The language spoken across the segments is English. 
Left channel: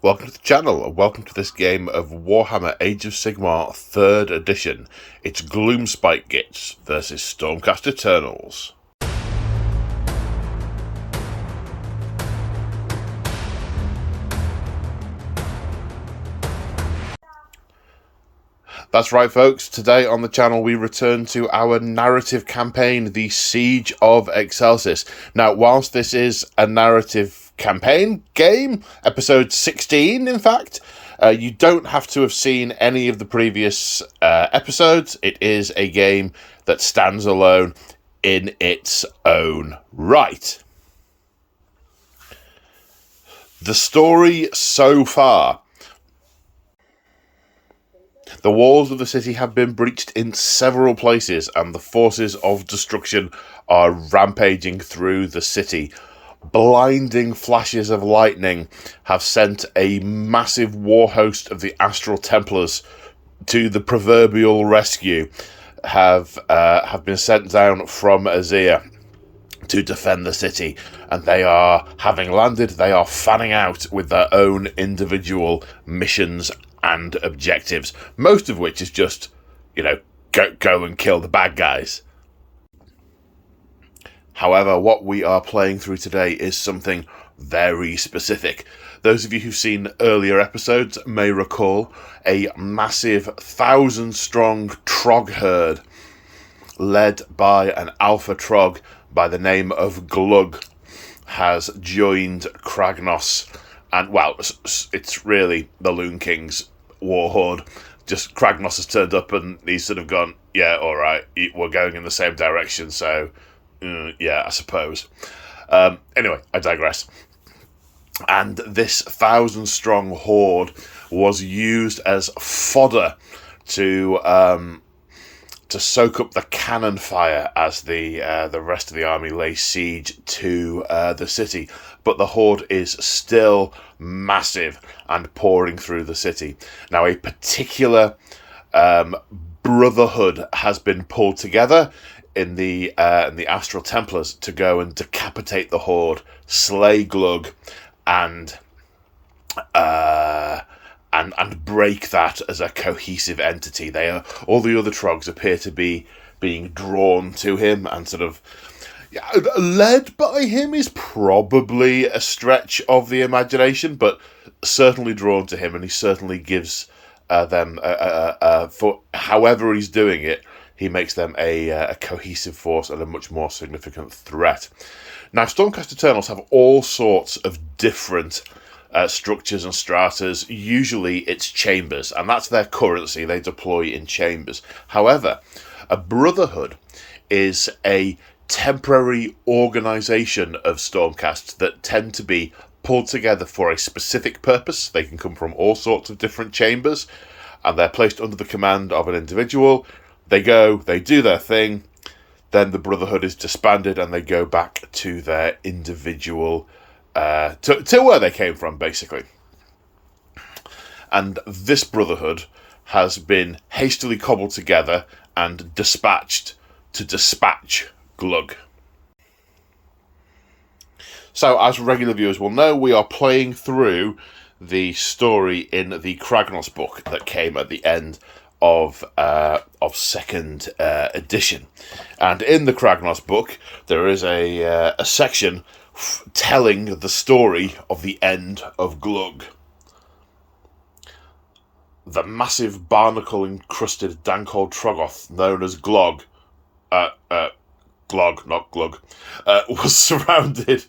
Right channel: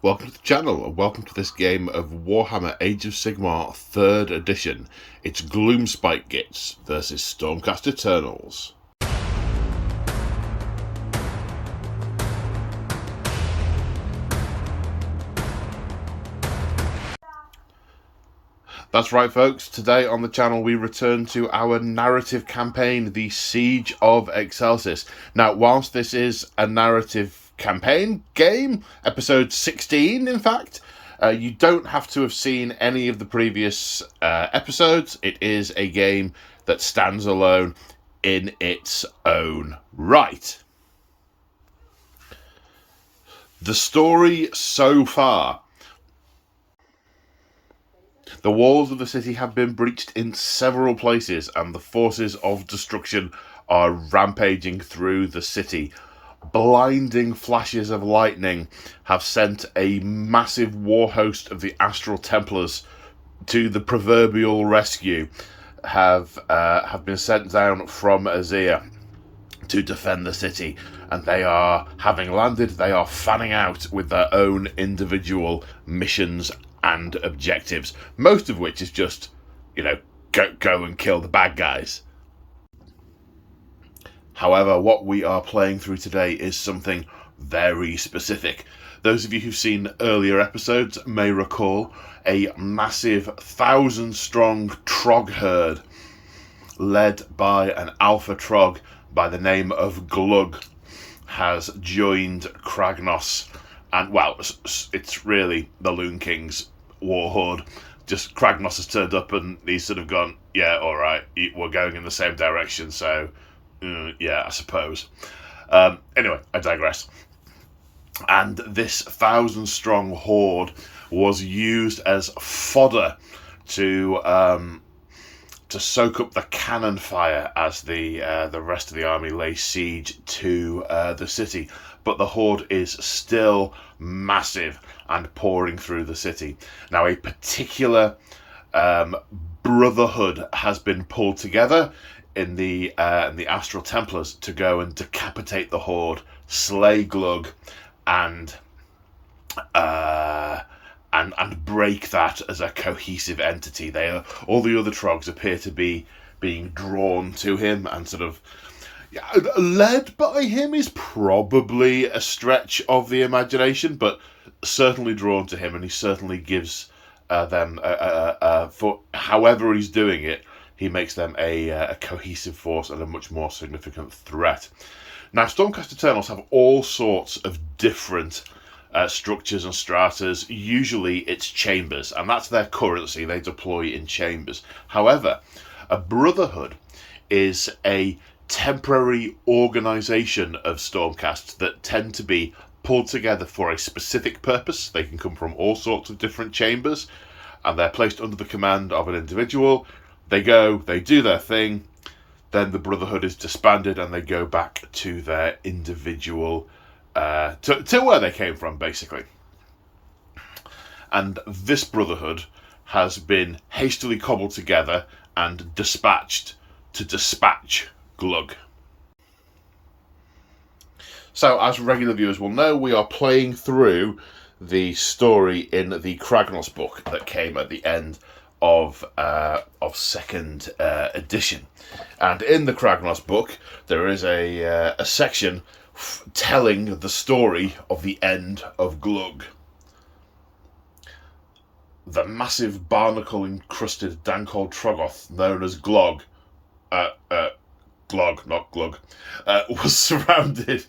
Welcome to the channel, and welcome to this game of Warhammer Age of Sigmar 3rd Edition. It's Gloomspite Gits versus Stormcast Eternals. That's right, folks. Today on the channel we return to our narrative campaign, the Siege of Excelsis. Now, whilst this is a narrative campaign game, episode 16 in fact, you don't have to have seen any of the previous episodes. It is a game that stands alone in its own right. The story so far. The walls of the city have been breached in several places, and the forces of destruction are rampaging through the city. Blinding flashes of lightning have sent a massive war host of the Astral Templars to the proverbial rescue, have been sent down from Azir to defend the city, and they are, having landed, they are fanning out with their own individual missions and objectives, most of which is just, go and kill the bad guys. However, what we are playing through today is something very specific. Those of you who've seen earlier episodes may recall a massive 1,000-strong Troggherd led by an alpha Trogg by the name of Glug has joined Kragnos. And, well, it's really the Loon King's war horde. Just Kragnos has turned up and he's sort of gone, yeah, all right, we're going in the same direction, so, yeah, I suppose. Anyway, I digress. And this 1,000-strong horde was used as fodder to soak up the cannon fire as the rest of the army lay siege to the city. But the horde is still massive and pouring through the city. Now, a particular brotherhood has been pulled together in the Astral Templars to go and decapitate the horde, slay Glug, and break that as a cohesive entity. All the other Trogs appear to be being drawn to him and sort of led by him is probably a stretch of the imagination, but certainly drawn to him, and he certainly gives them for however he's doing it, he makes them a cohesive force and a much more significant threat. Now, Stormcast Eternals have all sorts of different structures and stratas. Usually it's chambers, and that's their currency. They deploy in chambers. However, a brotherhood is a temporary organisation of Stormcasts that tend to be pulled together for a specific purpose. They can come from all sorts of different chambers, and they're placed under the command of an individual. They go, they do their thing, then the brotherhood is disbanded and they go back to their individual to where they came from, basically. And this brotherhood has been hastily cobbled together and dispatched to dispatch Glug. So, as regular viewers will know, we are playing through the story in the Kragnos book that came at the end of 2nd edition. And in the Kragnos book, there is a section telling the story of the end of Glug. The massive barnacle-encrusted dank-old Troggoth, known as Glog, Glog, not Glug, was surrounded,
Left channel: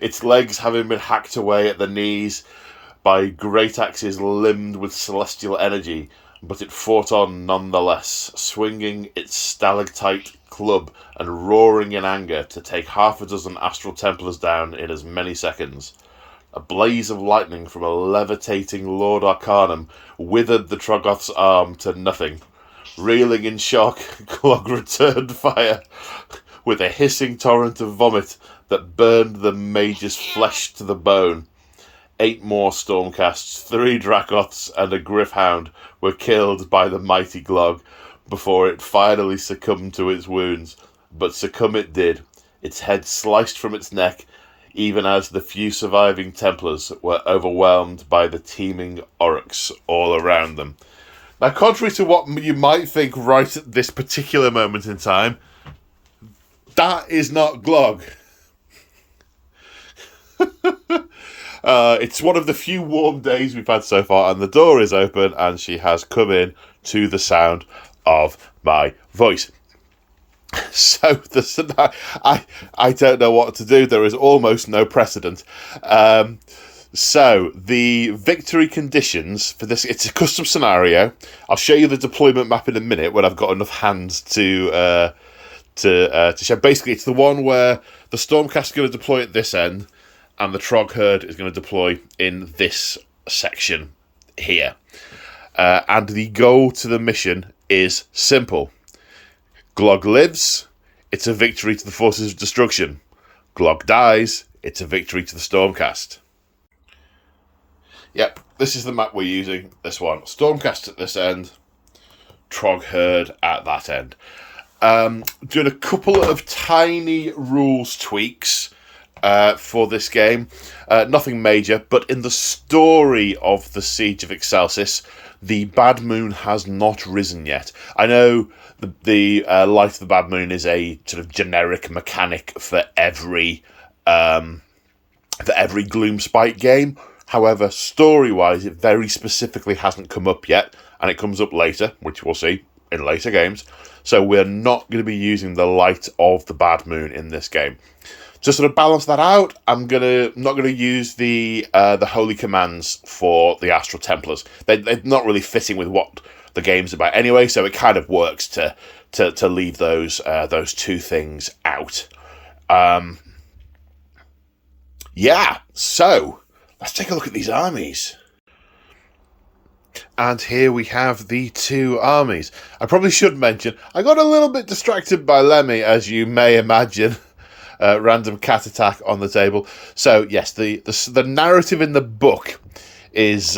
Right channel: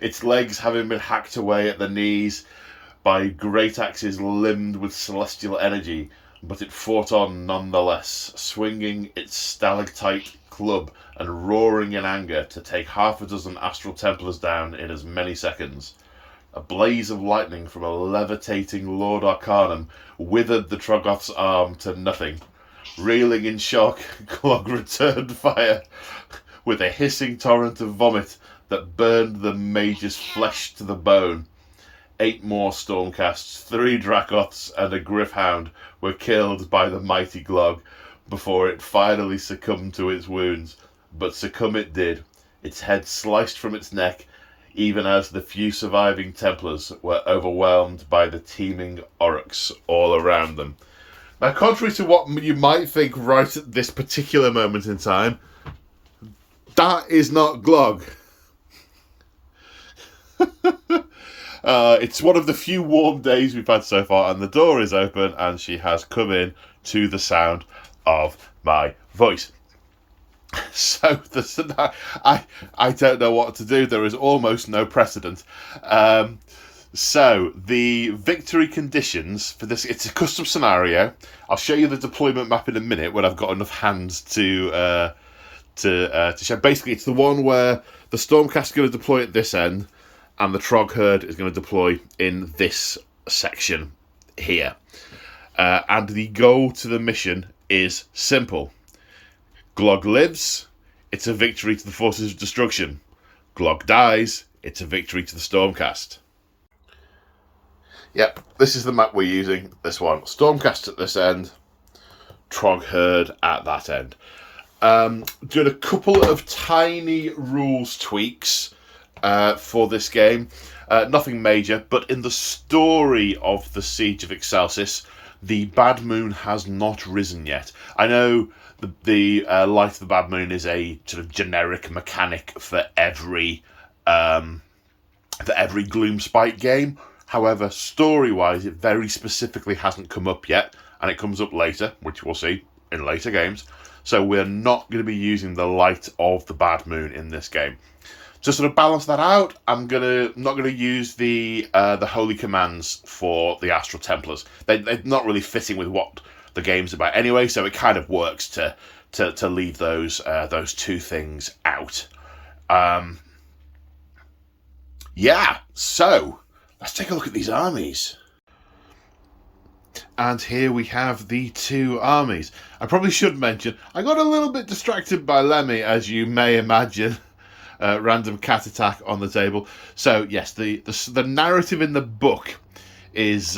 its legs having been hacked away at the knees by great axes limbed with celestial energy, but it fought on nonetheless, swinging its stalactite club and roaring in anger to take 6 Astral Templars down in as many seconds. A blaze of lightning from a levitating Lord Arcanum withered the Troggoth's arm to nothing. Reeling in shock, Glog returned fire with a hissing torrent of vomit that burned the mage's flesh to the bone. 8 more Stormcasts, 3 Dracoths, and a Griffhound were killed by the mighty Glog before it finally succumbed to its wounds. But succumb it did, its head sliced from its neck, even as the few surviving Templars were overwhelmed by the teeming orcs all around them. Now, contrary to what you might think right at this particular moment in time, that is not Glog. It's one of the few warm days we've had so far, and the door is open, and she has come in to the sound of my voice. So I don't know what to do. There is almost no precedent. So the victory conditions for this, it's a custom scenario. I'll show you the deployment map in a minute when I've got enough hands to show. Basically, it's the one where the Stormcast is going to deploy at this end, and the Troggherd is going to deploy in this section here. And the goal to the mission is simple. Glog lives, it's a victory to the forces of destruction. Glog dies, it's a victory to the Stormcast. Yep, this is the map we're using, this one. Stormcast at this end, Troggherd at that end. Doing a couple of tiny rules tweaks for this game. Nothing major, but in the story of the Siege of Excelsis, the Bad Moon has not risen yet. I know the Light of the Bad Moon is a sort of generic mechanic for every Gloomspite game. However, story-wise, it very specifically hasn't come up yet, and it comes up later, which we'll see in later games. So we're not going to be using the Light of the Bad Moon in this game. To sort of balance that out, I'm not gonna use the holy commands for the Astral Templars. They're not really fitting with what the game's about anyway, so it kind of works to leave those two things out. Yeah, so let's take a look at these armies. And here we have the two armies. I probably should mention, I got a little bit distracted by Lemmy, as you may imagine. Random cat attack on the table. So yes, the narrative in the book is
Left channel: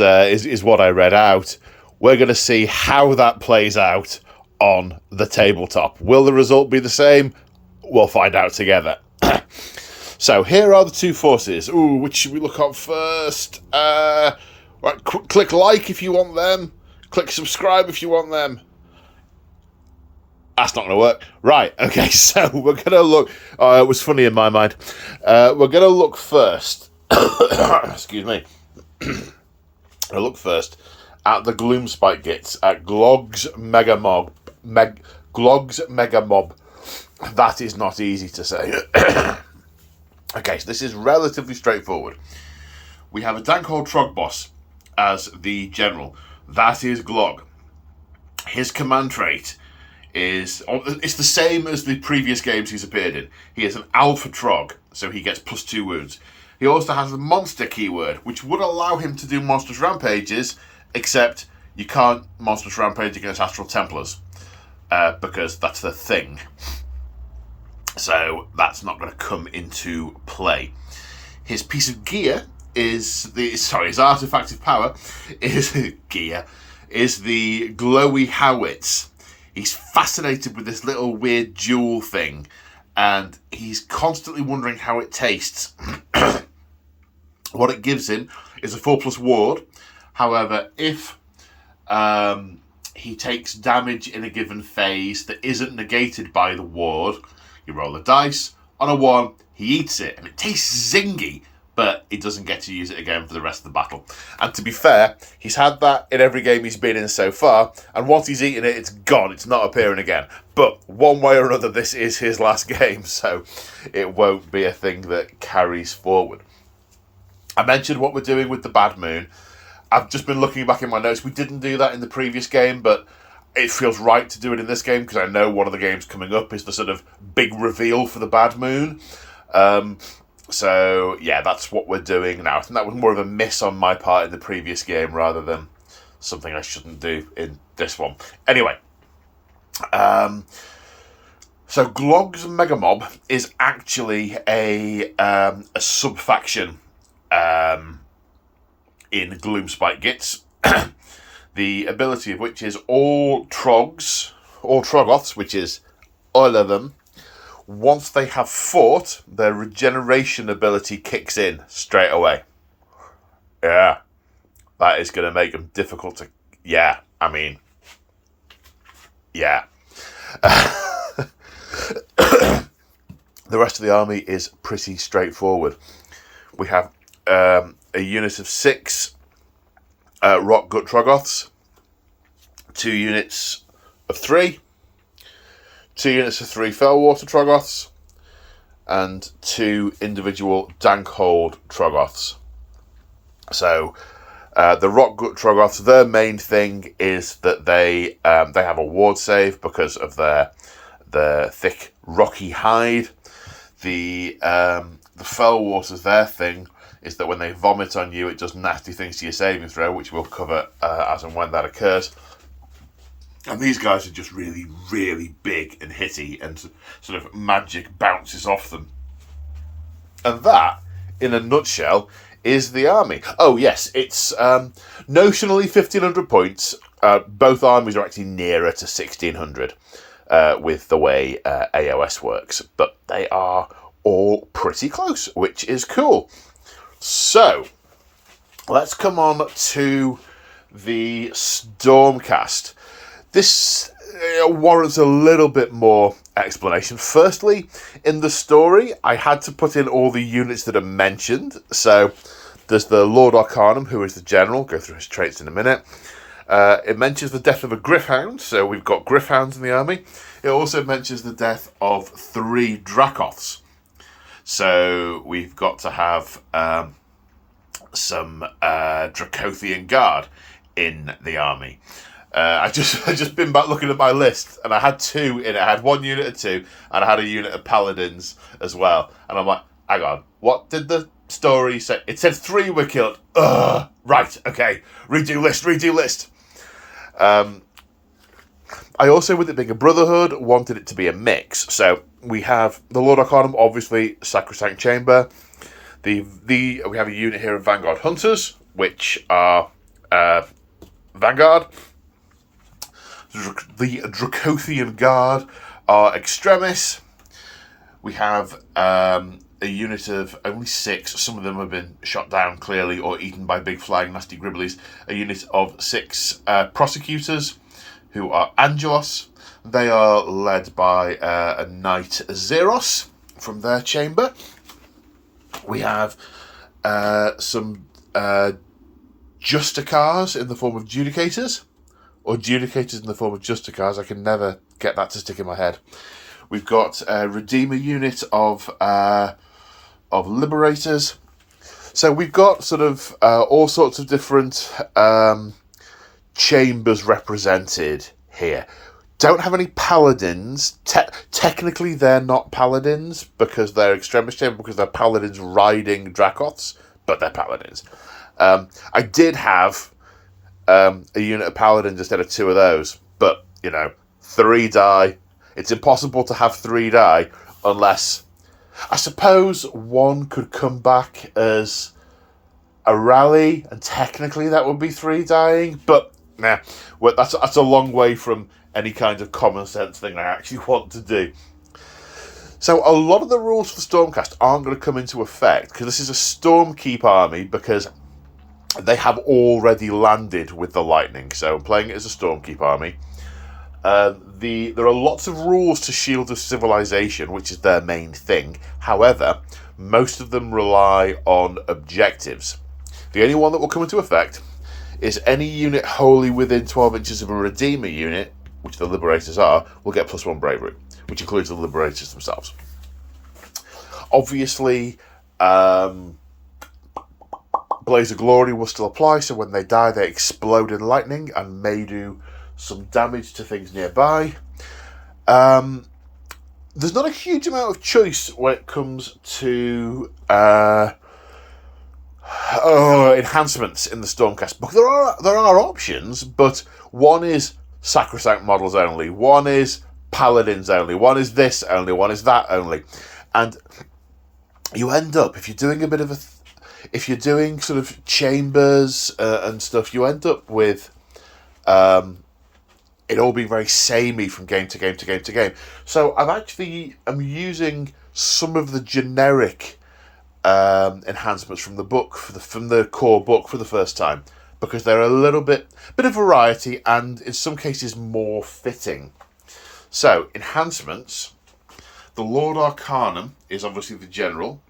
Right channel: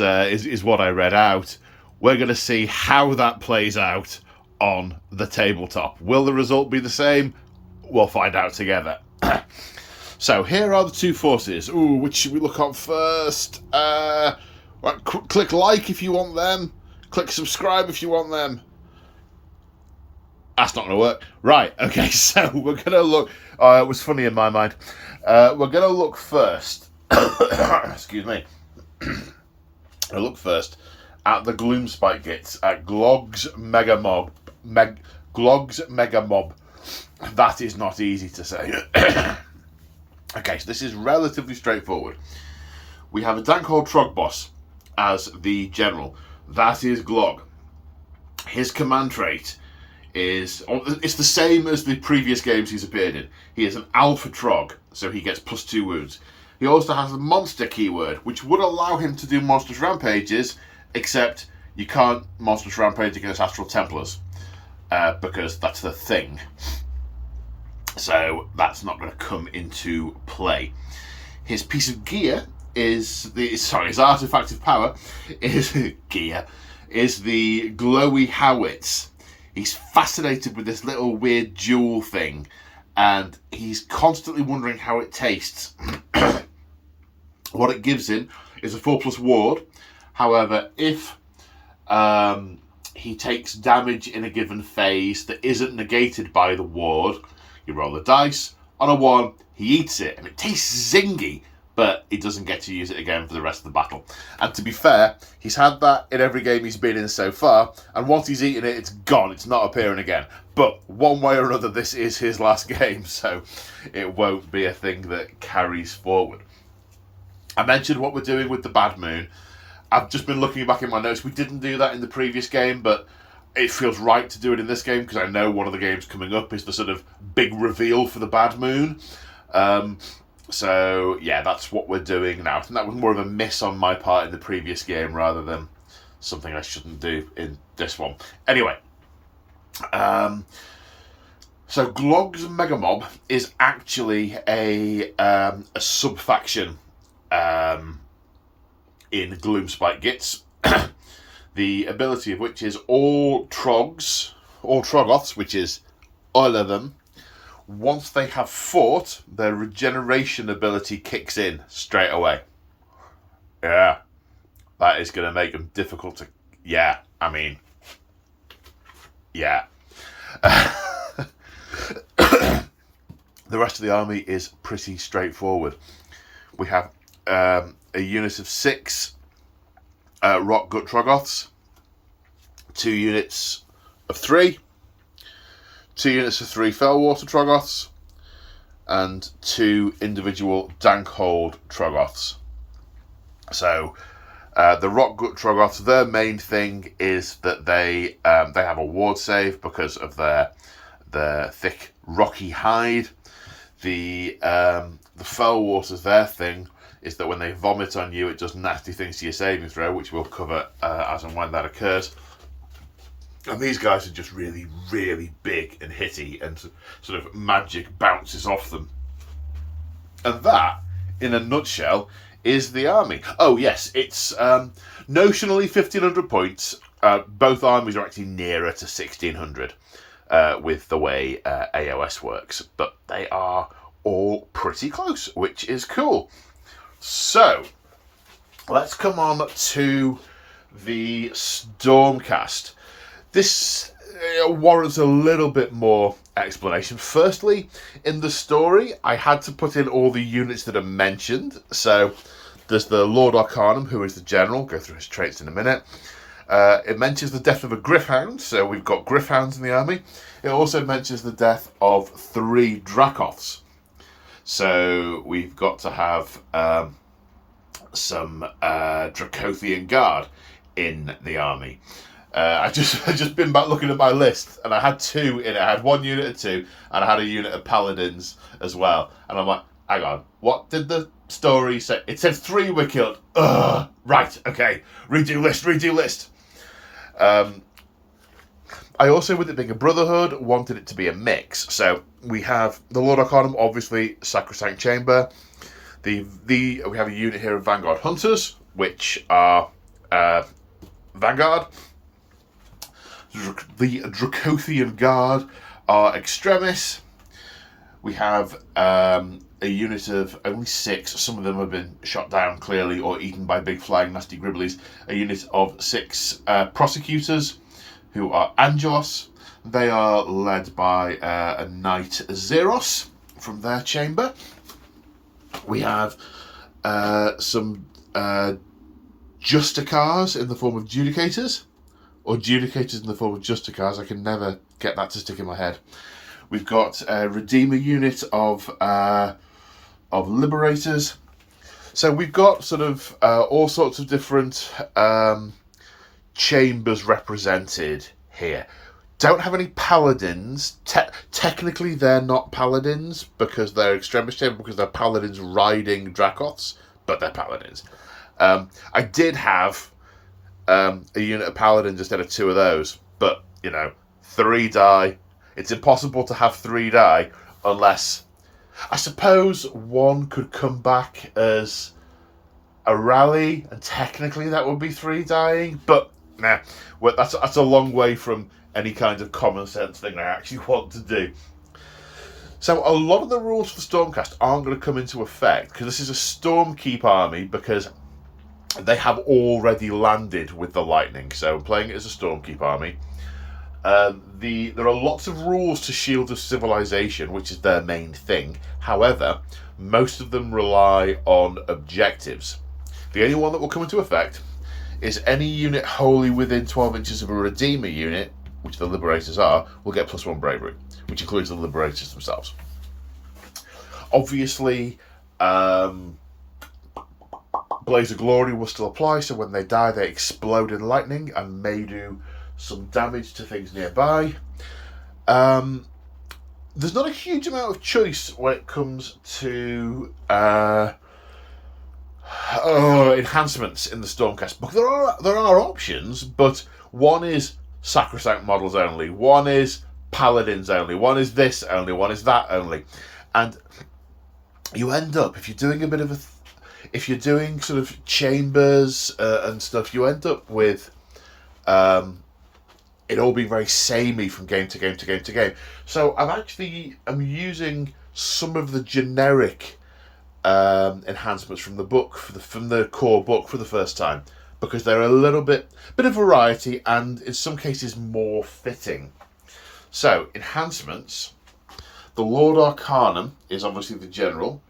what I read out. We're going to see how that plays out on the tabletop. Will the result be the same? We'll find out together. So here are the two forces. Ooh, which should we look up first? Right, click like if you want them. Click subscribe if you want them. That's not going to work. Right, okay, so we're going to look... it was funny in my mind. We're going to look first... excuse me. I'll look first at the Gloomspite Gits, at Glog's Mega Mob. Glog's Mega Mob. That is not easy to say. Okay, so this is relatively straightforward. We have a Dankhold Trogboss as the general. That is Glog. His command trait it's the same as the previous games he's appeared in. He is an Alpha Trog, so he gets +2 wounds. He also has a monster keyword, which would allow him to do monstrous rampages, except you can't monstrous rampage against Astral Templars, because that's the thing. So that's not going to come into play. His piece of gear his artifact of power is the glowy howitz. He's fascinated with this little weird jewel thing, and he's constantly wondering how it tastes. What it gives him is a 4+ ward. However, if he takes damage in a given phase that isn't negated by the ward, you roll a dice. On a 1, he eats it, and it tastes zingy, but he doesn't get to use it again for the rest of the battle. And to be fair, he's had that in every game he's been in so far, and once he's eaten it, it's gone. It's not appearing again. But one way or another, this is his last game, so it won't be a thing that carries forward. I mentioned what we're doing with the Bad Moon. I've just been looking back in my notes. We didn't do that in the previous game, but it feels right to do it in this game, because I know one of the games coming up is the sort of big reveal for the Bad Moon. So, yeah, that's what we're doing now. I think that was more of a miss on my part in the previous game rather than something I shouldn't do in this one. Anyway, so Glog's Mega Mob is actually a sub-faction in Gloomspite Gits, the ability of which is all Troggoths, which is all of them, once they have fought, their regeneration ability kicks in straight away. Yeah, that is going to make them difficult to... Yeah, I mean... Yeah. The rest of the army is pretty straightforward. We have a unit of 6 Rock Gut Troggoths, 2 units of 3, 2 units of 3 Fellwater Troggoths, and 2 individual Dankhold Troggoths. So, the Rock Gut Troggoths, their main thing is that they have a ward save because of their thick rocky hide. The Fellwaters, their thing is that when they vomit on you, it does nasty things to your saving throw, which we'll cover as and when that occurs. And these guys are just really, really big and hitty, and sort of magic bounces off them. And that, in a nutshell, is the army. Oh, yes, it's notionally 1,500 points. Both armies are actually nearer to 1,600 with the way AoS works. But they are all pretty close, which is cool. So, let's come on to the Stormcast. This warrants a little bit more explanation. Firstly, in the story, I had to put in all the units that are mentioned. So, there's the Lord Arcanum, who is the general. Go through his traits in a minute. It mentions the death of a Gryph-hound, so we've got Gryph-hounds in the army. It also mentions the death of 3 Dracoths. So we've got to have some Dracothian Guard in the army. I just been back looking at my list, and I had 2 in it. I had 1 unit of 2, and I had a unit of Paladins as well. And I'm like, hang on, what did the story say? It said 3 were killed. Ugh, right, okay. Redo list. I also, with it being a Brotherhood, wanted it to be a mix. So we have the Lord Arcanum, obviously, Sacrosanct Chamber. We have a unit here of Vanguard Hunters, which are Vanguard. The Dracothian Guard are Extremis. We have a unit of only 6. Some of them have been shot down, clearly, or eaten by big flying nasty gribblies. A unit of 6 Prosecutors, who are Angelos. They are led by a Knight Zeros from their chamber. We have some Justicars in the form of Judicators, or Judicators in the form of Justicars. I can never get that to stick in my head. We've got a Redeemer unit of Liberators. So we've got sort of all sorts of different chambers represented here. Don't have any Paladins. Technically, they're not Paladins because they're Extremis chamber, because they're Paladins riding Dracoths, but they're Paladins. I did have a unit of Paladins instead of 2 of those, but, 3 die. It's impossible to have 3 die unless... I suppose 1 could come back as a rally, and technically that would be 3 dying, but nah, well, that's a long way from any kind of common sense thing I actually want to do. So a lot of the rules for Stormcast aren't going to come into effect, because this is a Stormkeep army, because they have already landed with the Lightning, so I'm playing it as a Stormkeep army. There are lots of rules to Shield of Civilization, which is their main thing. However, most of them rely on objectives. The only one that will come into effect is any unit wholly within 12 inches of a Redeemer unit, which the Liberators are, will get +1 Bravery, which includes the Liberators themselves. Obviously, Blaze of Glory will still apply, so when they die, they explode in lightning and may do some damage to things nearby. There's not a huge amount of choice when it comes to enhancements in the Stormcast book. There are options, but one is Sacrosanct models only, one is Paladins only, one is this only, one is that only, and you end up, if you're doing if you're doing sort of chambers and stuff, you end up with it all being very samey from game to game to game to game. So I'm using some of the generic enhancements from the book, from the core book for the first time, because they're a bit of variety and in some cases more fitting. So, enhancements. The Lord Arcanum is obviously the general.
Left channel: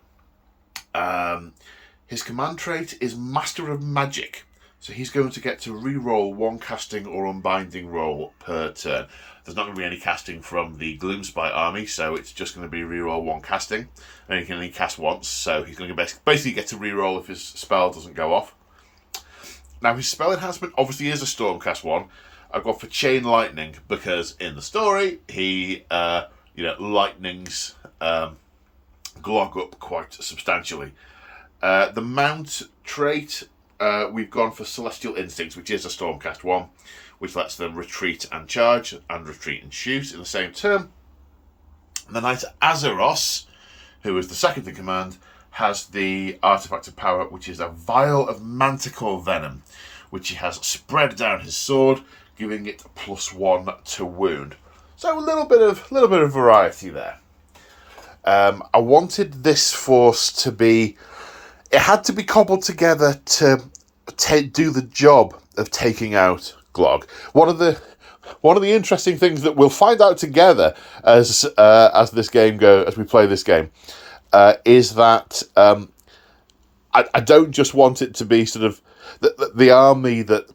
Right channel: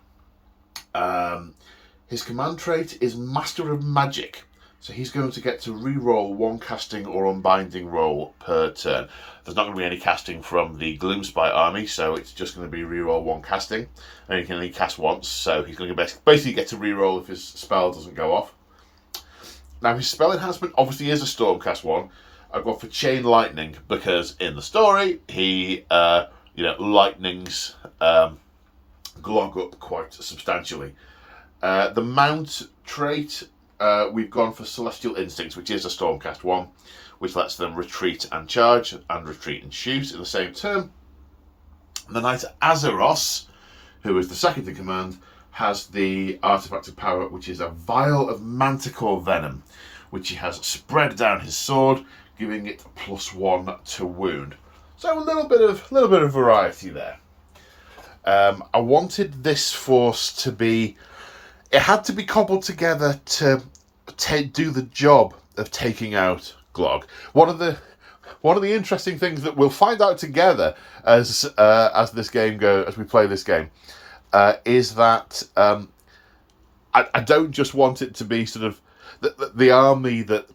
His command trait is Master of Magic. So he's going to get to re-roll one casting or unbinding roll per turn. There's not going to be any casting from the Gloomspite army, so it's just going to be re-roll one casting. And he can only cast once, so he's going to basically get to re-roll if his spell doesn't go off. Now, his spell enhancement obviously is a Stormcast one. I've gone for Chain Lightning because in the story, he lightnings Glog up quite substantially. The Mount trait, we've gone for Celestial Instincts, which is a Stormcast one, which lets them retreat and charge, and retreat and shoot in the same turn. The Knight Azeros, who is the second in command, has the Artifact of Power, which is a Vial of Manticore Venom, which he has spread down his sword, giving it +1 to wound. So a little bit of variety there. I wanted this force to be... It had to be cobbled together to do the job of taking out Glog. One of the interesting things that we'll find out together as this game as we play this game, is that I don't just want it to be sort of the army that,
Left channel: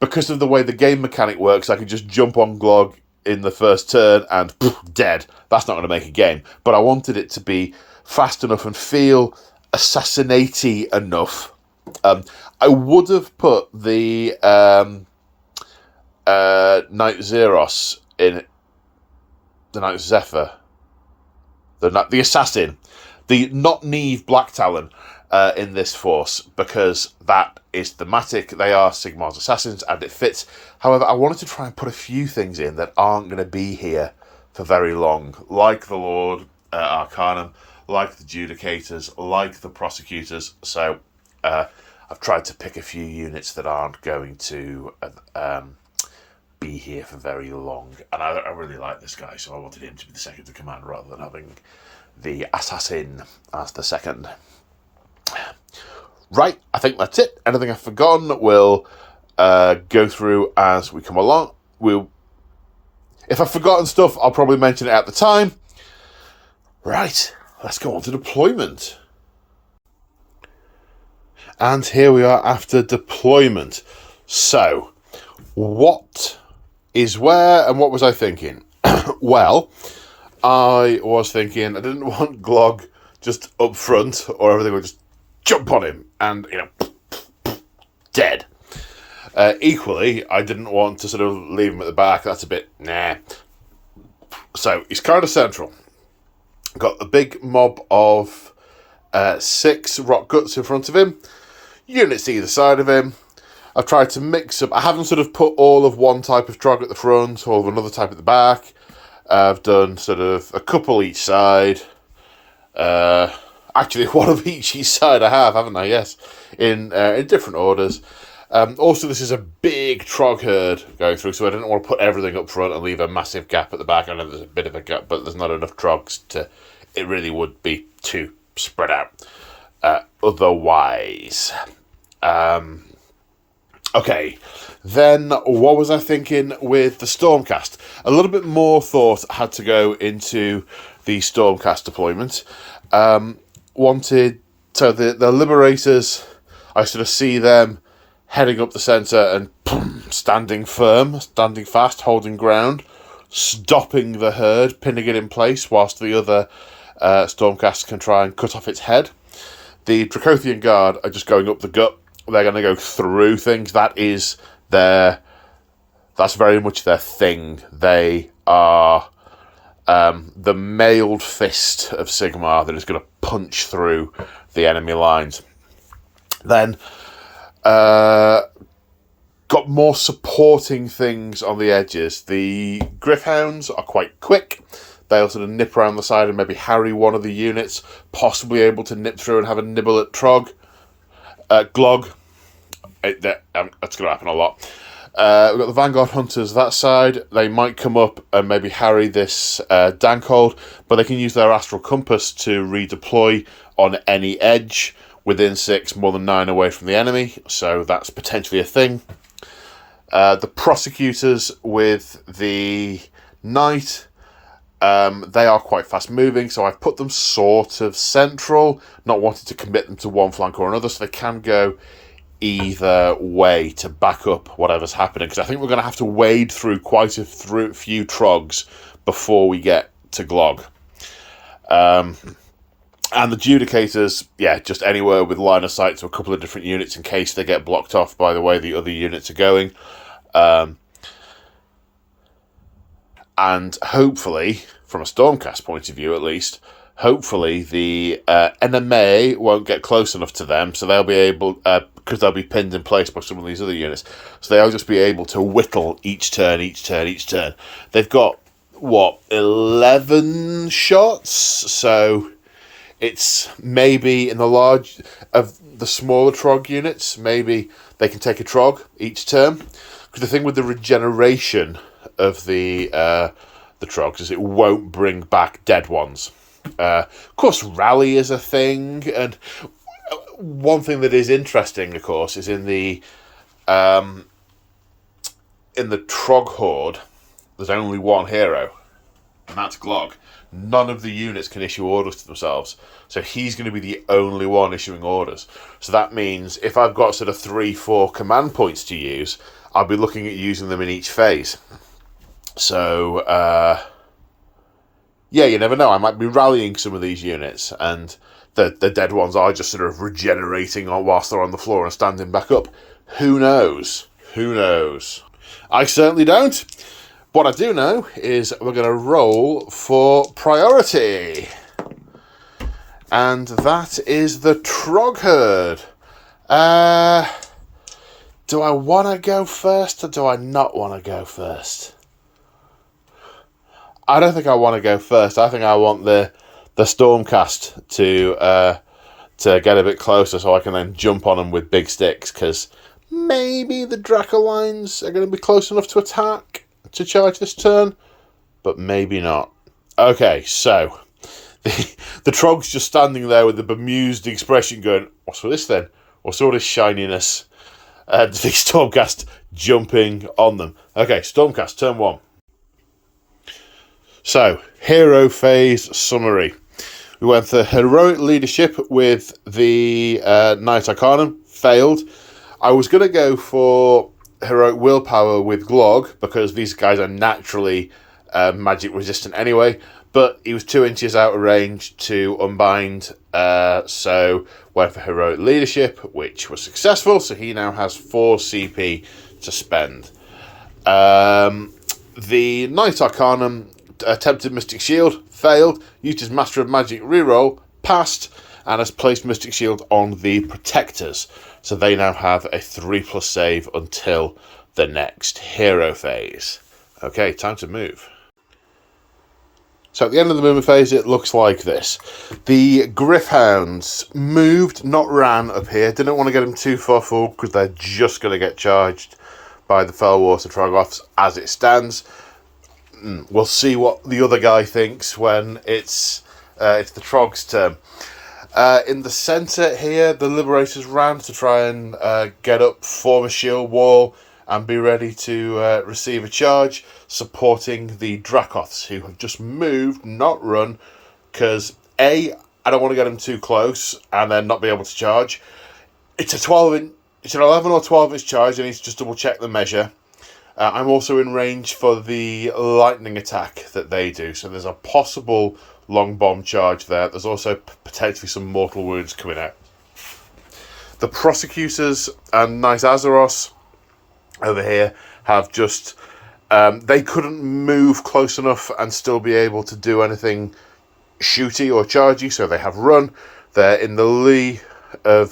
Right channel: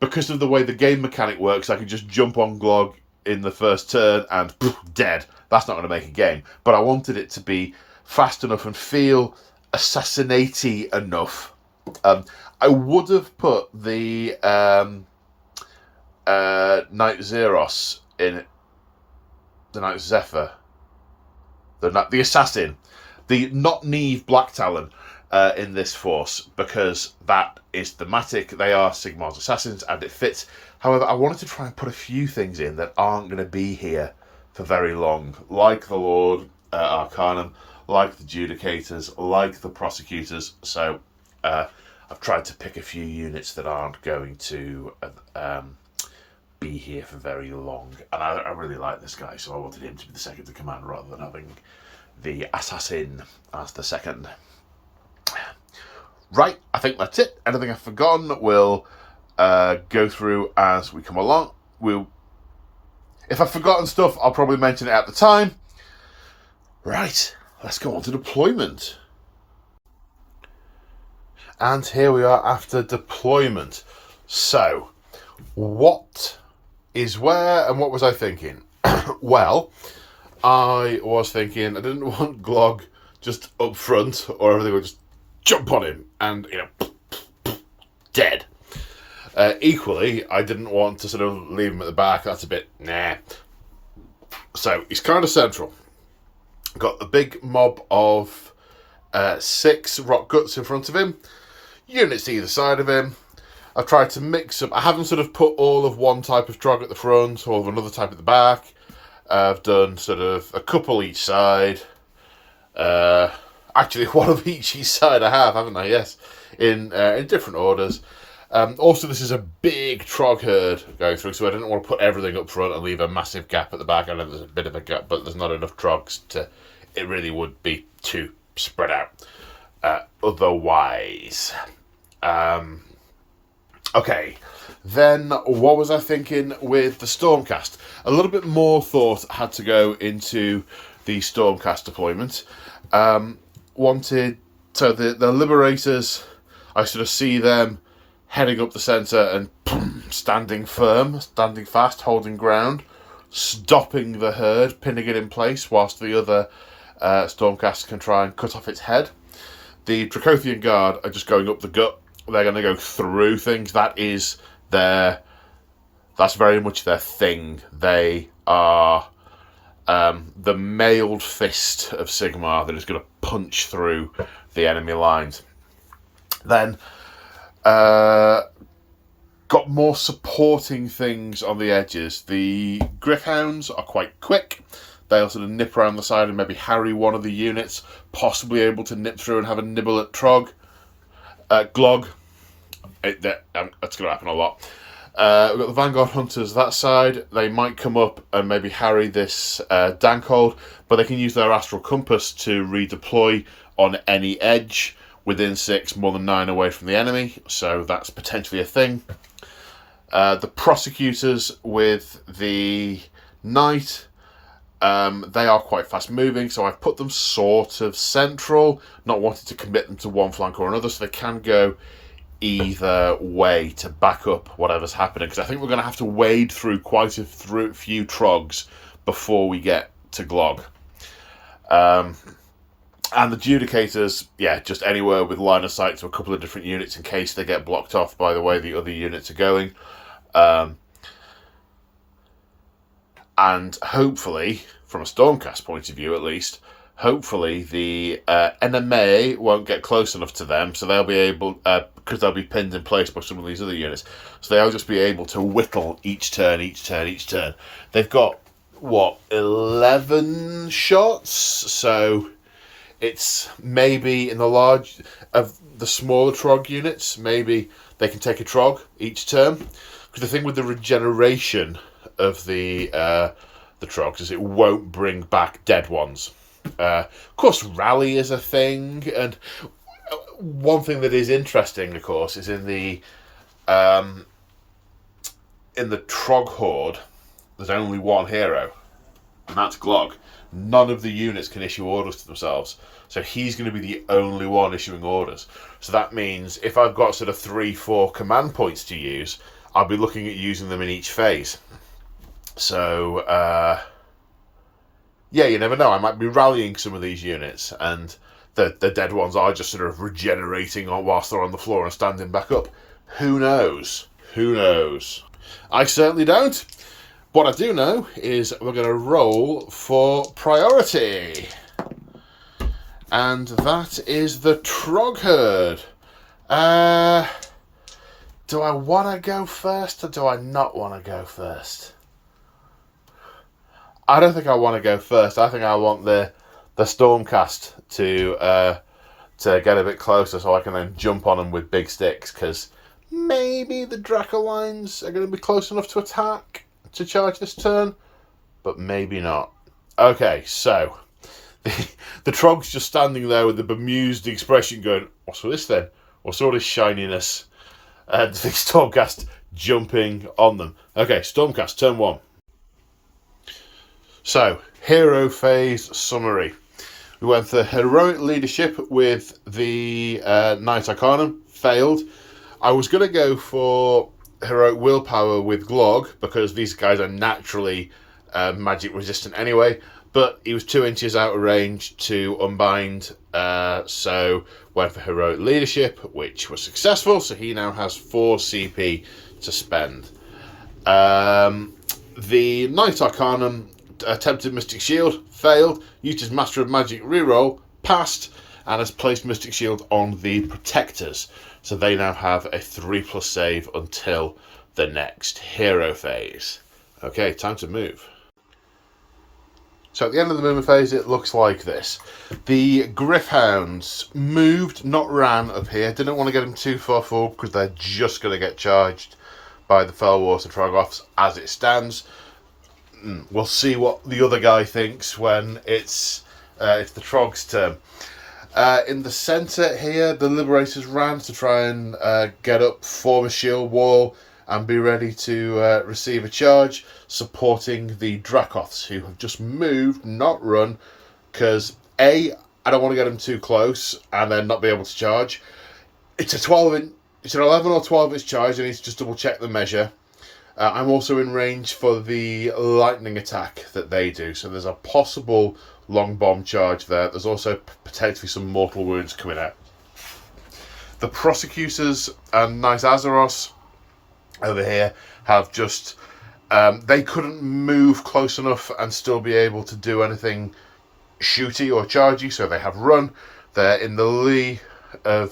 because of the way the game mechanic works, I can just jump on Glog in the first turn and poof, dead. That's not going to make a game. But I wanted it to be fast enough and feel assassinate-y enough. I would have put the Knight Zeros in it. The Knight Zephyr. The Assassin. The not Neve Black Talon in this force, because that is thematic. They are Sigmar's assassins and it fits. However, I wanted to try and put a few things in that aren't going to be here for very long, like the Lord Arcanum, like the Judicators, like the Prosecutors. So I've tried to pick a few units that aren't going to be here for very long. And I really like this guy, so I wanted him to be the second in command rather than having the Assassin as the second. Right, I think that's it. Anything I've forgotten, we'll go through as we come along. If I've forgotten stuff, I'll probably mention it at the time. Right, let's go on to deployment. And here we are after deployment. So, what is where and what was I thinking? Well, I was thinking I didn't want Glog just up front or everything would just jump on him and, dead. Equally, I didn't want to sort of leave him at the back. That's a bit, nah. So, he's kind of central. Got a big mob of 6 rock guts in front of him. Units either side of him. I've tried to mix them. I haven't sort of put all of one type of Troggherd at the front, all of another type at the back. I've done sort of a couple each side. Actually, one of each side I have, haven't I? Yes, in different orders. Also, this is a big Troggherd going through, so I didn't want to put everything up front and leave a massive gap at the back. I know there's a bit of a gap, but there's not enough Trogs to... It really would be too spread out. Otherwise... Okay, then what was I thinking with the Stormcast? A little bit more thought had to go into the Stormcast deployment. So the Liberators, I sort of see them heading up the centre and boom, standing firm, standing fast, holding ground, stopping the herd, pinning it in place whilst the other Stormcast can try and cut off its head. The Dracothian Guard are just going up the gut. They're going to go through things. That's very much their thing. They are the mailed fist of Sigmar that is going to punch through the enemy lines. Then got more supporting things on the edges. The Gryph-hounds are quite quick. They'll sort of nip around the side and maybe harry one of the units, possibly able to nip through and have a nibble at Glog. That's going to happen a lot. We've got the Vanguard Hunters that side. They might come up and maybe harry this Dankhold, but they can use their Astral Compass to redeploy on any edge within 6, more than 9 away from the enemy, so that's potentially a thing. The Prosecutors with the Knight, they are quite fast moving, so I've put them sort of central, not wanting to commit them to one flank or another, so they can go either way to back up whatever's happening, because I think we're going to have to wade through quite a few Trogs before we get to Glog. And the Judicators, yeah, just anywhere with line of sight to a couple of different units in case they get blocked off by the way the other units are going. And hopefully, from a Stormcast point of view at least, hopefully the enemy won't get close enough to them, so they'll be able, because they'll be pinned in place by some of these other units, so they'll just be able to whittle each turn. They've got, 11 shots? So it's maybe in the large, of the smaller Trog units, maybe they can take a Trog each turn. Because the thing with the regeneration of the Trogs is it won't bring back dead ones. Of course, rally is a thing, and one thing that is interesting, of course, is in the Trog Horde, there's only one hero, and that's Glog. None of the units can issue orders to themselves, so he's going to be the only one issuing orders. So that means if I've got sort of 3-4 command points to use, I'll be looking at using them in each phase. So, yeah, you never know. I might be rallying some of these units, and the dead ones are just sort of regenerating whilst they're on the floor and standing back up. Who knows? Who knows? I certainly don't. What I do know is we're going to roll for priority. And that is the Troggherd. Do I want to go first or do I not want to go first? I don't think I want to go first. I think I want the Stormcast to get a bit closer so I can then jump on them with big sticks, because maybe the Dracolines are going to be close enough to attack to charge this turn, but maybe not. Okay, so the Trog's just standing there with the bemused expression going, what's with this then? What's all this shininess? The Stormcast jumping on them. Okay, Stormcast, turn 1. So, hero phase summary. We went for heroic leadership with the Knight Arcanum, failed. I was going to go for heroic willpower with Glog, because these guys are naturally magic resistant anyway, but he was 2 inches out of range to unbind, so went for heroic leadership, which was successful, so he now has 4 CP to spend. The Knight Arcanum attempted Mystic Shield, failed, used his Master of Magic reroll, passed, and has placed Mystic Shield on the Protectors. So they now have a 3+ save until the next hero phase. Okay, time to move. So at the end of the movement phase, it looks like this. The Gryph-hounds moved, not ran up here. Didn't want to get them too far forward because they're just going to get charged by the Fellwater Troggoths as it stands. We'll see what the other guy thinks when it's the Trog's turn. In the centre here, the Liberators ran to try and get up, form a shield wall, and be ready to receive a charge, supporting the Dracoths, who have just moved, not run, because I don't want to get them too close and then not be able to charge. It's an 11 or 12 inch charge. I need to just double check the measure. I'm also in range for the lightning attack that they do, so there's a possible long bomb charge there. There's also potentially some mortal wounds coming out. The Prosecutors and Knight Azeros over here have just... they couldn't move close enough and still be able to do anything shooty or chargy, so they have run. They're in the lee of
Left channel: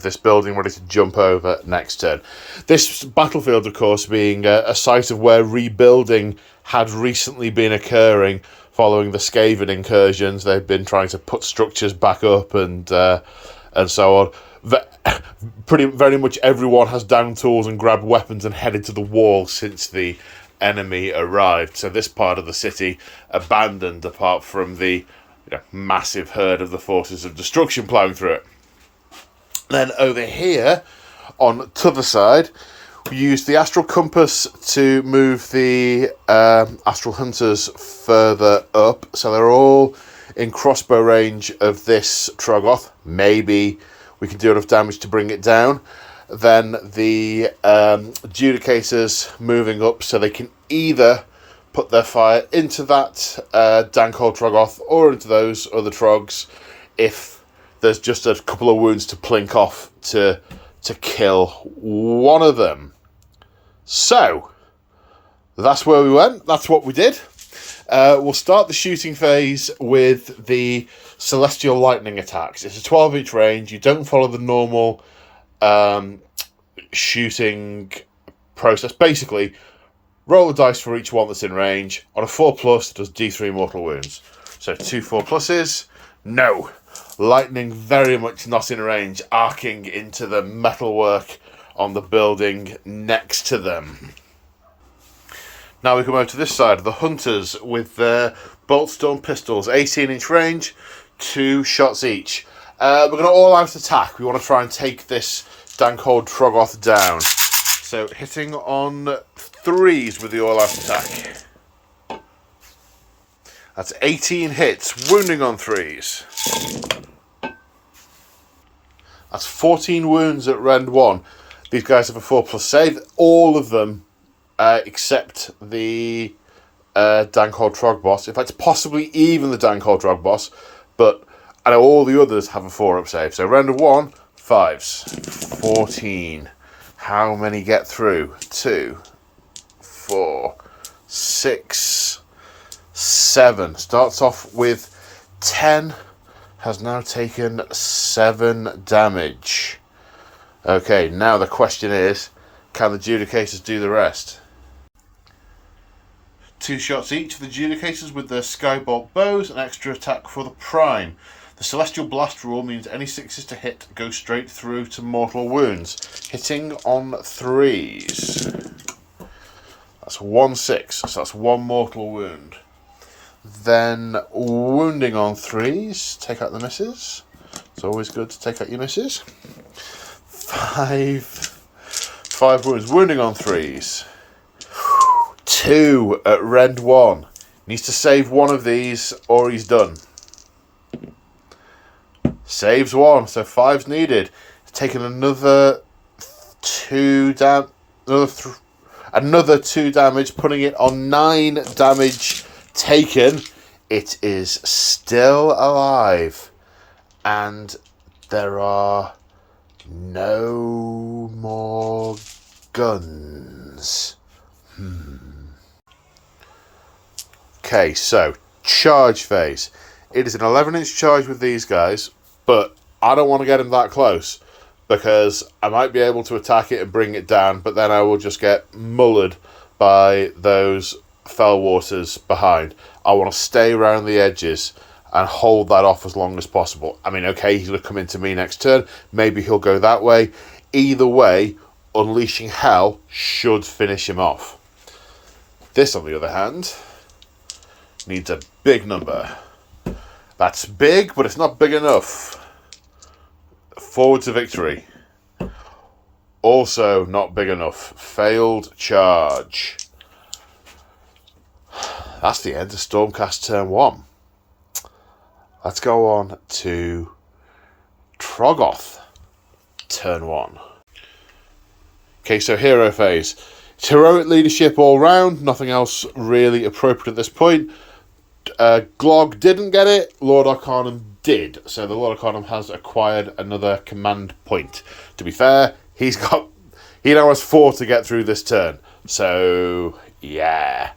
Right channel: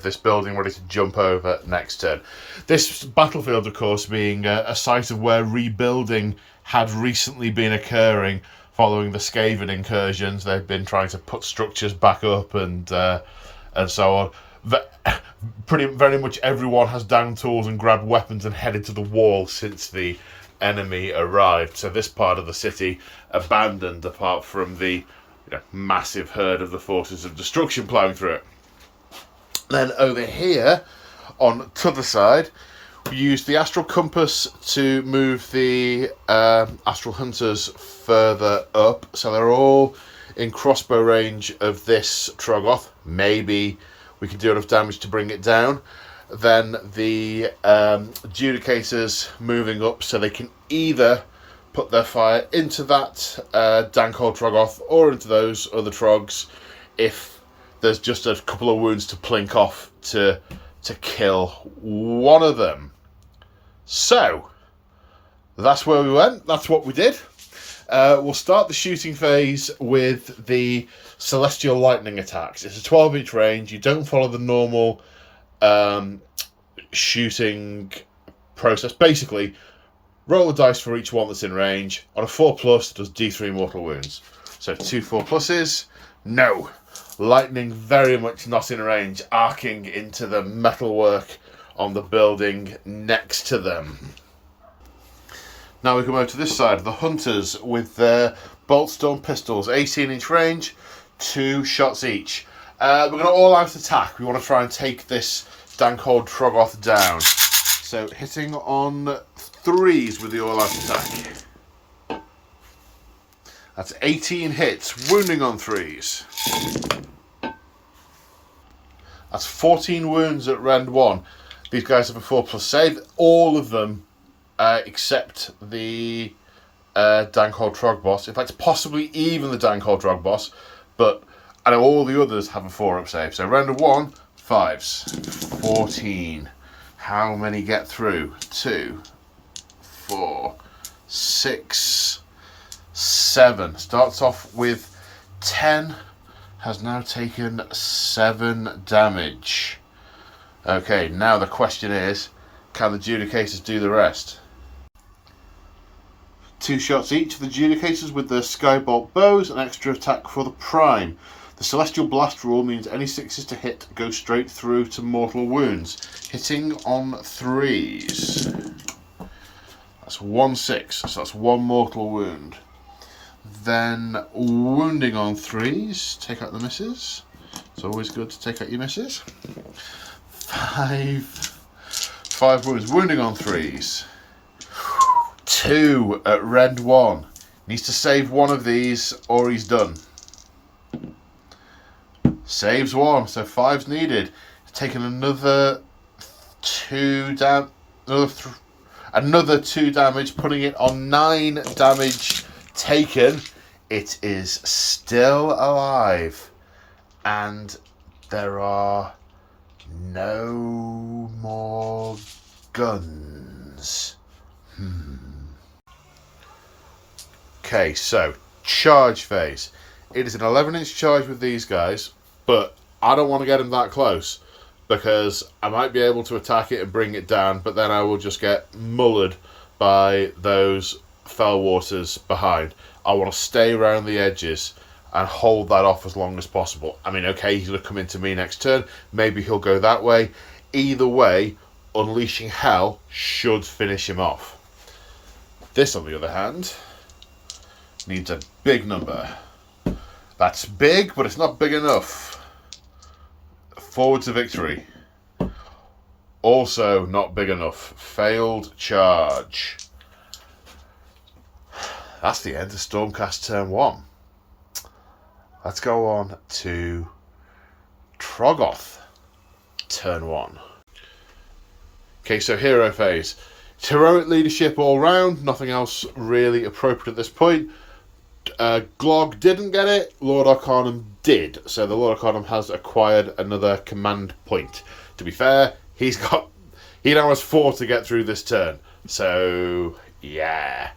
this building, ready to jump over next turn. This battlefield, of course, being a site of where rebuilding had recently been occurring following the Skaven incursions. They've been trying to put structures back up and so on. very much everyone has down tools and grabbed weapons and headed to the wall since the enemy arrived. So this part of the city abandoned, apart from the massive herd of the forces of destruction ploughing through it. Then over here, on the other side, we used the astral compass to move the astral hunters further up. So they're all in crossbow range of this Troggoth. Maybe we can do enough damage to bring it down. Then the Judicators moving up so they can either put their fire into that dank old Troggoth or into those other Trogs if there's just a couple of wounds to plink off to kill one of them. So, that's where we went. That's what we did. We'll start the shooting phase with the Celestial Lightning attacks. It's a 12-inch range. You don't follow the normal shooting process. Basically, roll the dice for each one that's in range. On a 4+, it does D3 mortal wounds. So 2 4+. No. Lightning very much not in range, arcing into the metalwork on the building next to them. Now we come over to this side, the Hunters with their Bolt Storm pistols, 18-inch range, 2 shots each. We're going to all-out attack. We want to try and take this dank old Troggoth down. So hitting on 3s with the all-out attack. That's 18 hits, wounding on 3s. That's 14 wounds at rend 1. These guys have a 4+ save. All of them, except the dank old Trog boss. In fact, possibly even the dank old Trog boss. But I know all the others have a 4-up save. So rend of 1, 5s. 14. How many get through? 2, 4, 6, 7. Starts off with 10. Has now taken 7 damage. Okay, now the question is, can the Judicators do the rest? 2 shots each for the Judicators with their Skybolt bows, an extra attack for the Prime. The Celestial Blast rule means any 6s to hit go straight through to mortal wounds. Hitting on 3s. That's 1 6, so that's 1 mortal wound. Then wounding on 3s, take out the misses. It's always good to take out your misses. 5 wounds, wounding on 3s. 2 at rend 1. Needs to save one of these or he's done. Saves 1, so 5's needed. Taken another 2 another 2 damage, putting it on 9 damage taken. It is still alive, and there are no more guns. Okay, so charge phase. It is an 11-inch charge with these guys, but I don't want to get them that close because I might be able to attack it and bring it down, but then I will just get mullered by those fell waters behind. I want to stay around the edges and hold that off as long as possible. I mean, okay, he's going to come into me next turn. Maybe he'll go that way. Either way, unleashing hell should finish him off. This, on the other hand, needs a big number. That's big, but it's not big enough. Forward to victory. Also not big enough. Failed charge. That's the end of Stormcast turn 1. Let's go on to Troggoth turn 1. Okay, so hero phase. It's heroic leadership all round. Nothing else really appropriate at this point. Glog didn't get it. Lord Arcanum did. So the Lord Arcanum has acquired another command point. To be fair, he now has 4 to get through this turn. So, yeah.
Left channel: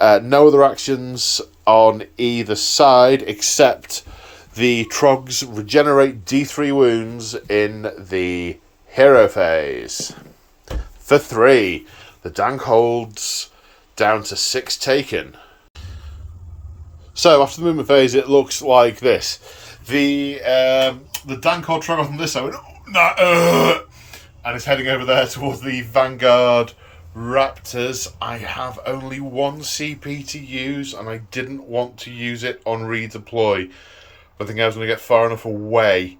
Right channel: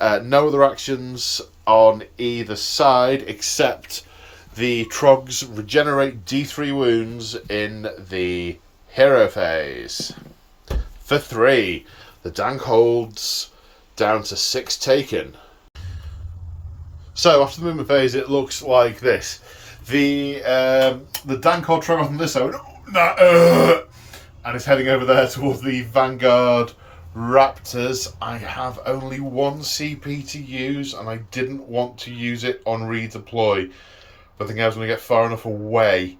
No other actions on either side except the Trogs regenerate D3 wounds in the hero phase. For 3, the Dank holds down to 6 taken. So after the movement phase, it looks like this. The Dank hold Troggoth on this side And is heading over there towards the Vanguard Raptors. I have only one CP to use, and I didn't want to use it on redeploy. I think I was going to get far enough away.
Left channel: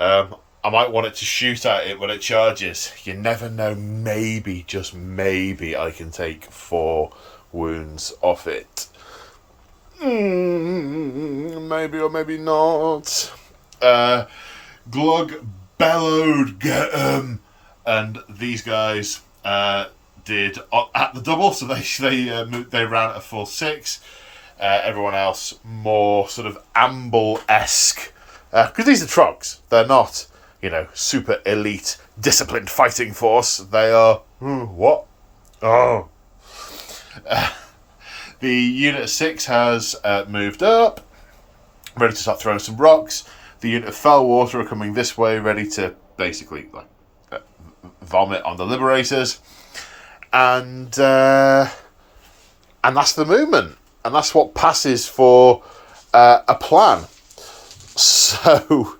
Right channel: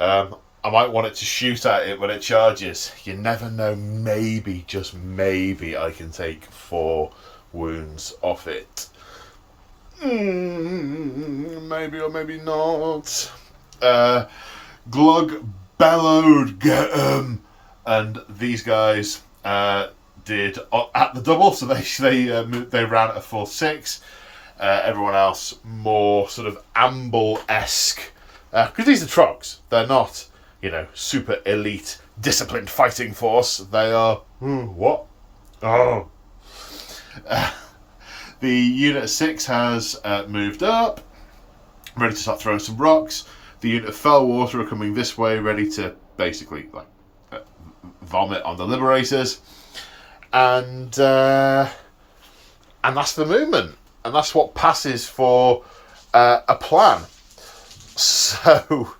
I might want it to shoot at it when it charges. You never know, maybe, just maybe, I can take 4 wounds off it. Maybe or maybe not. Glug bellowed, get 'em! And these guys did at the double, so they ran at a full 6. Everyone else more sort of Amble-esque. Because these are Trogs. They're not, super elite, disciplined fighting force. They are... what? Oh. The Unit 6 has moved up, ready to start throwing some rocks. The Unit of Fellwater are coming this way, ready to basically vomit on the Liberators. And that's the movement. And that's what passes for a plan. So,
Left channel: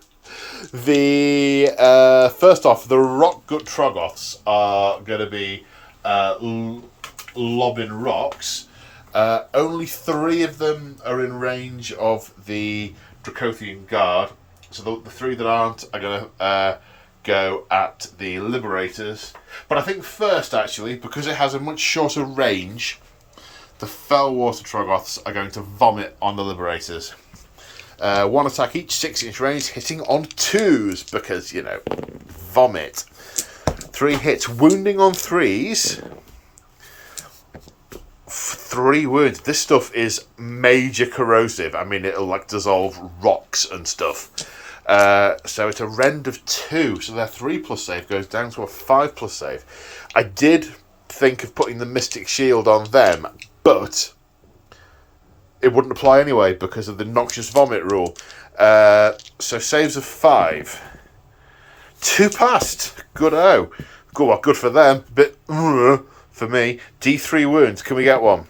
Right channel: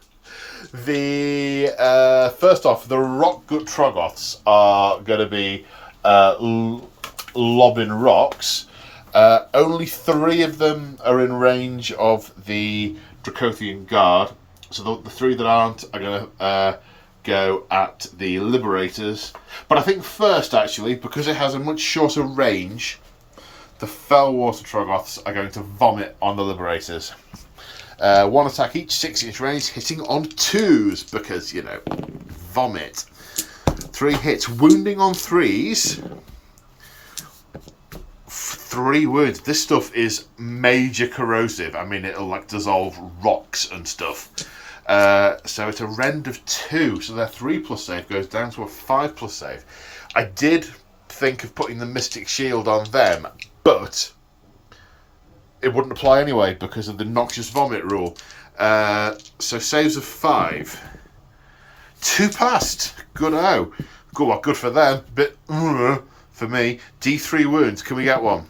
first off, the Rockgut Troggoths are going to be lobbing rocks. Only 3 of them are in range of the Dracothian Guard. So the 3 that aren't are going to go at the Liberators. But I think first, actually, because it has a much shorter range, the Fellwater Troggoths are going to vomit on the Liberators. 1 attack each, 6-inch range, hitting on 2s, because, vomit. 3 hits, wounding on 3s. 3 wounds. This stuff is major corrosive. I mean, it'll dissolve rocks and stuff. So it's a rend of 2. So their 3+ save goes down to a 5+ save. I did think of putting the Mystic Shield on them, but it wouldn't apply anyway because of the Noxious Vomit rule. So saves of 5. 2 passed. Good for them. But for me. D3 wounds. Can we get one?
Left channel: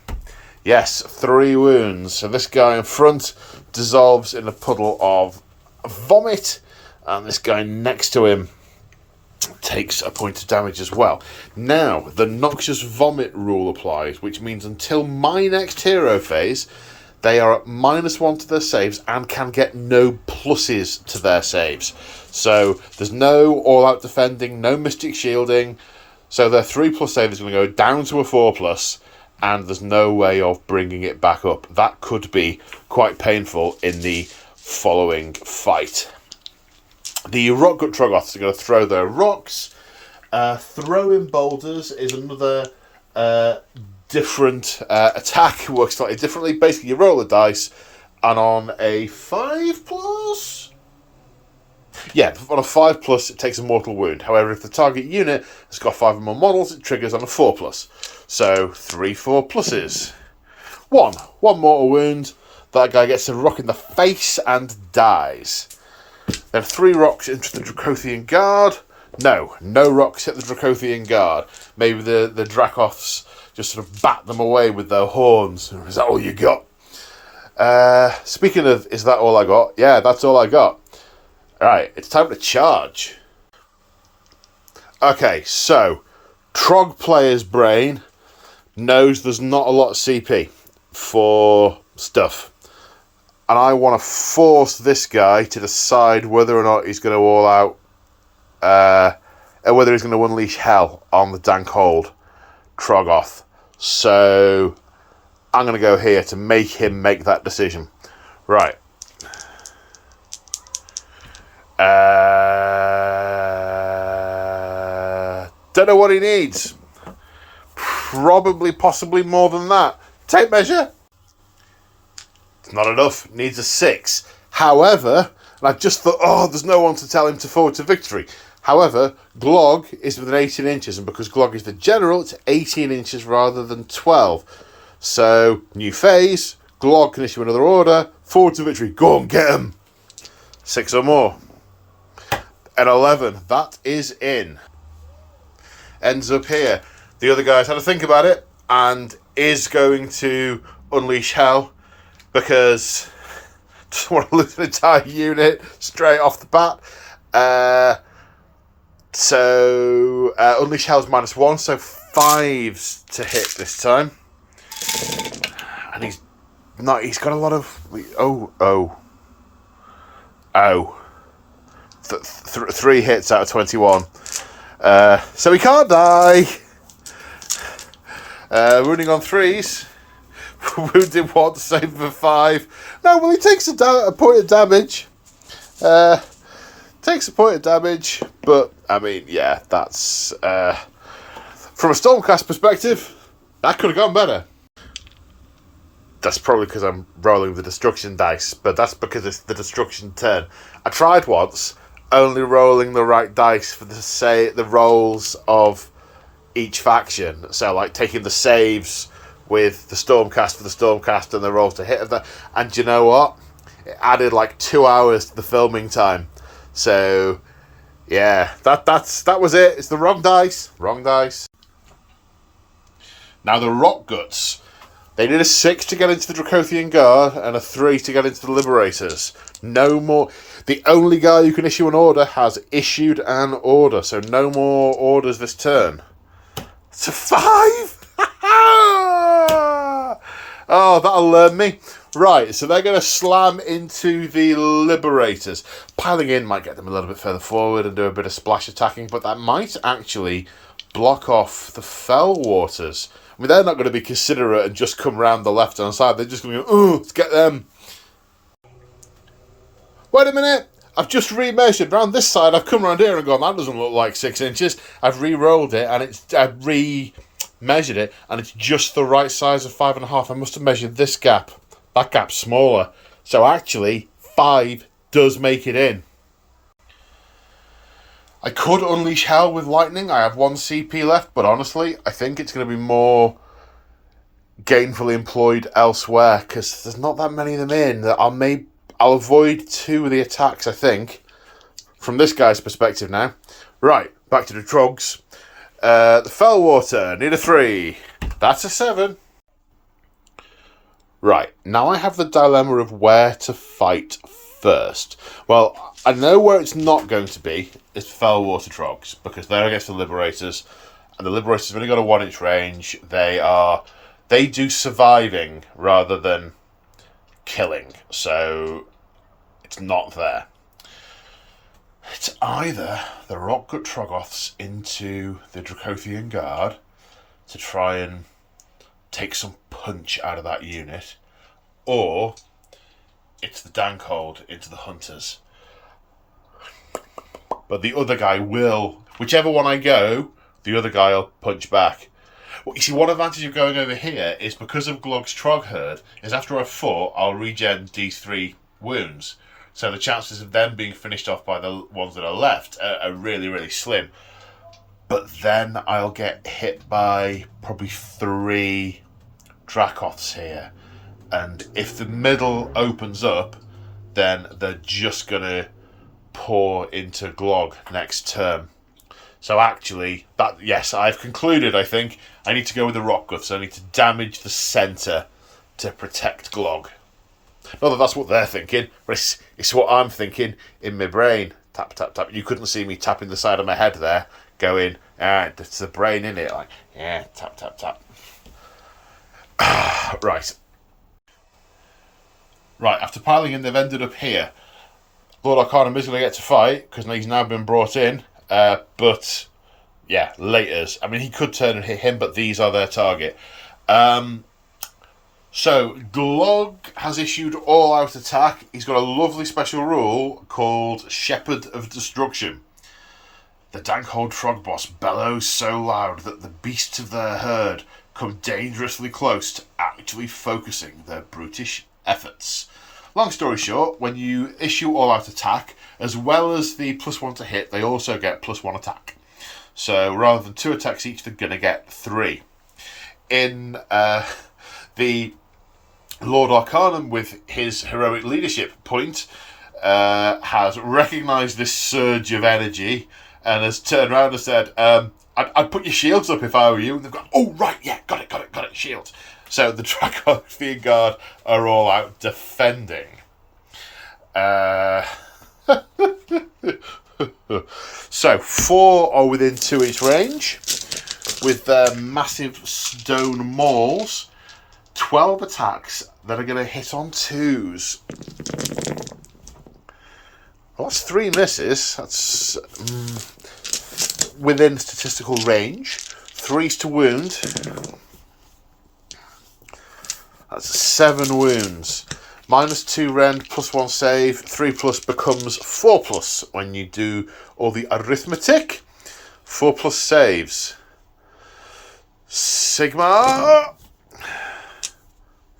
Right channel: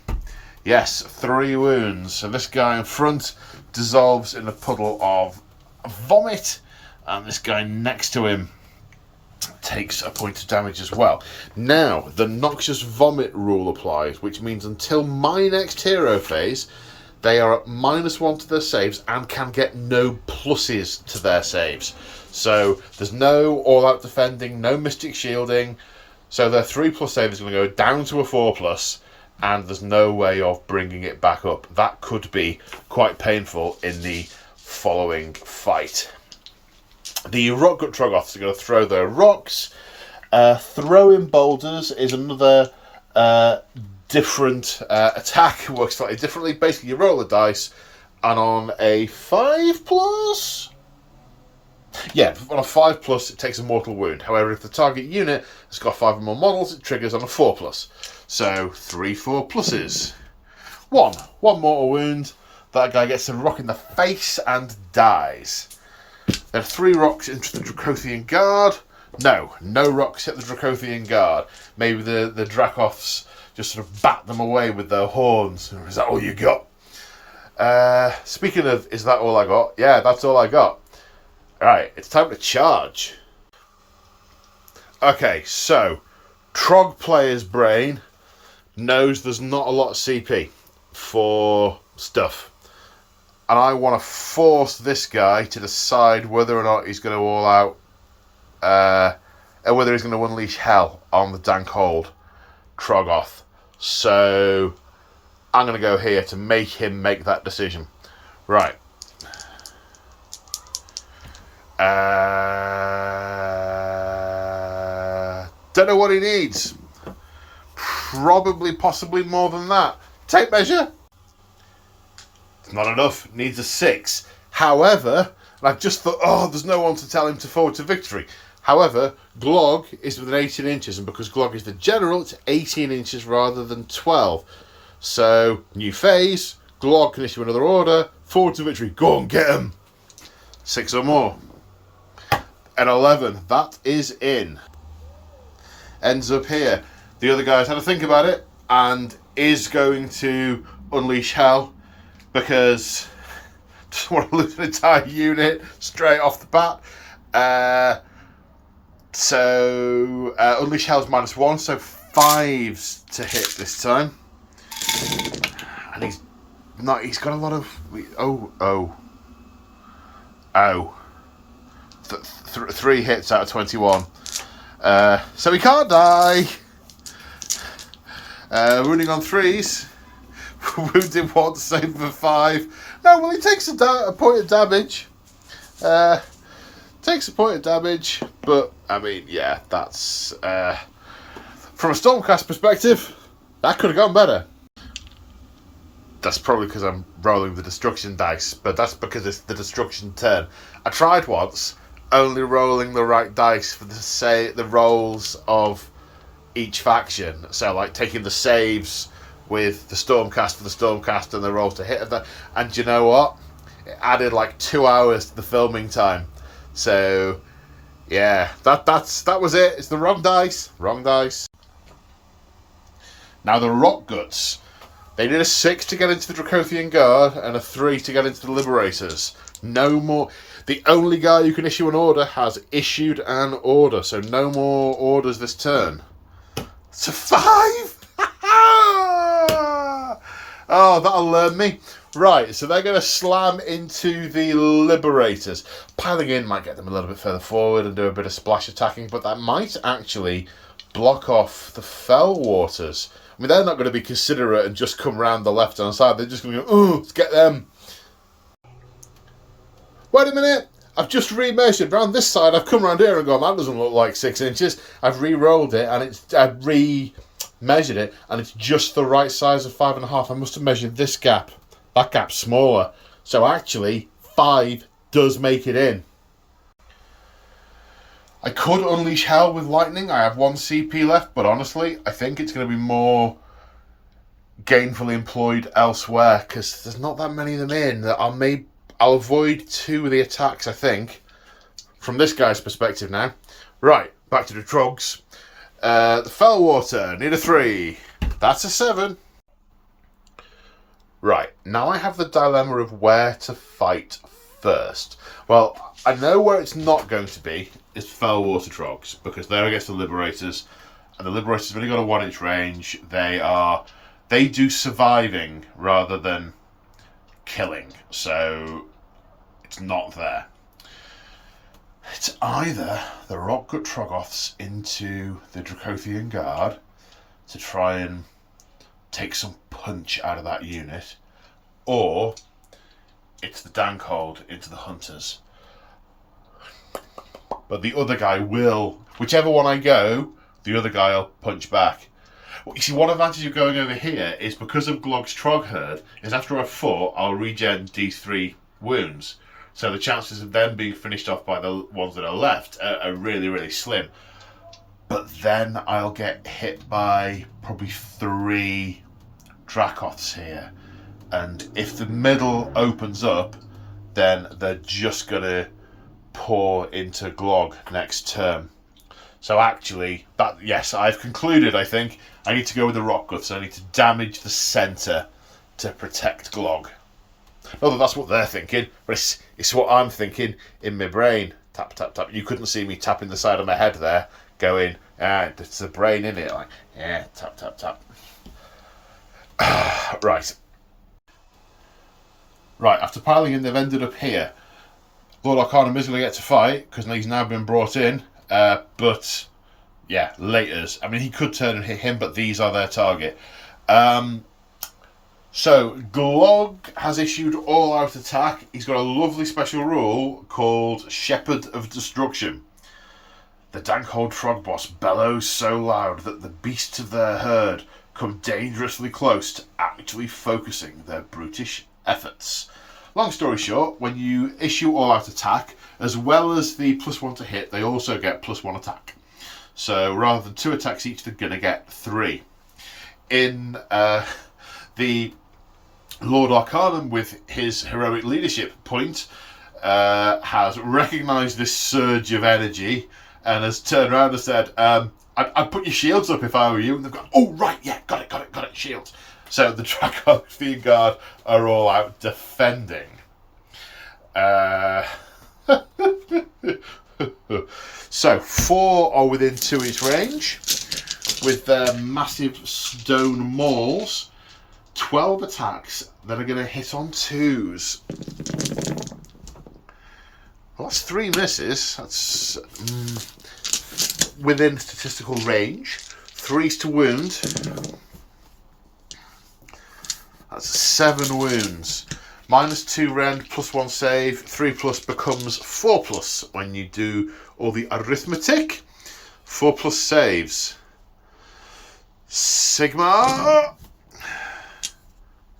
Yes, 3 wounds. So this guy in front dissolves in a puddle of vomit, and this guy next to him takes a point of damage as well. Now, the Noxious Vomit rule applies, which means until my next hero phase, they are at -1 to their saves and can get no pluses to their saves. So there's no all-out defending, no mystic shielding. So their 3+ save is going to go down to a 4+, and there's no way of bringing it back up. That could be quite painful in the following fight. The Rockgut Troggoths are going to throw their rocks. Throwing boulders is another different attack. It works slightly differently. Basically, you roll the dice, and on a 5+... yeah, on a 5+, it takes a mortal wound. However, if the target unit has got 5 or more models, it triggers on a 4+. So, 3 4+. One mortal wound. That guy gets a rock in the face and dies. Then 3 rocks into the Dracothian Guard. No rocks hit the Dracothian Guard. Maybe the Dracoths just sort of bat them away with their horns. Is that all you got? Speaking of, is that all I got? Yeah, that's all I got. Alright, it's time to charge. Okay, so Trog player's brain knows there's not a lot of CP for stuff. And I want to force this guy to decide whether or not he's going to all out, or whether he's going to unleash hell on the Dankhold Troggoth. So I'm going to go here to make him make that decision. Right. Don't know what he needs. Probably, possibly more than that. Tape measure. It's not enough. Needs a 6. However, and I've just thought, there's no one to tell him to forward to victory. However, Glog is within 18 inches, and because Glog is the general, it's 18 inches rather than 12. So, new phase. Glog can issue another order. Forward to victory. Go and get him. 6 or more. At 11, that is in. Ends up here. The other guy's had to think about it and is going to unleash hell because just want to lose an entire unit straight off the bat. So, Unleash Hell's -1, so 5s to hit this time. And he's got a lot of... Three hits out of 21. So he can't die. Running on 3s. Wounded 1, save for 5. No, well, he takes a point of damage. Takes a point of damage, but, I mean, yeah, that's... from a Stormcast perspective, that could have gone better. That's probably because I'm rolling the destruction dice, but that's because it's the destruction turn. I tried once, only rolling the right dice for the rolls of each faction. So, like, taking the saves with the Stormcast for the Stormcast and the rolls to hit of that. And you know what? It added like 2 hours to the filming time. So, yeah, that was it. It's the wrong dice. Wrong dice. Now the Rock Guts. They need a 6 to get into the Dracothian Guard and a 3 to get into the Liberators. No more. The only guy who can issue an order has issued an order, so no more orders this turn. It's a 5! Oh, that'll learn me. Right, so they're going to slam into the Liberators. Piling in might get them a little bit further forward and do a bit of splash attacking, but that might actually block off the Fell Waters. I mean, they're not going to be considerate and just come round the left-hand side. They're just going to go, oh, let's get them. Wait a minute. I've just remeasured. Round this side, I've come around here and gone, that doesn't look like 6 inches. I've re-rolled it, and I've re-measured it, and it's just the right size of 5.5. I must have measured this gap. That gap's smaller. So actually, 5 does make it in. I could unleash hell with lightning. I have 1 CP left, but honestly, I think it's going to be more gainfully employed elsewhere because there's not that many of them in. I'll avoid 2 of the attacks, I think, from this guy's perspective now. Right, back to the Trogs. The Fellwater, need a 3. That's a 7. Right, now I have the dilemma of where to fight first. Well, I know where it's not going to be. It's Fellwater Trogs, because they're against the Liberators, and the Liberators have only got a 1-inch range. They do surviving rather than killing, so it's not there. It's either the Rockgut Troggoths into the Dracothian Guard to try and take some punch out of that unit, or it's the Dankhold into the Hunters. But the other guy will, whichever one I go, the other guy will punch back. Well, you see, one advantage of going over here is because of Glog's Troggherd, is after I've fought, I'll regen D3 wounds. So the chances of them being finished off by the ones that are left are really, really slim. But then I'll get hit by probably 3 Dracoths here. And if the middle opens up, then they're just going to pour into Glog next turn. So actually, yes, I've concluded, I think, I need to go with the Rock Guts. I need to damage the centre to protect Glog. Not that that's what they're thinking, but it's what I'm thinking in my brain. Tap, tap, tap. You couldn't see me tapping the side of my head there, going, it's the brain in it, like, yeah, tap, tap, tap. Right. Right, after piling in, they've ended up here. Lord Arcanum is going to get to fight, because he's now been brought in, but, yeah, laters. I mean, he could turn and hit him, but these are their target. So, Glog has issued all-out attack. He's got a lovely special rule called Shepherd of Destruction. The Dankhold Trogboss bellows so loud that the beasts of their herd come dangerously close to actually focusing their brutish efforts. Long story short, when you issue all-out attack, as well as the +1 to hit, they also get +1 attack. So rather than 2 attacks each, they're going to get 3. In the Lord Arcanum, with his heroic leadership point, has recognised this surge of energy and has turned around and said, I'd put your shields up if I were you. And they've gone, oh, right, yeah, got it, shields. So the Dracothian Guard are all out defending. So 4 are within 2 each range with their massive stone mauls. 12 attacks that are going to hit on 2s. Well, that's 3 misses. That's within statistical range. 3s to wound. That's 7 wounds. -2 rend, +1 save. 3+ becomes 4+ when you do all the arithmetic. 4+ saves. Sigma.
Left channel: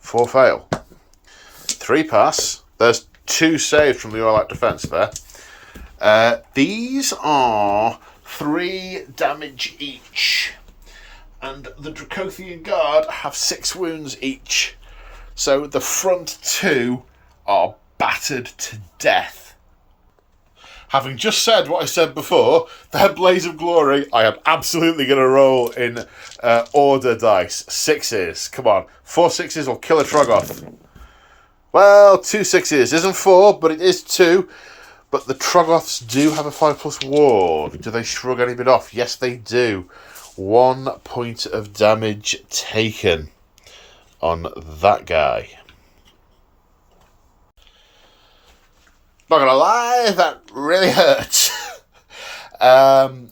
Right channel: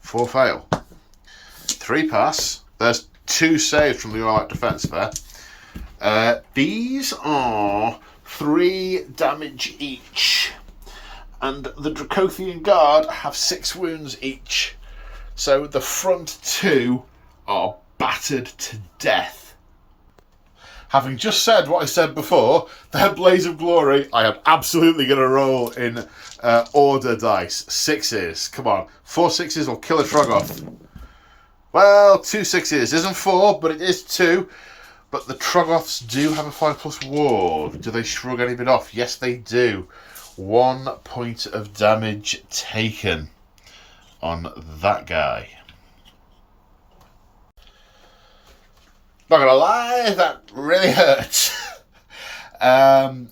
4 fail. 3 pass. There's 2 saved from the all-out defense there. These are 3 damage each. And the Dracothian Guard have 6 wounds each. So the front 2 are battered to death. Having just said what I said before, their Blaze of Glory, I am absolutely going to roll in order dice. 6s. Come on. 4 6s will kill a Troggoth. Well, 2 6s. Isn't 4, but it is 2. But the Troggoths do have a 5+ ward. Do they shrug any bit off? Yes, they do. 1 point of damage taken on that guy. Not gonna lie, that really hurts. And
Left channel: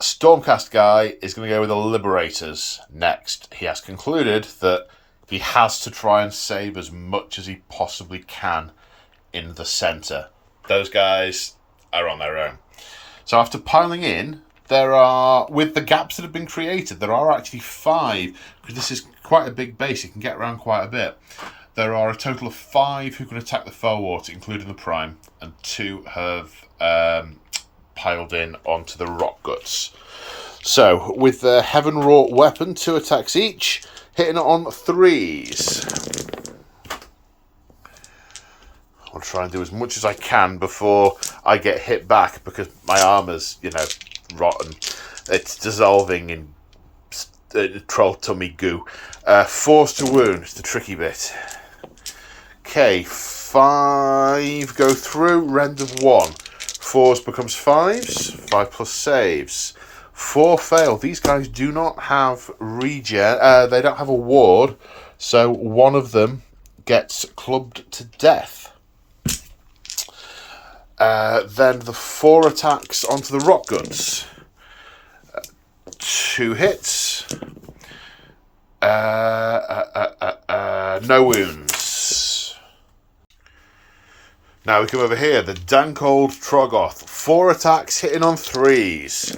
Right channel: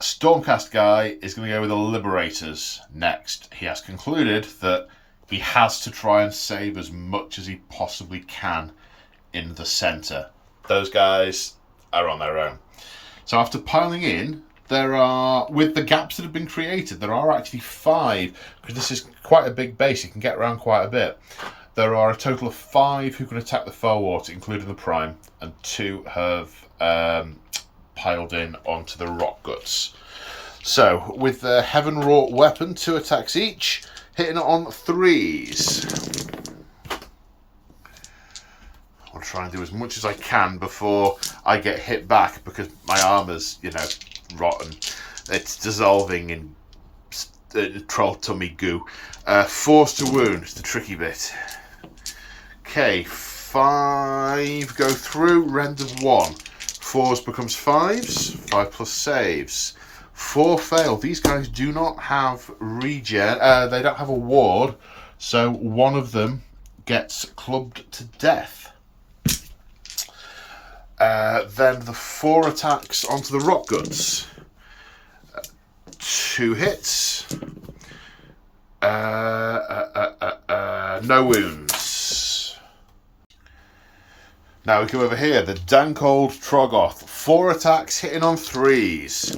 Stormcast guy is going to go with the Liberators next. He has concluded that he has to try and save as much as he possibly can in the centre. Those guys are on their own. So after piling in, there are, with the gaps that have been created, there are actually 5, because this is quite a big base, you can get around quite a bit. There are a total of 5 who can attack the Fellwart, including the Prime, and 2 have piled in onto the Rock Guts. So, with the Heaven-wrought weapon, 2 attacks each, hitting on 3s. I'll try and do as much as I can before I get hit back, because my armour's, rotten. It's dissolving in troll tummy goo. 4s to wound is the tricky bit. Okay, 5 go through, rend of 1. 4s becomes 5s, 5+ saves. 4 fail. These guys do not have regen. They don't have a ward, so one of them gets clubbed to death. Then the 4 attacks onto the Rock Guns. 2 hits. No wounds. Now we come over here. The dank old Troggoth. 4 attacks hitting on 3s.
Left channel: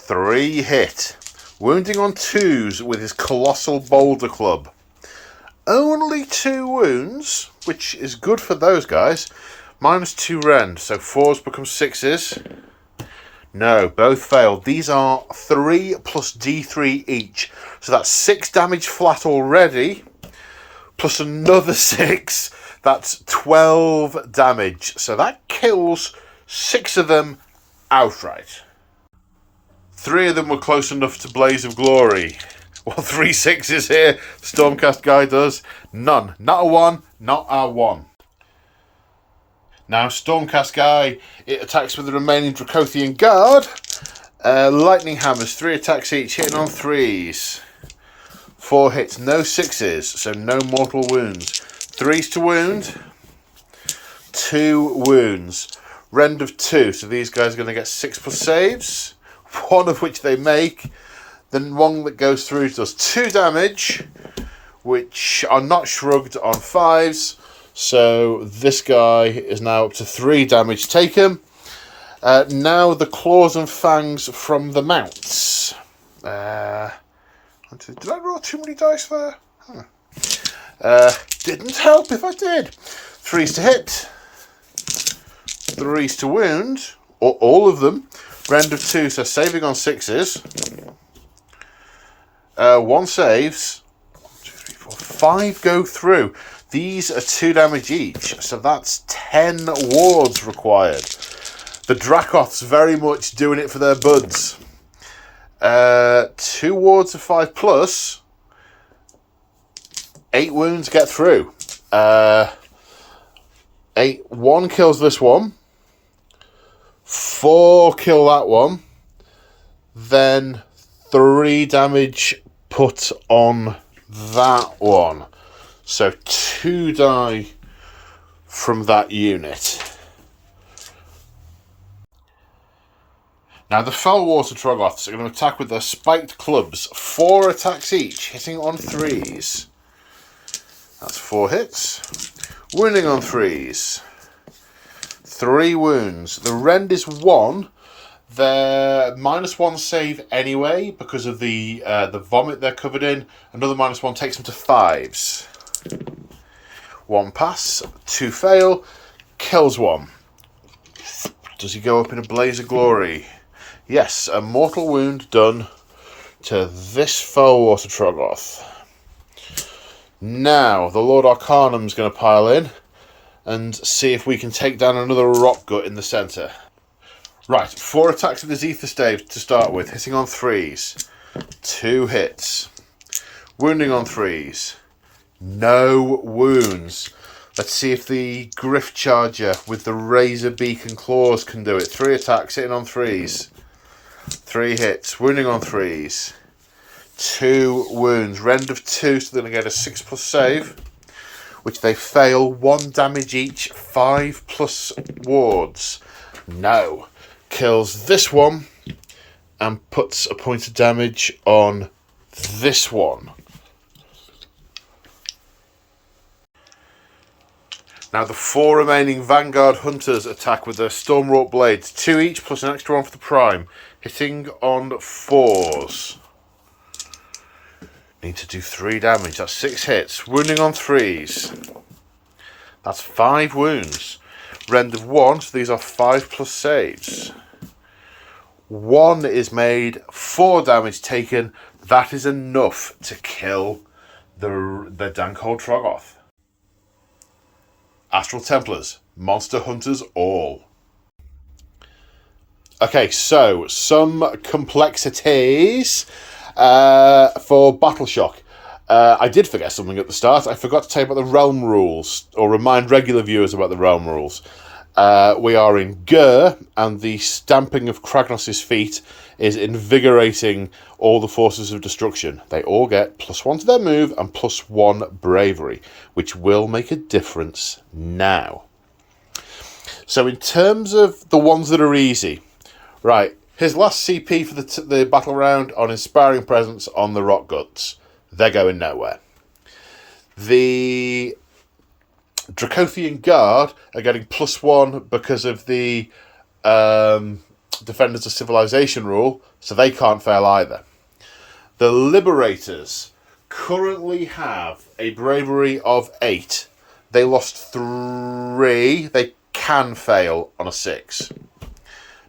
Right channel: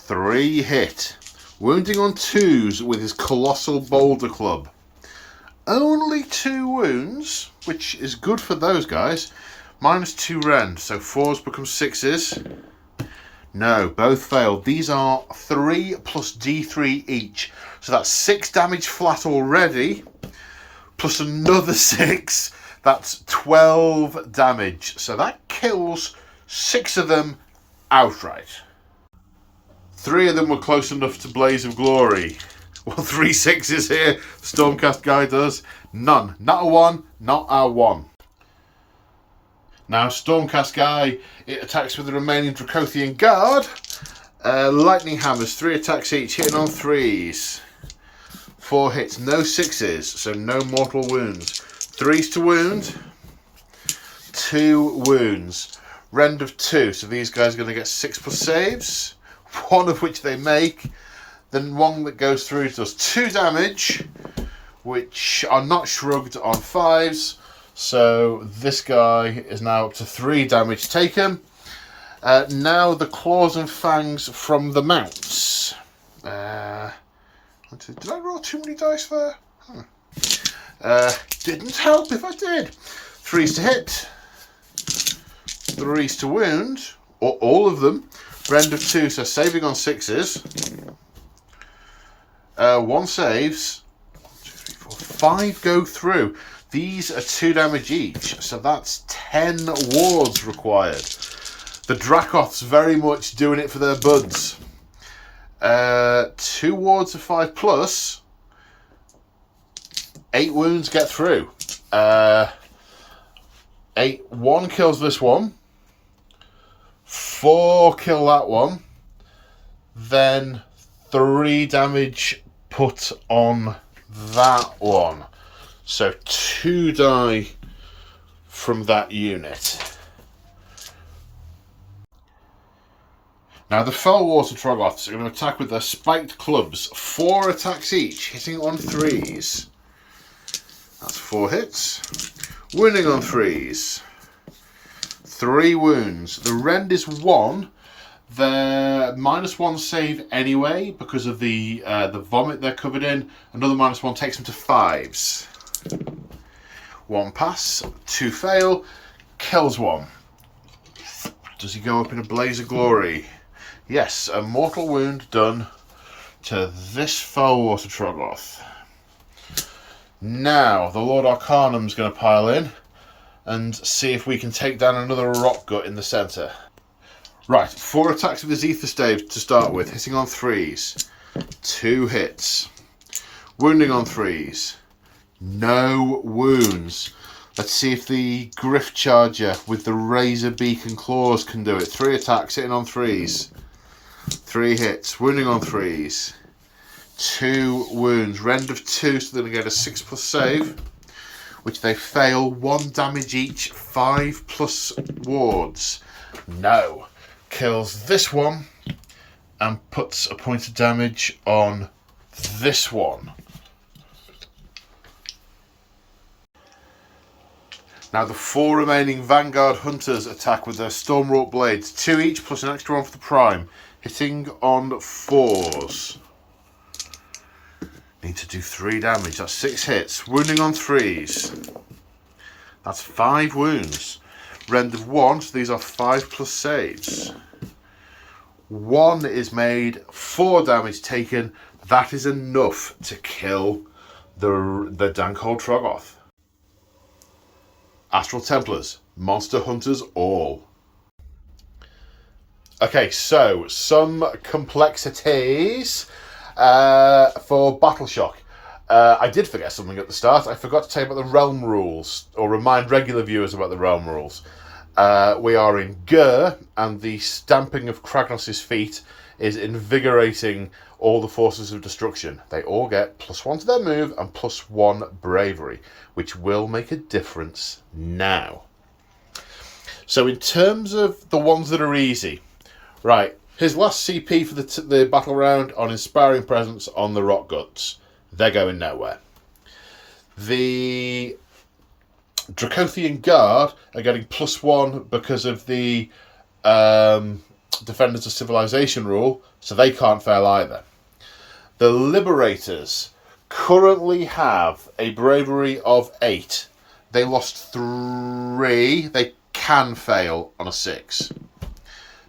3 hit. Wounding on 2s with his colossal boulder club. Only 2 wounds, which is good for those guys. -2 rend, so 4s become 6s. No, both failed. These are 3 plus D3 each. So that's 6 damage flat already, plus another 6. That's 12 damage. So that kills 6 of them outright. 3 of them were close enough to Blaze of Glory. Well, 3 6s here. Stormcast guy does. None. Not a 1, not a 1. Now, Stormcast guy, it attacks with the remaining Dracothian Guard. Lightning hammers, 3 attacks each, hitting on 3s. 4 hits, no 6s, so no mortal wounds. 3s to wound, 2 wounds. Rend of 2, so these guys are going to get 6+ saves, 1 of which they make. Then one that goes through does 2 damage, which are not shrugged on 5s. So this guy is now up to 3 damage taken. Now the claws and fangs from the mounts. Did I roll too many dice there? Didn't help if I did. 3s to hit. 3s to wound. All of them. Rend of 2, so saving on 6s. 1 saves. 1, 2, 3, 4, 5 go through. These are 2 damage each, so that's 10 wards required. The Dracoth's very much doing it for their buds. 2 wards of 5+. 8 wounds get through. 1 kills this one. 4 kill that one. Then 3 damage put on that one. So 2 die from that unit. Now the Fellwater Troggoths are going to attack with their spiked clubs. 4 attacks each, hitting on 3s. That's 4 hits. Wounding on 3s. 3 wounds. The rend is 1. They're -1 save anyway because of the vomit they're covered in. Another -1 takes them to 5s. 1 pass, 2 fail, kills 1. Does he go up in a blaze of glory? Yes, a mortal wound done to this Fellwater Troggoth. Now, the Lord Arcanum's going to pile in and see if we can take down another rock gut in the centre. Right, 4 attacks with his ether stave to start with, hitting on 3s. 2 hits. Wounding on 3s. No wounds. Let's see if the Griff Charger with the Razor Beak and Claws can do it. 3 attacks, hitting on 3s. 3 hits. Wounding on 3s. 2 wounds. Rend of 2, so they're going to get a 6+ save, which they fail. 1 damage each. 5+ wards. No. Kills this one and puts a point of damage on this one. Now the 4 remaining Vanguard Hunters attack with their Stormwrought Blades. 2 each plus an extra 1 for the Prime. Hitting on 4s. Need to do 3 damage. That's 6 hits. Wounding on 3s. That's 5 wounds. Rend of 1, so these are 5+ saves. 1 is made, 4 damage taken. That is enough to kill the Dankhold Troggoth. Astral Templars, Monster Hunters all. Okay, so some complexities for Battle Shock. I did forget something at the start. I forgot to tell you about the realm rules, or remind regular viewers about the realm rules. We are in Gur, and the stamping of Kragnos' feet is invigorating all the forces of destruction. They all get +1 to their move and +1 bravery, which will make a difference now. So in terms of the ones that are easy, right, his last CP for the battle round on Inspiring Presence on the Rock Guts. They're going nowhere. The Dracothian Guard are getting +1 because of the Defenders of Civilization rule, so they can't fail either. The Liberators currently have a bravery of 8. They lost 3. They can fail on a 6.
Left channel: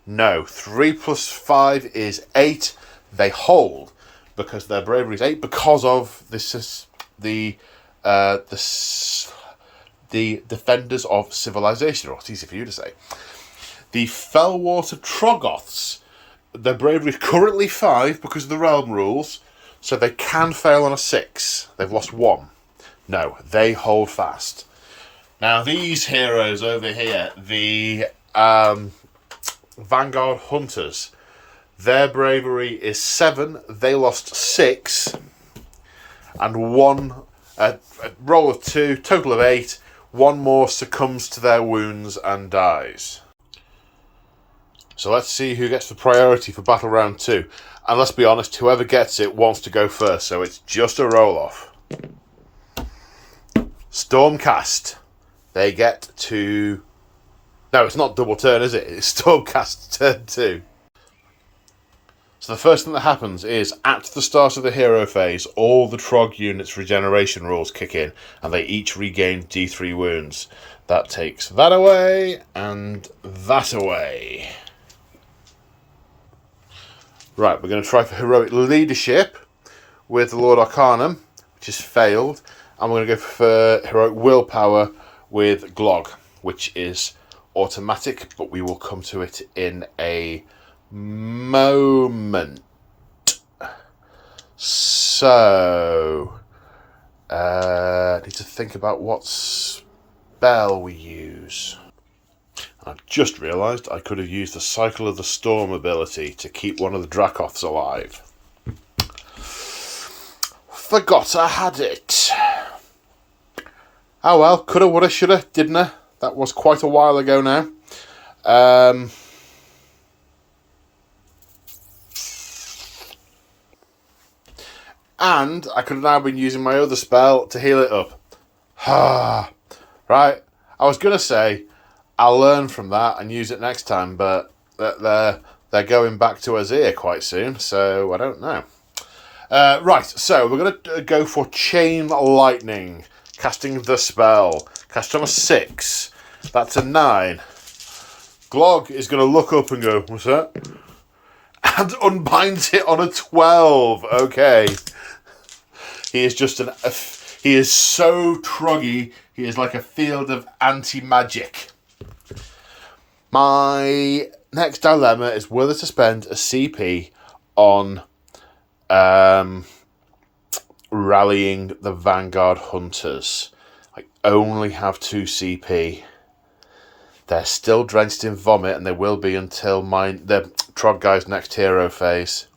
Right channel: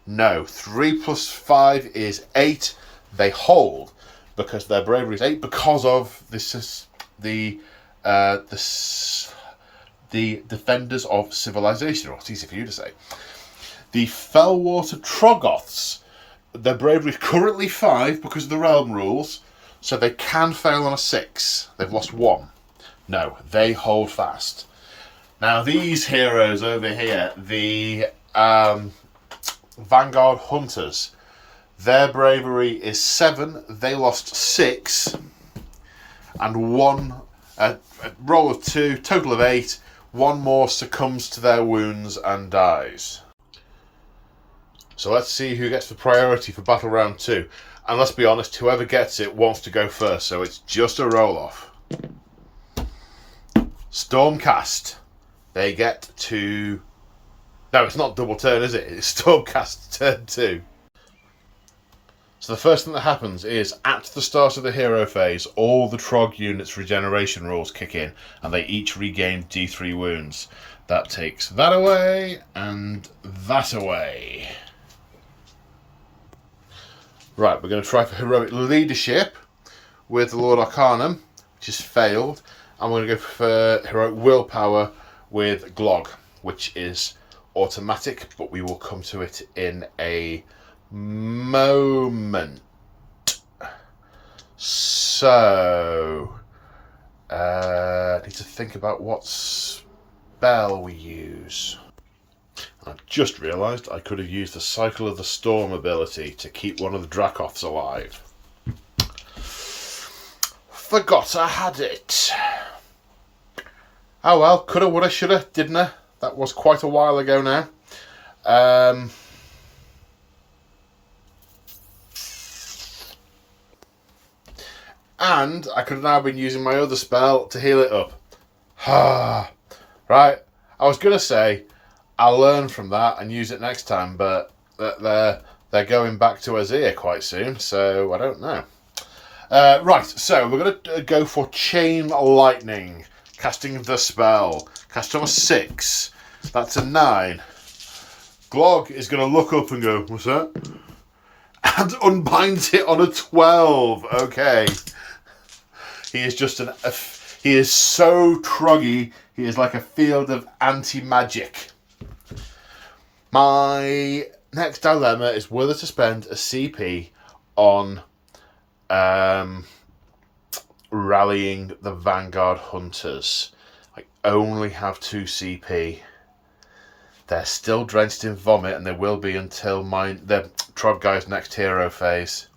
No, 3 + 5 is 8. They hold because their bravery is 8 because of the Defenders of Civilization. Oh, it's easy for you to say. The Fellwater Troggoths, their bravery is currently 5 because of the realm rules, so they can fail on a 6. They've lost 1. No, they hold fast. Now these heroes over here, the Vanguard Hunters, their bravery is 7. They lost 6, and 1 a roll of 2, total of 8. 1 more succumbs to their wounds and dies. So let's see who gets the priority for Battle Round 2. And let's be honest, whoever gets it wants to go first, so it's just a roll-off. Stormcast. They get to... No, it's not double turn, is it? It's Stormcast turn 2. So the first thing that happens is, at the start of the hero phase, all the Trog units' regeneration rules kick in, and they each regain D3 wounds. That takes that away, and that away. Right, we're going to try for Heroic Leadership with the Lord Arcanum, which has failed, and we're going to go for Heroic Willpower with Glog, which is automatic, but we will come to it in a moment. So, need to think about what spell we use. I just realised I could have used the Cycle of the Storm ability to keep one of the Dracoths alive. Forgot I had it. Oh well, coulda, woulda, shoulda, didn't I? That was quite a while ago now. And I could have now been using my other spell to heal it up. Right, I was going to say I'll learn from that and use it next time, but they're going back to Azir quite soon, so I don't know. Right, so we're going to go for Chain Lightning, casting the spell. Cast on a 6. That's a 9. Glog is going to look up and go, what's that? And unbinds it on a 12. Okay. He is just he is so troggy, he is like a field of anti-magic. My next dilemma is whether to spend a CP on rallying the Vanguard Hunters. I only have 2 CP. They're still drenched in vomit, and they will be until the Troggherd's next hero phase.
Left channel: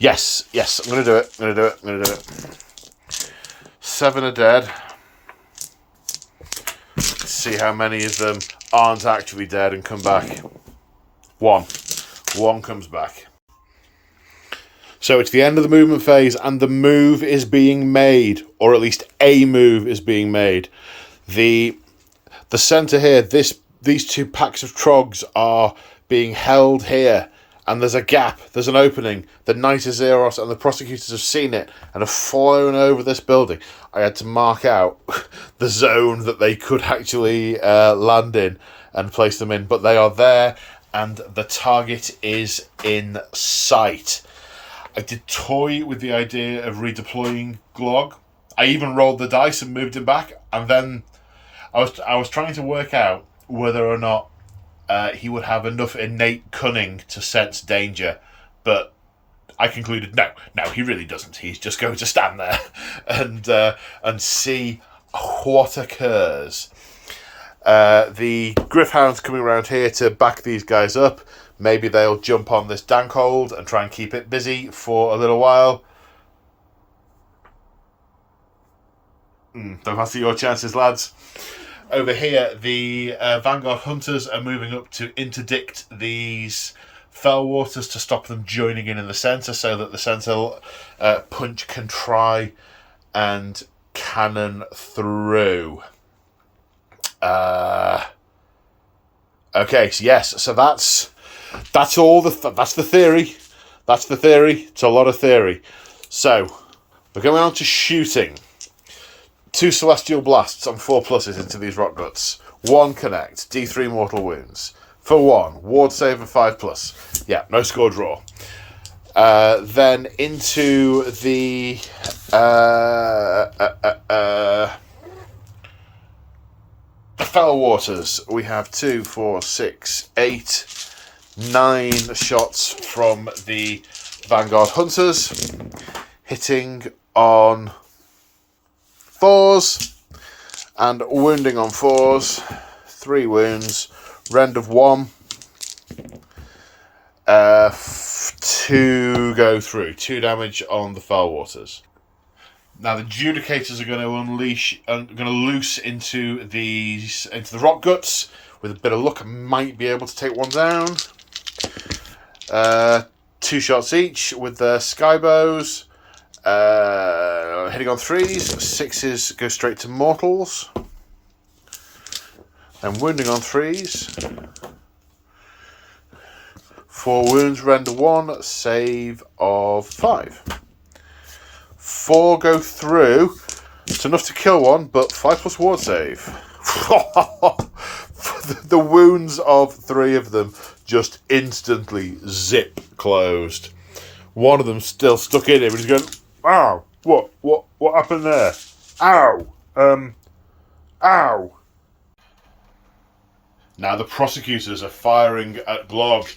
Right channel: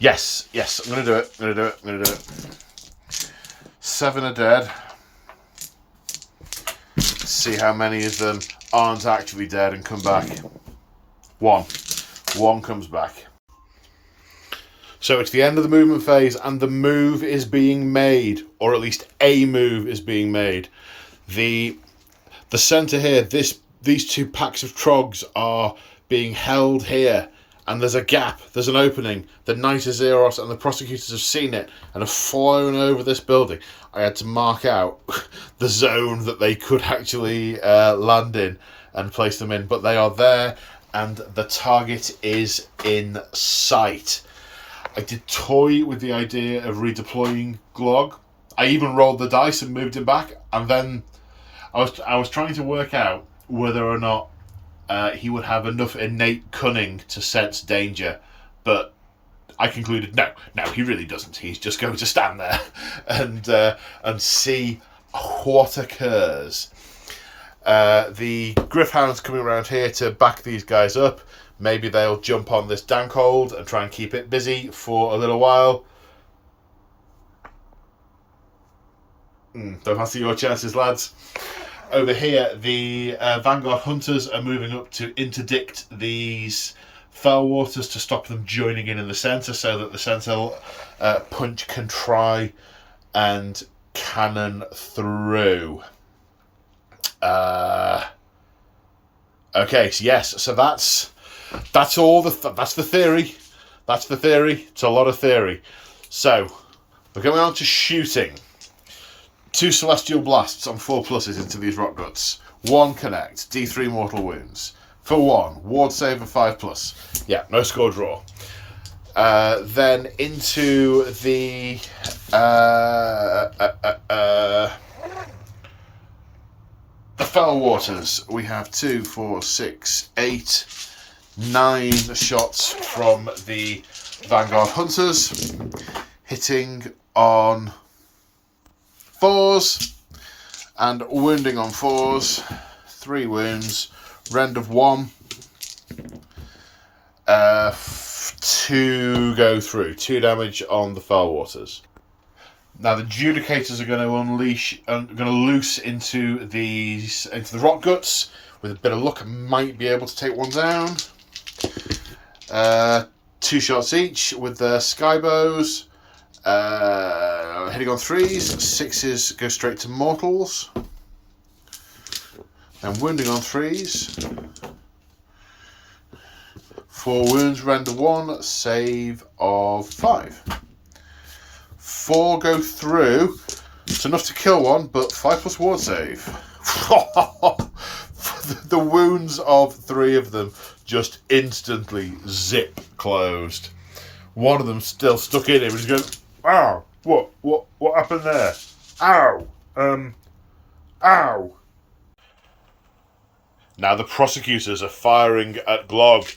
Yes, I'm going to do it. 7 are dead. Let's see how many of them aren't actually dead and come back. 1 comes back. So it's the end of the movement phase, and the move is being made, or at least a move is being made. The centre here, these 2 packs of Trogs are being held here, and there's a gap, there's an opening. The Knight of Zeros and the prosecutors have seen it and have flown over this building. I had to mark out the zone that they could actually land in and place them in, but they are there, and the target is in sight. I did toy with the idea of redeploying Glog. I even rolled the dice and moved him back, and then I was trying to work out whether or not he would have enough innate cunning to sense danger, but I concluded no, he really doesn't. He's just going to stand there and see what occurs. The Gryph-hound's coming around here to back these guys up. Maybe they'll jump on this Dankhold and try and keep it busy for a little while. Don't fancy your chances, lads. Over here, the Vanguard Hunters are moving up to interdict these Fellwaters to stop them joining in the centre, so that the centre punch can try and cannon through. Okay, so yes, so that's all that's the theory. That's the theory. It's a lot of theory. So we're going on to shooting. 2 Celestial Blasts on 4 pluses into these Rock Guts. 1 connect, D3 mortal wounds. For 1, ward save of 5+. Yeah, no score draw. Then into the Fellwaters. We have 2, 4, 6, 8, 9 shots from the Vanguard Hunters, hitting on 4s and wounding on 4s. 3 wounds, rend of 1. 2 go through. 2 damage on the Fellwaters. Now the Judicators are going to loose into the Rock Guts. With a bit of luck, I might be able to take 1 down. 2 shots each with the Skybows. Hitting on 3s. 6s go straight to mortals. And wounding on 3s. 4 wounds, render 1, save of 5. 4 go through. It's enough to kill 1, but 5+ ward save. The wounds of 3 of them just instantly zip closed. One of them still stuck in him. He's going, ow, what happened there? Ow, ow. Now the prosecutors are firing at Glog.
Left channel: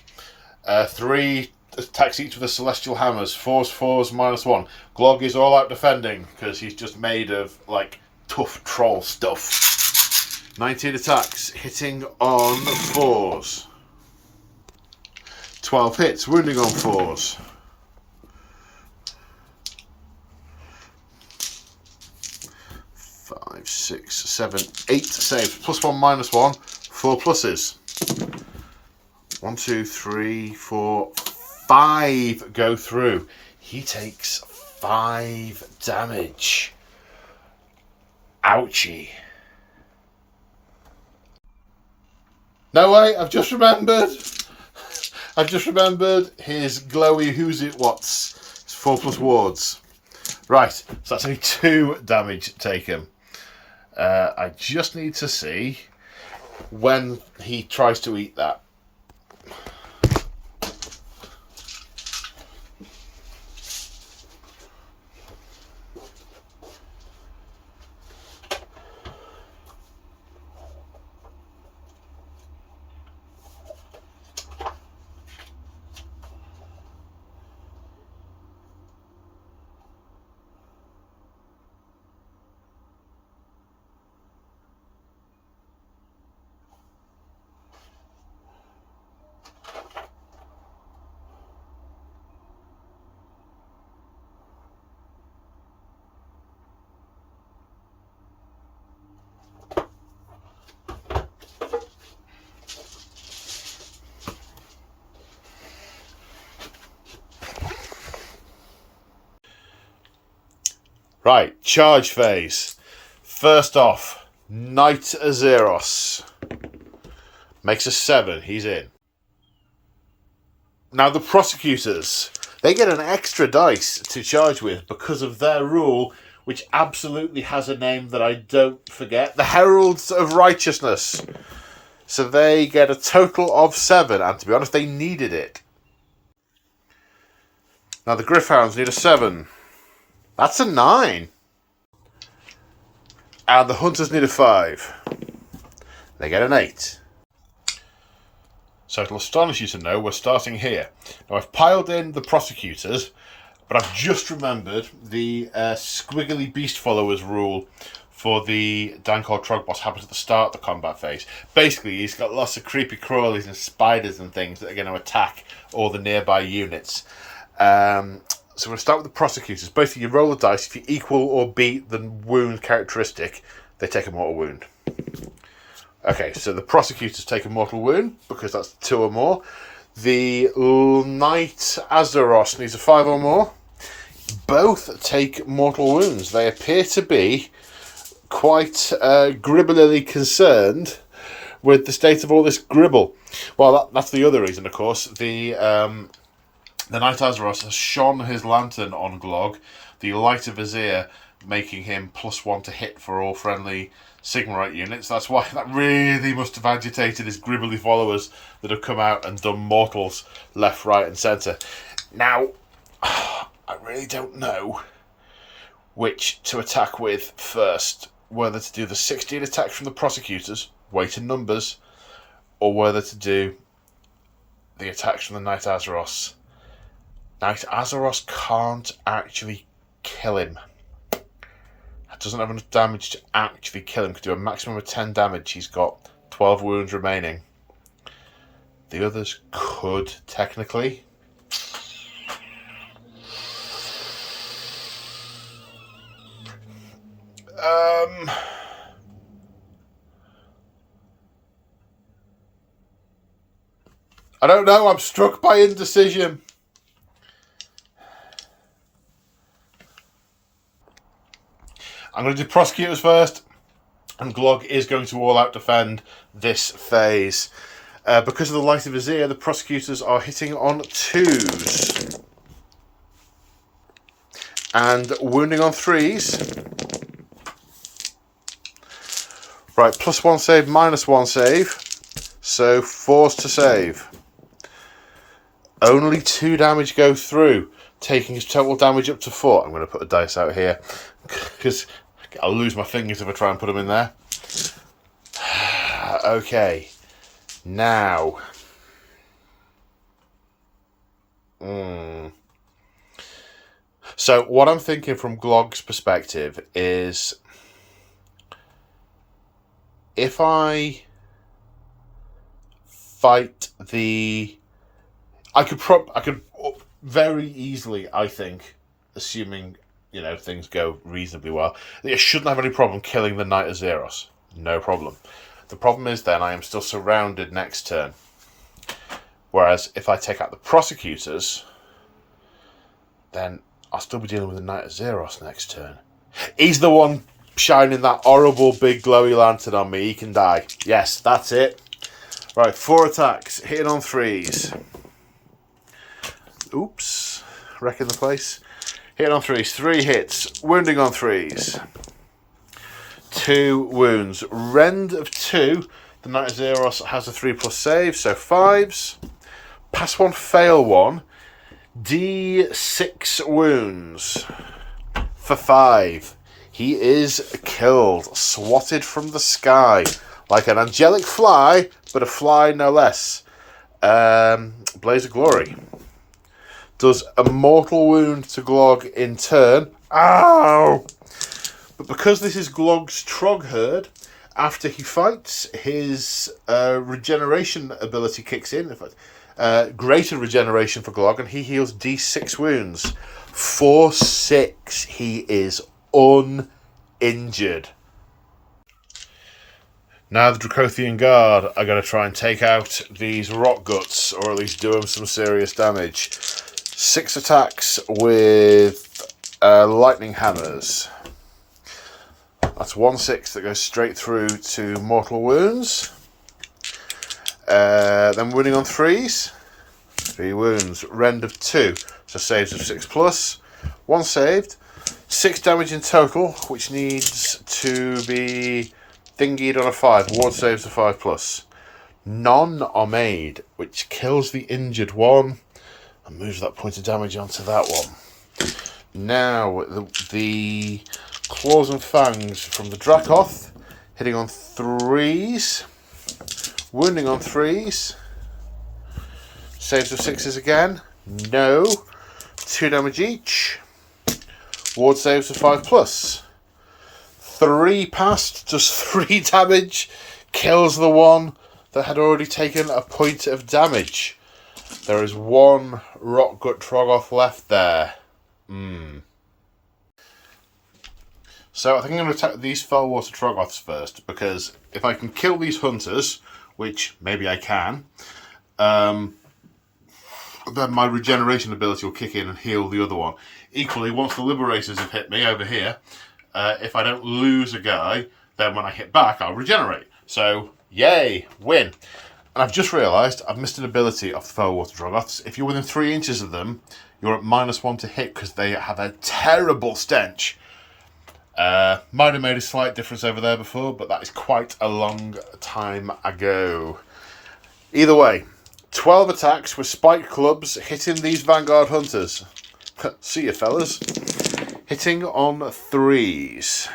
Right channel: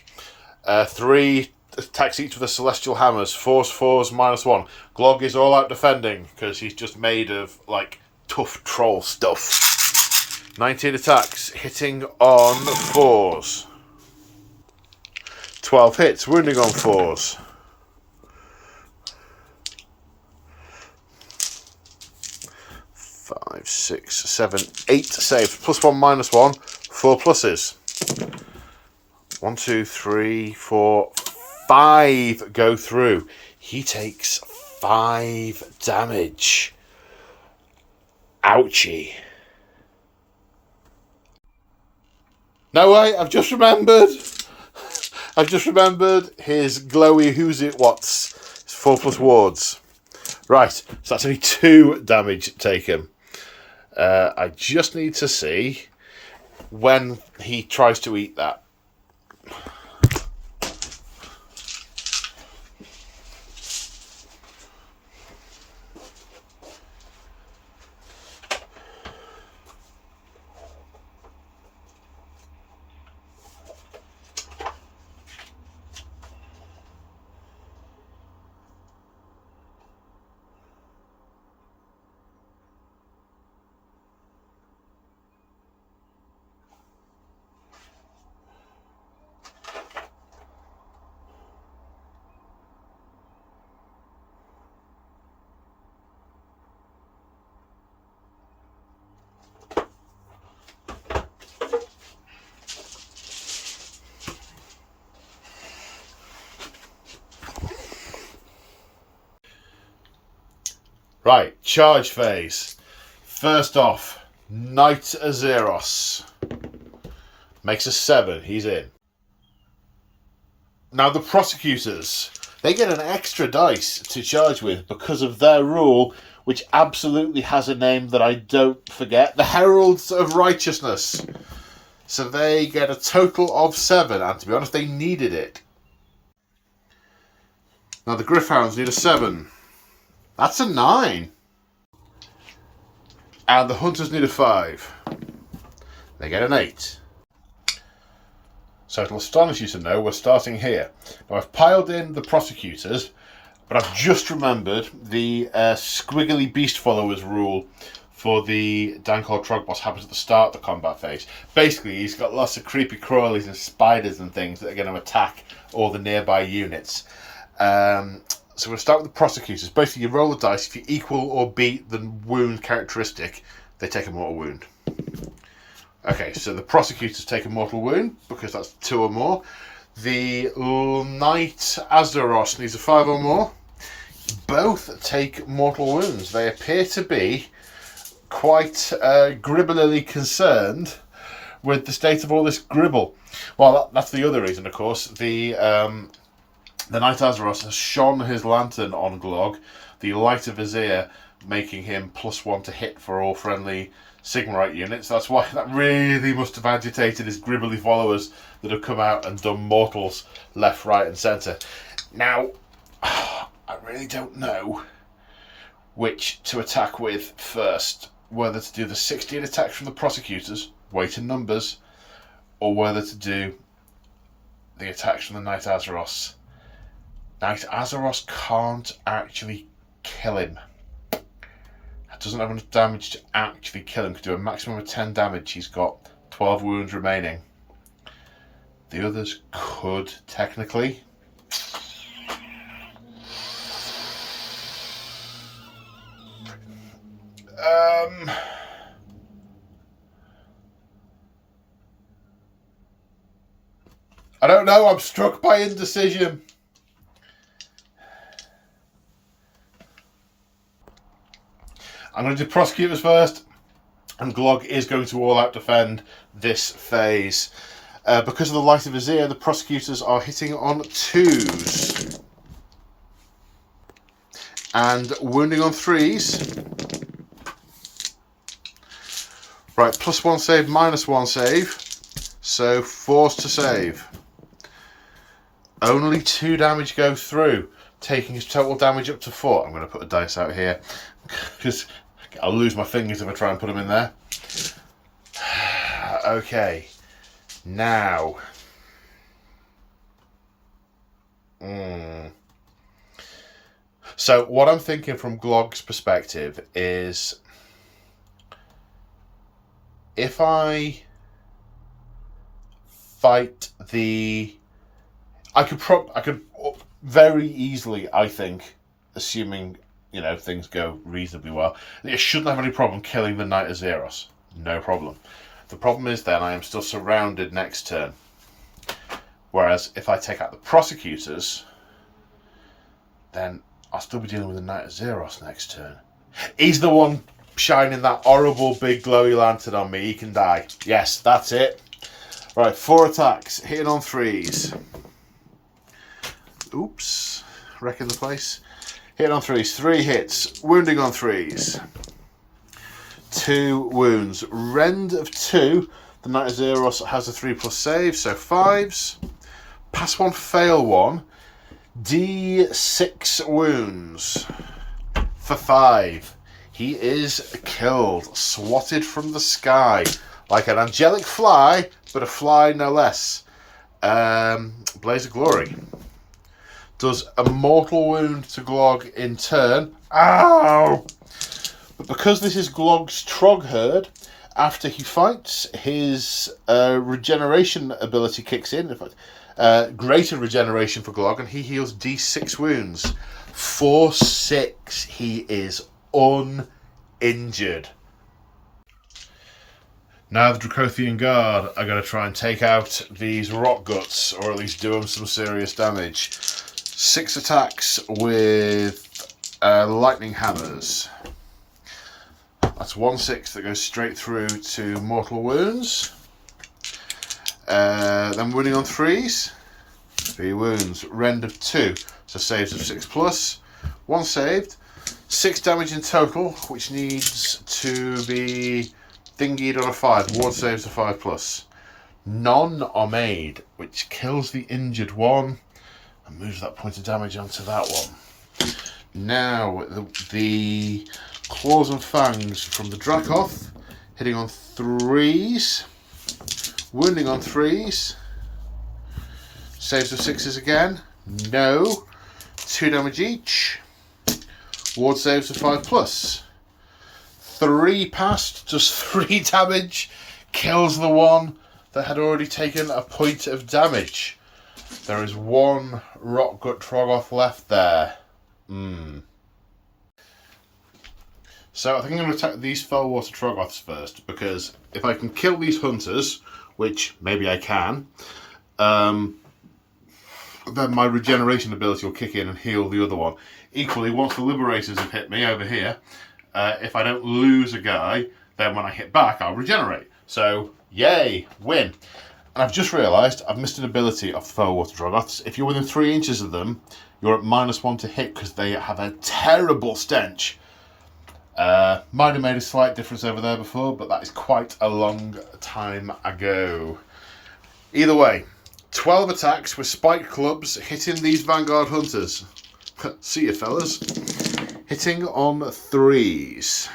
3 attacks each of the celestial hammers. 4s, 4s, -1. Glog is all out defending because he's just made of like tough troll stuff. 19 attacks, hitting on 4s. 12 hits, wounding on 4s. 5, 6, 7, 8 saves. +1, -1. 4 pluses. 1, 2, 3, 4, 5 go through. He takes 5 damage. Ouchie. No way, I've just remembered his glowy who's it what's. It's 4+ wards. Right, so that's only 2 damage taken. I just need to see when he tries to eat that. Right, charge phase. First off, Knight Azeros. Makes a 7, he's in. Now the prosecutors, they get an extra dice to charge with because of their rule, which absolutely has a name that I don't forget. The Heralds of Righteousness. So they get a total of 7, and to be honest, they needed it. Now the Griffhounds need a 7. That's a 9. And the Hunters need a 5. They get an 8. So it'll astonish you to know we're starting here. Now I've piled in the prosecutors, but I've just remembered the squiggly beast followers rule for the Dankor Trog boss happens at the start of the combat phase. Basically, he's got lots of creepy crawlies and spiders and things that are going to attack all the nearby units. So we'll start with the prosecutors. Basically, you roll the dice. If you equal or beat the wound characteristic, they take a mortal wound. Okay, so the prosecutors take a mortal wound, because that's 2 or more. The Knight Azeros needs a 5 or more. Both take mortal wounds. They appear to be quite gribblily concerned with the state of all this gribble. Well, that's the other reason, of course. The Knight Azeros has shone his lantern on Glog, the Light of Vizier, making him +1 to hit for all friendly Sigmarite units. That's why that really must have agitated his gribbly followers that have come out and done mortals left, right and centre. Now, I really don't know which to attack with first. Whether to do the 16 attacks from the prosecutors, weight and numbers, or whether to do the attacks from the Knight Azeros. Knight Azeros can't actually kill him. It doesn't have enough damage to actually kill him. Could do a maximum of 10 damage. He's got 12 wounds remaining. The others could, technically. I don't know. I'm struck by indecision. I'm going to do prosecutors first, and Glog is going to all-out defend this phase. Because of the Light of Vizier, the prosecutors are hitting on 2s. And wounding on 3s. Right, +1 save, -1 save. So 4s to save. Only 2 damage go through, taking his total damage up to 4. I'm going to put a dice out here, because I'll lose my fingers if I try and put them in there. Okay. Now. So what I'm thinking from Glog's perspective is, if I fight I could very easily, I think, assuming, things go reasonably well, I shouldn't have any problem killing the Knight of Zeros. No problem. The problem is then I am still surrounded next turn. Whereas if I take out the prosecutors, then I'll still be dealing with the Knight of Zeros next turn. He's the one shining that horrible big glowy lantern on me. He can die. Yes, that's it. Right, 4 attacks, hitting on 3s. Oops, wrecking the place. Hitting on 3s, 3 hits, wounding on 3s. 2 wounds. Rend of 2. The Knight of Zeros has a 3+ save, so 5s. Pass 1, fail 1. D6 wounds for 5. He is killed, swatted from the sky like an angelic fly, but a fly no less. Blaze of Glory does a mortal wound to Glog in turn. Ow! But because this is Glog's Troggherd, after he fights, his regeneration ability kicks in. In fact, greater regeneration for Glog, and he heals D6 wounds. 4/6. He is uninjured. Now the Dracothian Guard are going to try and take out these rock guts, or at least do them some serious damage. 6 attacks with lightning hammers. That's 1/6 that goes straight through to mortal wounds. Then wounding on 3s. 3 wounds. Rend of 2. So saves of 6+. 1 saved. 6 damage in total, which needs to be thingied on a 5. Ward saves of 5+. None are made, which kills the injured one and moves that point of damage onto that one. Now, the claws and fangs from the Dracoth, hitting on 3s. Wounding on 3s. Saves of 6s again. No. 2 damage each. Ward saves of 5+. 3 passed, does 3 damage. Kills the one that had already taken a point of damage. There is 1 Rockgut Troggoth left there. So I think I'm going to attack these Fellwater Troggoths first, because if I can kill these hunters, which maybe I can, then my regeneration ability will kick in and heal the other one. Equally, once the Liberators have hit me over here, if I don't lose a guy, then when I hit back, I'll regenerate. So, yay, win. And I've just realised I've missed an ability of the Fellwater Troggoths. If you're within 3 inches of them, you're at -1 to hit because they have a terrible stench. Might have made a slight difference over there before, but that is quite a long time ago. Either way, 12 attacks with spiked clubs hitting these Vanguard Hunters. See you, fellas. Hitting on 3s.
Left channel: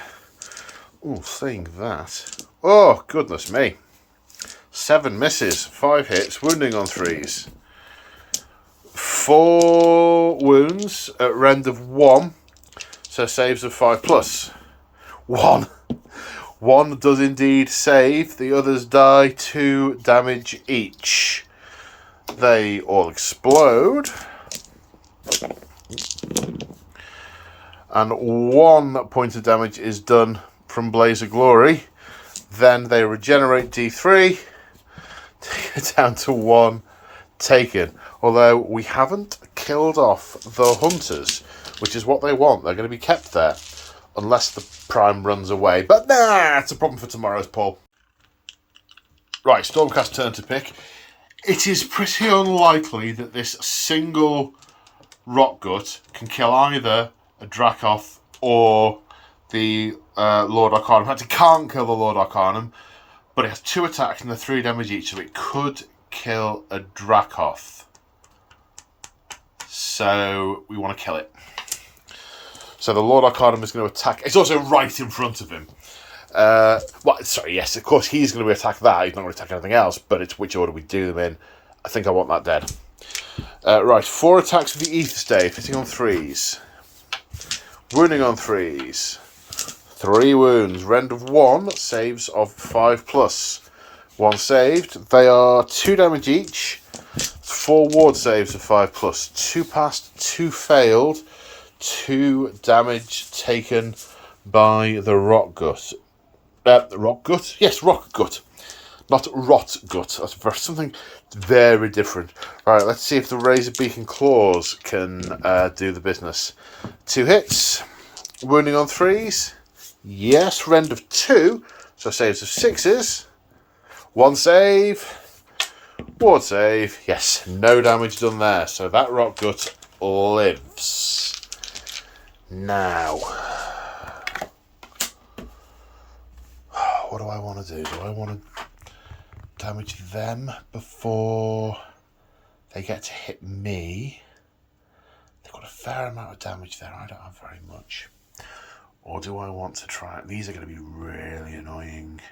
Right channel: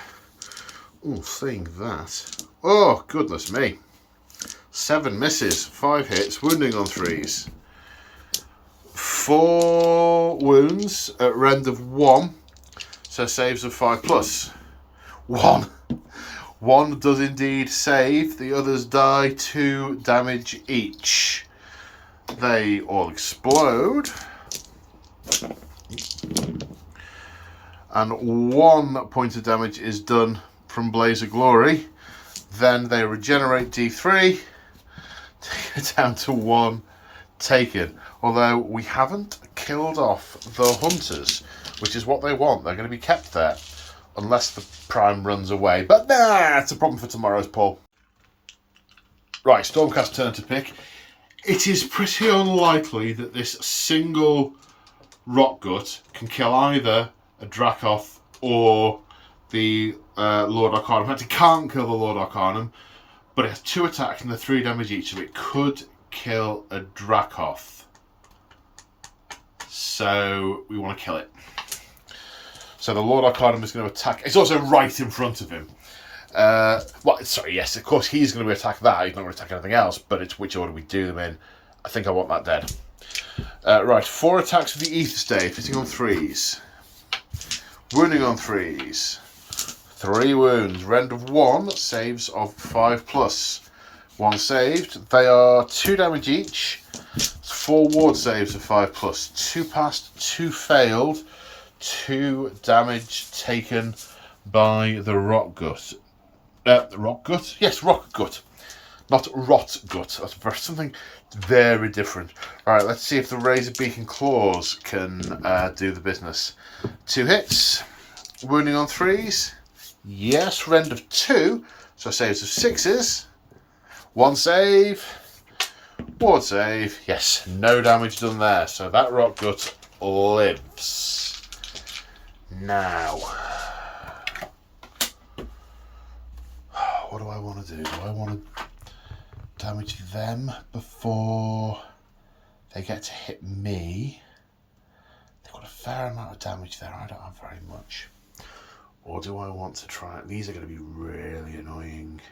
Oh, saying that. Oh, goodness me. 7 misses, 5 hits, wounding on 3s. 4 wounds at rend of 1. So saves of 5+. 1 does indeed save. The others die 2 damage each. They all explode. And 1 point of damage is done from Blaze of Glory. Then they regenerate D3. Take it down to 1 taken. Although we haven't killed off the hunters, which is what they want. They're going to be kept there unless the Prime runs away. But nah, it's a problem for tomorrow's poll. Right, Stormcast turn to pick. It is pretty unlikely that this single Rockgut can kill either a Dracoth or the Lord Arcanum. In fact, it can't kill the Lord Arcanum, but it has 2 attacks and they're 3 damage each, so it could kill a Dracoth. So we want to kill it. So the Lord Arcanum is going to attack. It's also right in front of him. Yes, of course he's going to attack that. He's not going to attack anything else, but it's which order we do them in. I think I want that dead. Right, 4 attacks with the Ether Stave, hitting on 3s. Wounding on 3s. 3 wounds. Rend of 1, saves of 5+. 1 saved. They are 2 damage each. 4 ward saves of 5+. 2 passed, 2 failed. 2 damage taken by the Rock Gut. Rock Gut? Yes, Rock Gut. Not Rot Gut. That's something very different. Alright, let's see if the Razor Beak and Claws can do the business. 2 hits. Wounding on 3s. Yes, rend of 2. So saves of 6s. 1 save. Ward save. Yes, no damage done there. So that Rock Gut lives. Now, what do I want to do? Do I want to damage them before they get to hit me? They've got a fair amount of damage there. I don't have very much. Or do I want to try... These are going to be really annoying.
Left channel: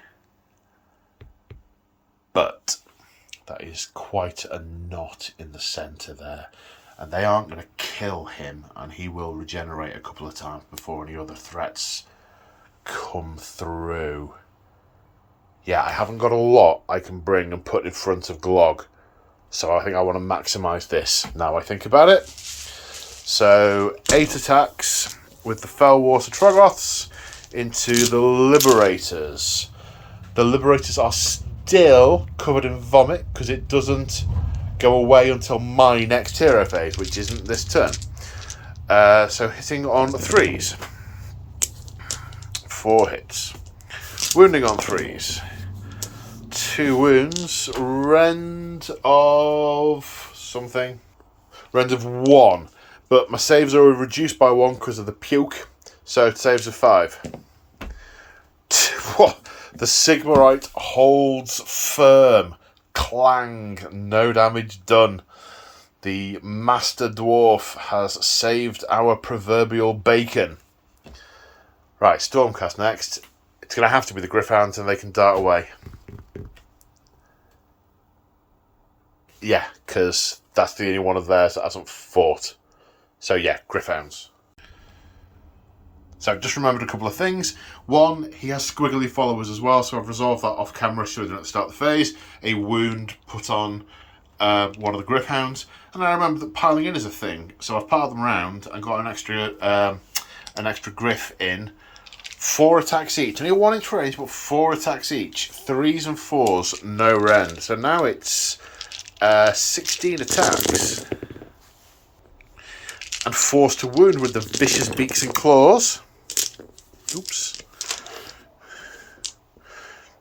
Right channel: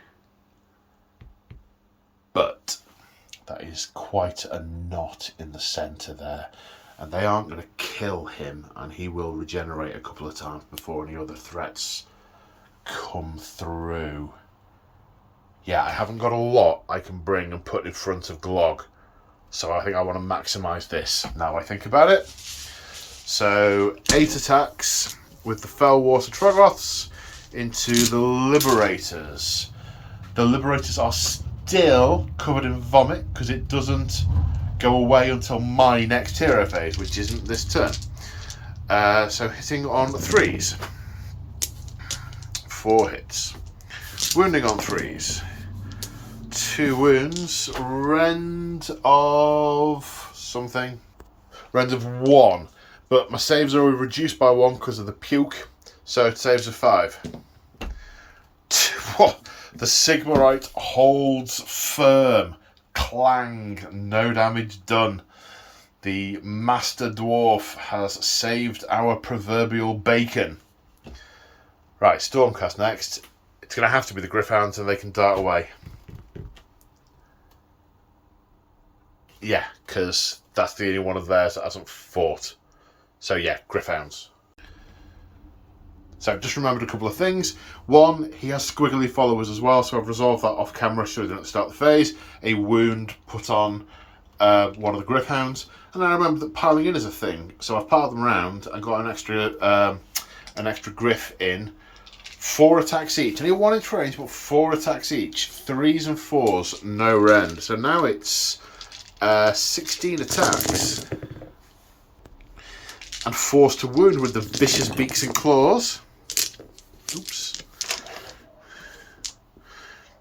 But that is quite a knot in the centre there. And they aren't going to kill him. And he will regenerate a couple of times before any other threats come through. Yeah, I haven't got a lot I can bring and put in front of Glog. So I think I want to maximise this. Now I think about it. So 8 attacks with the Fellwater Troggoths into the Liberators. The Liberators are still covered in vomit because it doesn't go away until my next hero phase, which isn't this turn. So hitting on 3s. 4 hits. Wounding on 3s. 2 wounds. Rend of something. Rend of 1. But my saves are reduced by 1 because of the puke. So it saves of 5. The Sigmarite holds firm. Clang. No damage done. The Master Dwarf has saved our proverbial bacon. Right, Stormcast next. It's going to have to be the Gryph-hounds and they can dart away. Yeah, because that's the only one of theirs that hasn't fought. So yeah, Gryph-hounds. So I've just remembered a couple of things. 1, he has squiggly followers as well, so I've resolved that off camera, should have done at the start of the phase. A wound put on one of the Gryph-hounds. And I remember that piling in is a thing, so I've piled them around and got an extra Gryph in. 4 attacks each. Only 1 inch range, but 4 attacks each. 3s and 4s, no rend. So now it's 16 attacks. And forced to wound with the vicious beaks and claws. Oops.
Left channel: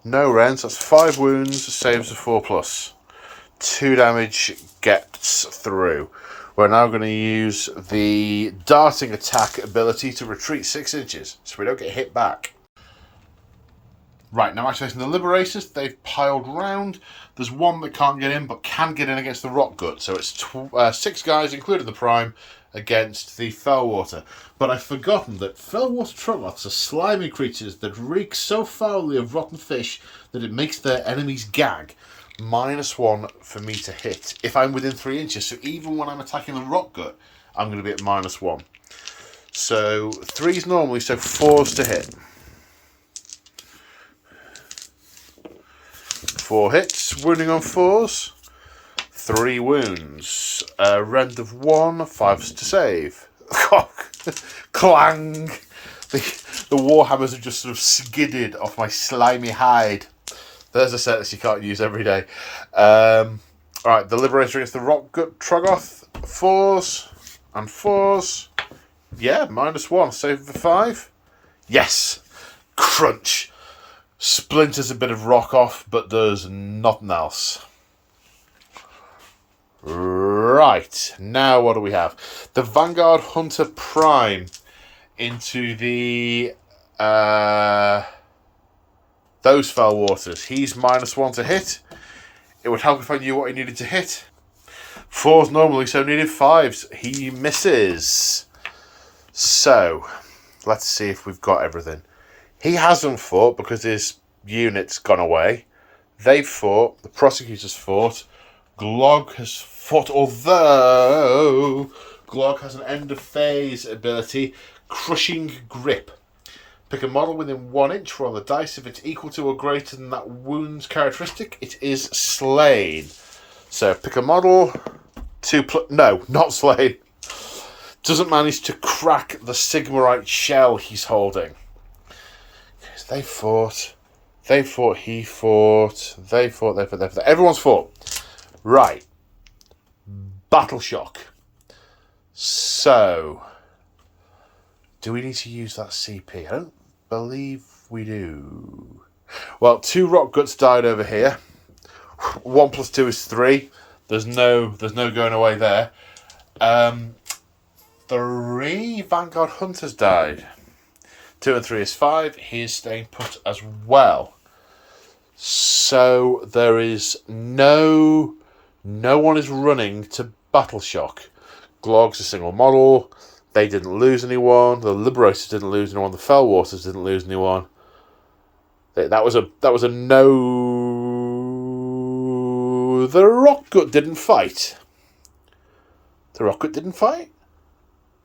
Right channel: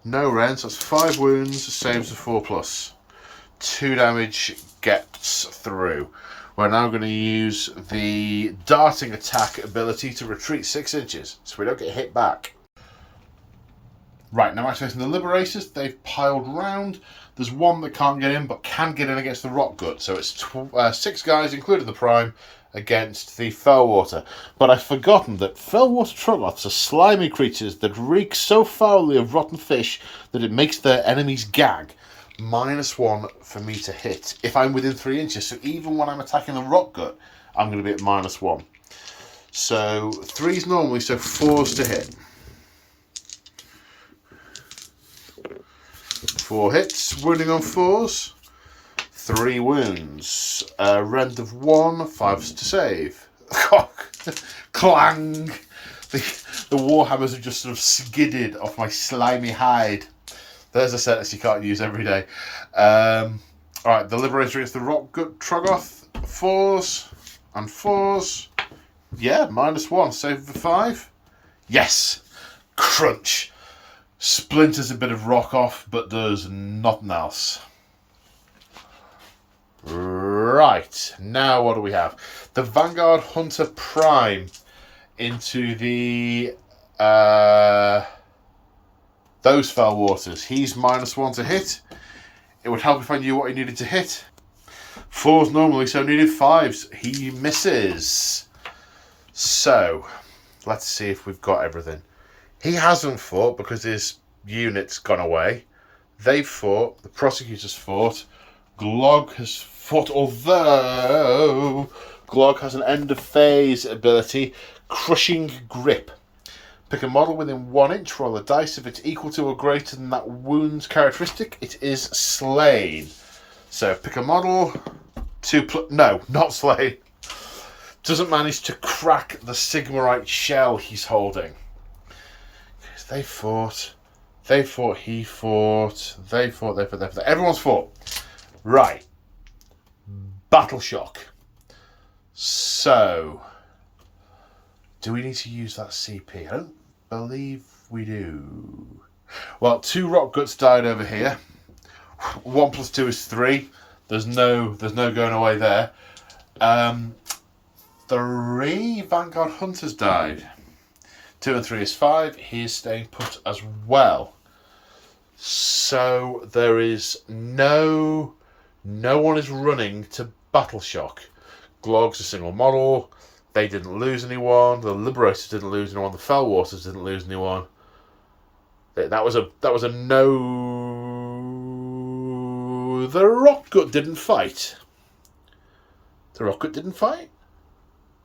No rend, so that's 5 wounds, saves of 4+. 2 damage gets through. We're now going to use the darting attack ability to retreat 6 inches, so we don't get hit back. Right, now activating the Liberators, they've piled round. There's 1 that can't get in, but can get in against the Rock Gut, so it's 6 guys, including the Prime, against the Fellwater. But I've forgotten that Fellwater Troggoths are slimy creatures that reek so foully of rotten fish that it makes their enemies gag. -1 for me to hit if I'm within 3 inches. So even when I'm attacking the Rock Gut, I'm going to be at -1. So 3s normally, so 4s to hit. 4 hits, wounding on 4s. 3 wounds. Rend of 1, 5s to save. Clang! The Warhammers have just sort of skidded off my slimy hide. There's a sentence you can't use every day. Alright, the Liberator against the Rock Gut Troggoth. 4s and 4s. Yeah, -1. Save the 5. Yes! Crunch! Splinters a bit of rock off, but does nothing else. Right, now what do we have? The Vanguard Hunter Prime into the those Fellwaters. He's -1 to hit. It would help if I knew what he needed to hit. 4s normally, so needed 5s. He misses. So, let's see if we've got everything. He hasn't fought because his unit's gone away. They've fought. The Prosecutors fought. Glog has fought, although Glog has an end of phase ability, Crushing Grip. Pick a model within 1 inch, roll a dice. If it's equal to or greater than that wound's characteristic, it is slain. So pick a model, no, not slain. Doesn't manage to crack the Sigmarite shell he's holding. Yes, they fought, he fought, they fought. Everyone's fought. Right. Battle Shock. So, do we need to use that CP? I don't believe we do. Well, 2 Rock Guts died over here. 1 + 2 is 3. There's no going away there. 3 Vanguard Hunters died. 2 and 3 is 5. He is staying put as well. So there is no one is running to Battle Shock. Glog's a single model. They didn't lose anyone. The Liberators didn't lose anyone. The Fellwaters didn't lose anyone. That was a no. The Rockgut didn't fight. The Rockgut didn't fight?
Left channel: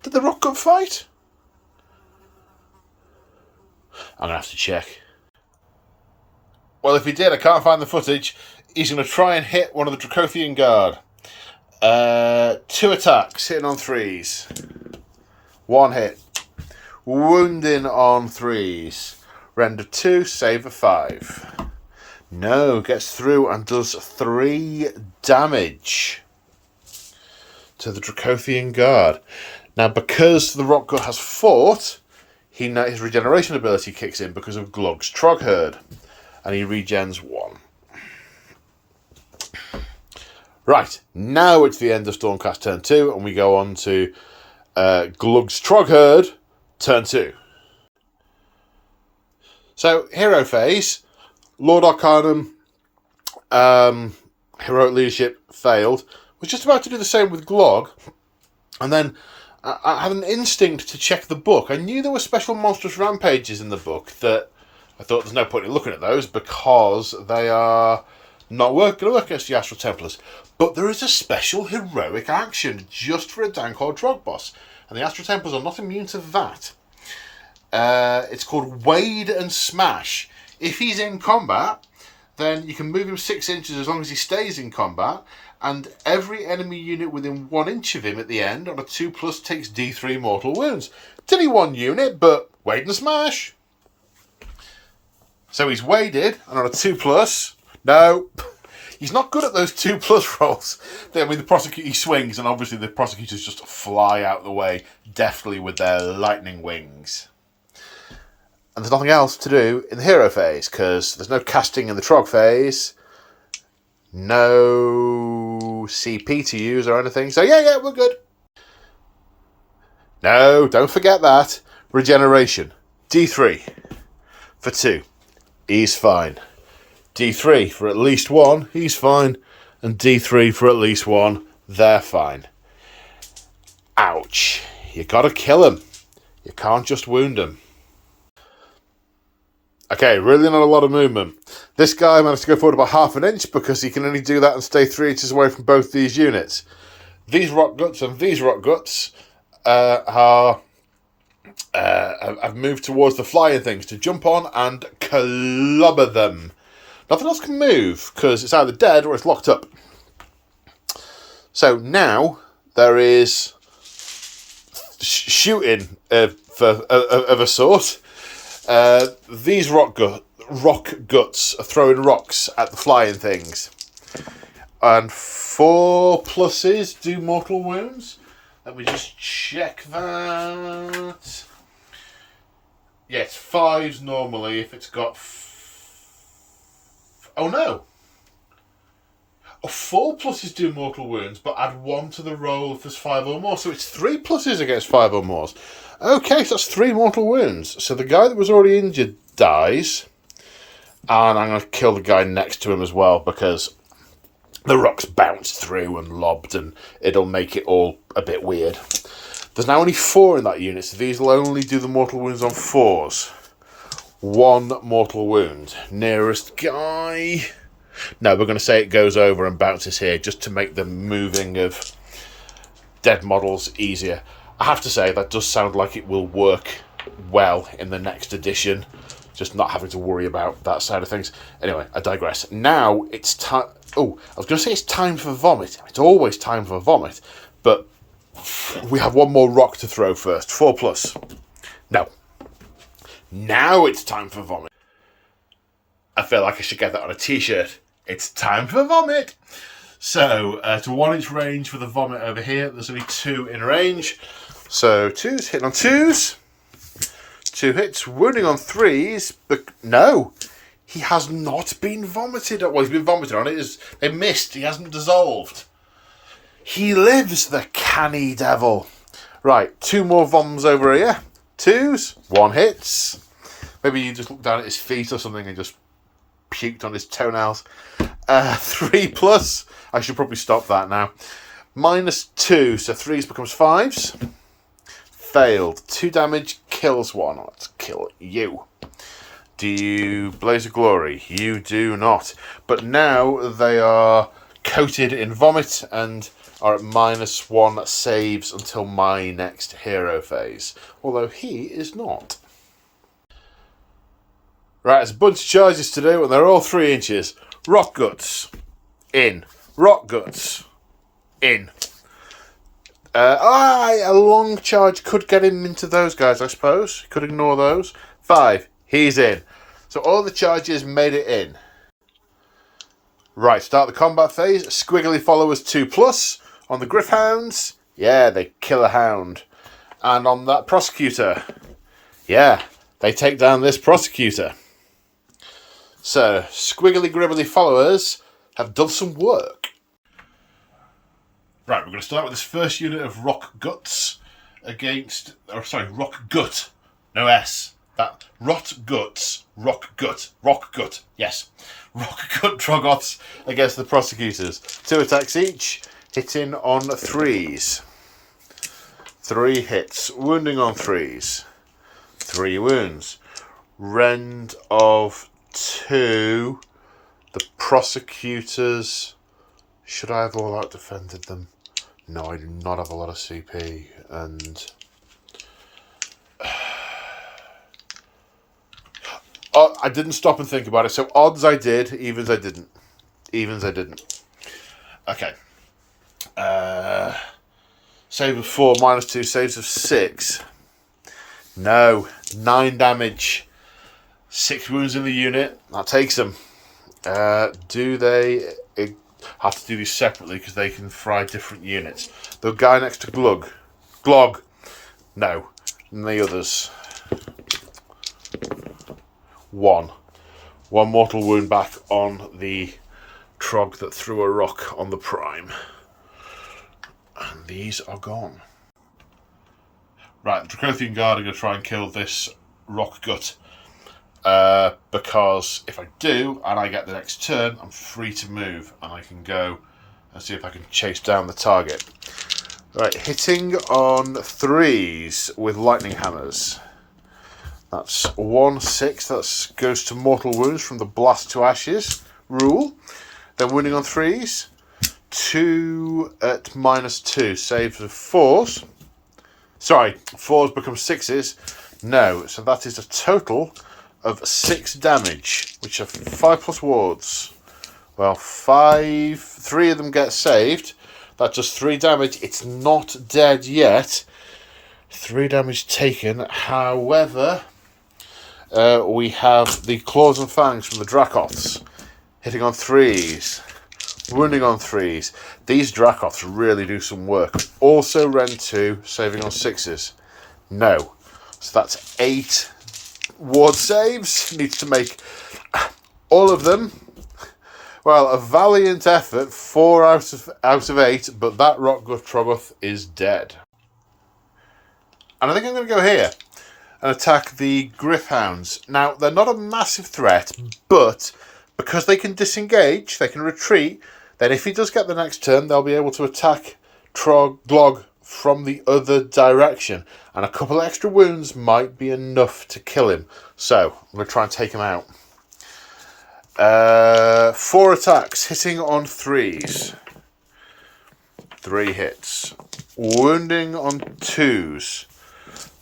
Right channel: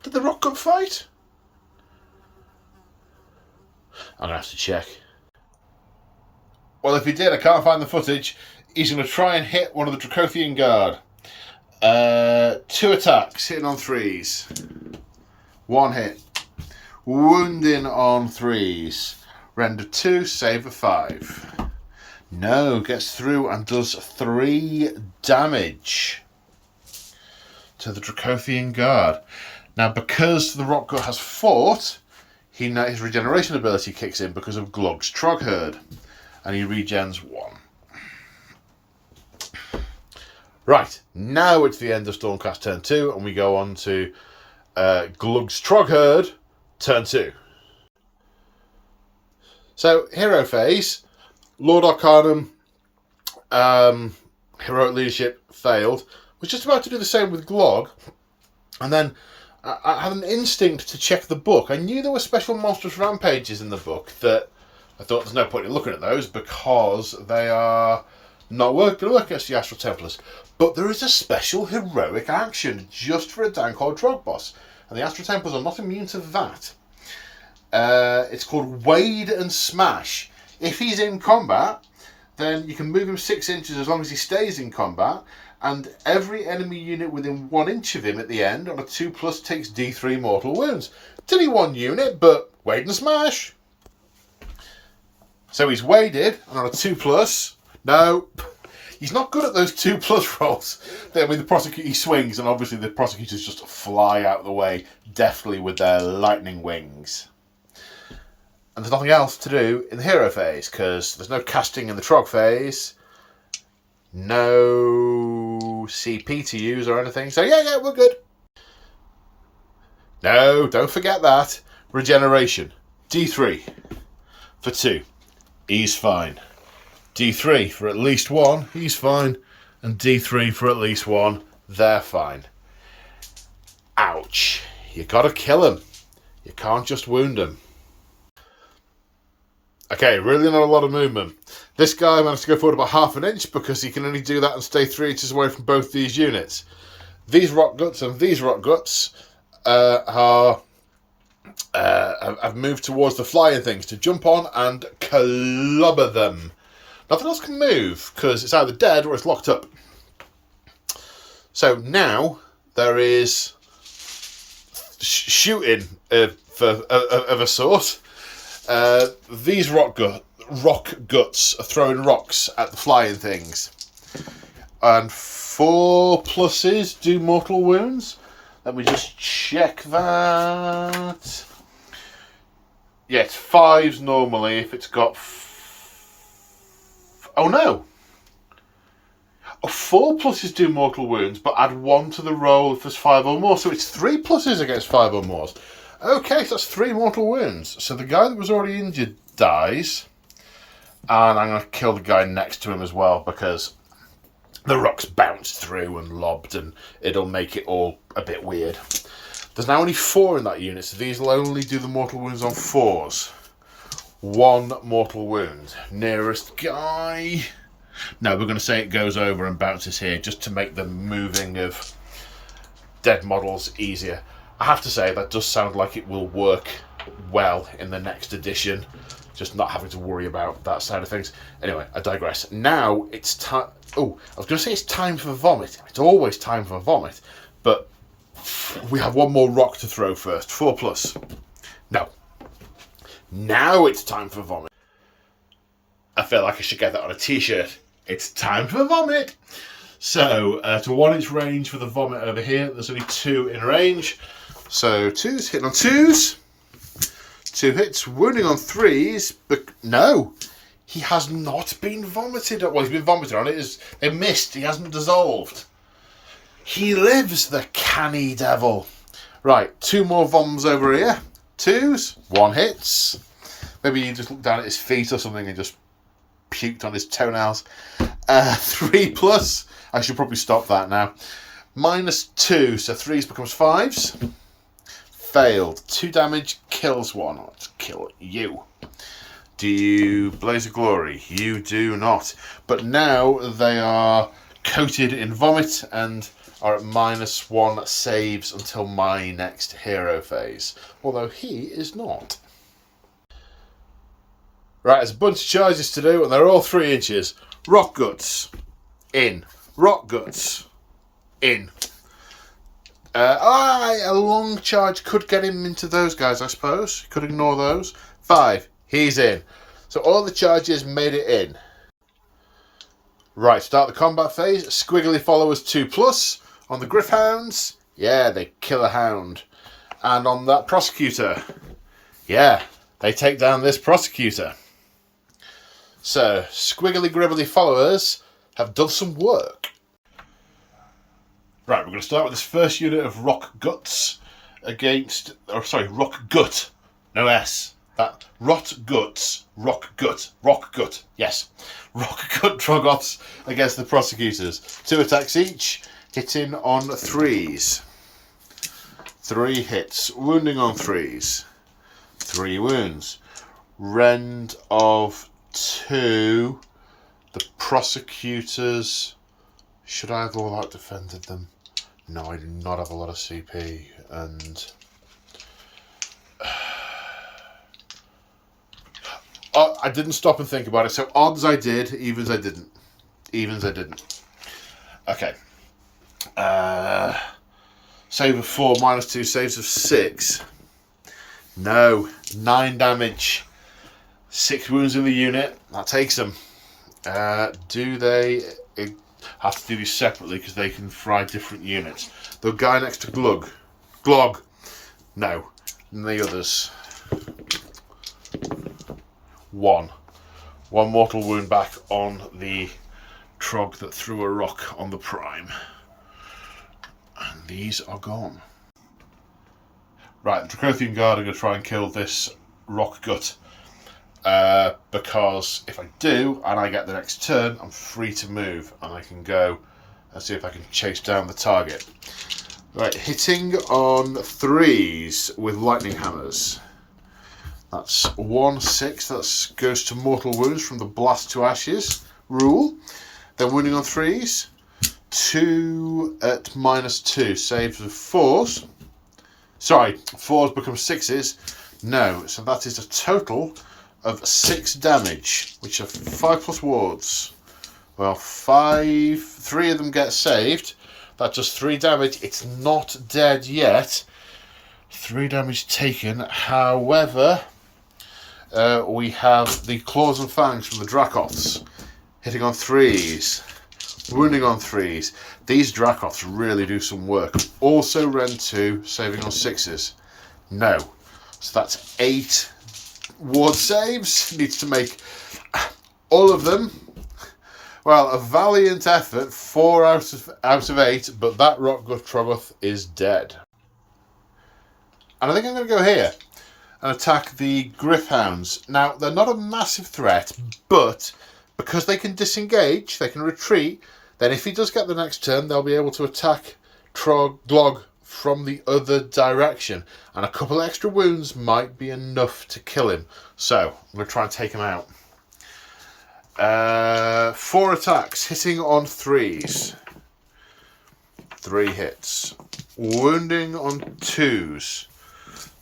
Did the Rockgut fight? I'm going to have to check. Well, if he did, I can't find the footage. He's going to try and hit one of the Dracothian Guard. 2 attacks, hitting on 3s. 1 hit. Wounding on 3s. Render 2, save a 5. No, gets through and does 3 damage to the Dracothian Guard. Now, because the Rockgut has fought, his regeneration ability kicks in because of Glog's Troggherd, and he regens 1. Right, now it's the end of Stormcast turn 2, and we go on to Glog's Troggherd turn 2. So, hero phase. Lord Arcanum, heroic leadership failed. Was just about to do the same with Glog, and then I had an instinct to check the book. I knew there were special monstrous rampages in the book that I thought there's no point in looking at those because they are not going to work against the Astral Templars. But there is a special heroic action just for a Dankor Trog boss, and the Astral Templars are not immune to that. It's called Wade and Smash. If he's in combat, then you can move him 6 inches as long as he stays in combat, and every enemy unit within 1 inch of him at the end on a 2+ takes D3 mortal wounds. It's only 1 unit, but Wade and Smash. So he's waded, and on a 2+, no, he's not good at those 2+ rolls. I mean, he swings, and obviously the prosecutors just fly out of the way deftly with their lightning wings. And there's nothing else to do in the hero phase, because there's no casting in the Trog phase, no CP to use or anything. So yeah, we're good. No, don't forget that. Regeneration. D3 for 2. He's fine. D3 for at least 1. He's fine. And D3 for at least 1. They're fine. Ouch. You gotta kill him. You can't just wound him. Okay, really not a lot of movement. This guy managed to go forward about 1/2 inch because he can only do that and stay 3 inches away from both these units. These Rock Guts and these Rock Guts have moved towards the flying things to jump on and clobber them. Nothing else can move because it's either dead or it's locked up. So now there is shooting of a sort. These rock guts are throwing rocks at the flying things. And 4+ do mortal wounds. Let me just check that. Yeah, it's 5s normally if it's got... Oh no! 4+ do mortal wounds, but add 1 to the roll if there's 5 or more. So it's 3+ against 5 or more. Okay, so that's 3 mortal wounds. So the guy that was already injured dies. And I'm going to kill the guy next to him as well because the rocks bounced through and lobbed and it'll make it all a bit weird. There's now only 4 in that unit, so these will only do the mortal wounds on 4s. 1 mortal wound. Nearest guy. No, we're going to say it goes over and bounces here just to make the moving of dead models easier. I have to say, that does sound like it will work well in the next edition, just not having to worry about that side of things. Anyway, I digress. Now it's time... Oh, I was going to say it's time for vomit. It's always time for vomit, but we have one more rock to throw first. 4+. No. Now it's time for vomit. I feel like I should get that on a t-shirt. It's time for vomit. So, to 1 inch range for the vomit over here. There's only 2 in range. So, 2s, hitting on 2s. 2 hits, wounding on 3s. But no, he has not been vomited. Well, he's been vomited on it. They missed. He hasn't dissolved. He lives, the canny devil. Right, 2 more voms over here. 2s, 1 hits. Maybe you just looked down at his feet or something and just puked on his toenails. 3+. I should probably stop that now. -2, so 3s becomes 5s. Failed. 2 damage, kills 1. Let's kill you. Do you blaze of glory? You do not. But now they are coated in vomit and are at -1 saves until my next hero phase. Although he is not. Right, there's a bunch of charges to do, and they're all 3 inches. Rock Guts. In. Rock Guts. In. A long charge could get him into those guys, I suppose. Could ignore those. 5. He's in. So all the charges made it in. Right, start the combat phase. Squiggly followers 2+. On the Griffhounds, yeah, they kill a hound. And on that Prosecutor, yeah, they take down this Prosecutor. So, squiggly gribbly followers have done some work. Right, we're going to start with this first unit of Rock Guts against... Rock Gut. No S. That. Rock Gut, yes. Rock Gut Troggoths against the Prosecutors. 2 attacks each, hitting on 3s. 3 hits, wounding on 3s. 3 wounds. Rend of 2. The Prosecutors... Should I have all out defended them? No, I do not have a lot of CP, and... I didn't stop and think about it, so odds I did, evens I didn't. Okay. Save of 4, -2, saves of 6. No, 9 damage. 6 wounds in the unit, that takes them. Do they have to do these separately because they can fry different units? The guy next to Glog. No. And the others. 1 mortal wound back on the Trog that threw a rock on the Prime. And these are gone. Right, the Dracothian Guard are going to try and kill this Rock Gut. Because if I do, and I get the next turn, I'm free to move, and I can go and see if I can chase down the target. Right, hitting on 3s with lightning hammers. That's 1/6. That goes to mortal wounds from the blast to ashes rule. Then wounding on 3s. 2 at -2. Saves of 4s. Sorry, 4s become 6s. No, so that is a total of 6 damage, which are 5+ wards. Well, 3 of them get saved. That's just 3 damage. It's not dead yet. 3 damage taken. However, we have the Claws and Fangs from the Dracoths. Hitting on 3s. Wounding on 3s. These Dracoths really do some work. Also Rend 2, saving on 6s. No. So that's 8 ward saves. Needs to make all of them. Well, a valiant effort. 4 out of 8, but that Rockgut Troggoth is dead. And I think I'm going to go here and attack the Griffhounds. Now, they're not a massive threat, but because they can disengage, they can retreat, then if he does get the next turn, they'll be able to attack Glog from the other direction. And a couple extra wounds might be enough to kill him. So, I'm going to try and take him out. 4 attacks, hitting on 3s. 3 hits. Wounding on 2s.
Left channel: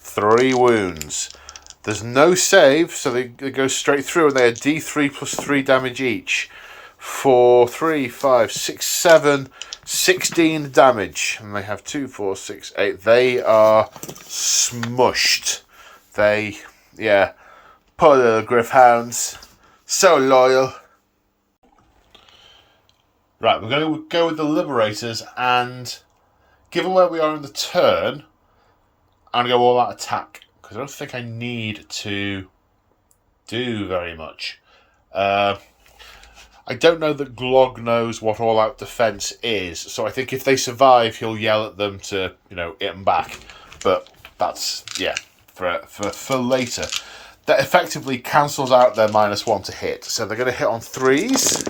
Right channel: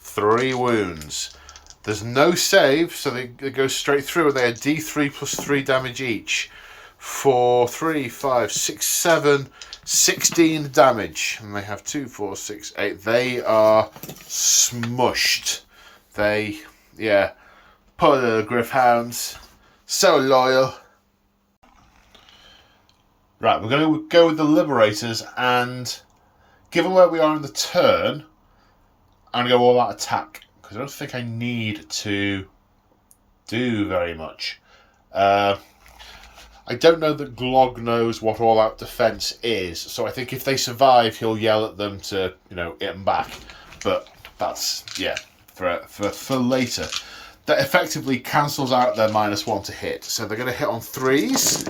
3 wounds. There's no save, so they go straight through, and they're D3 plus 3 damage each. 4, 3, 5, 6, 7, 16 damage. And they have 2, 4, 6, 8. They are smushed. Poor little Griffhounds. So loyal. Right, we're going to go with the Liberators, and given where we are in the turn, I'm going to go all out attack, because I don't think I need to do very much. I don't know that Glog knows what all out defense is, so I think if they survive, he'll yell at them to, hit them back. But that's, for later. That effectively cancels out their -1 to hit. So they're going to hit on 3s.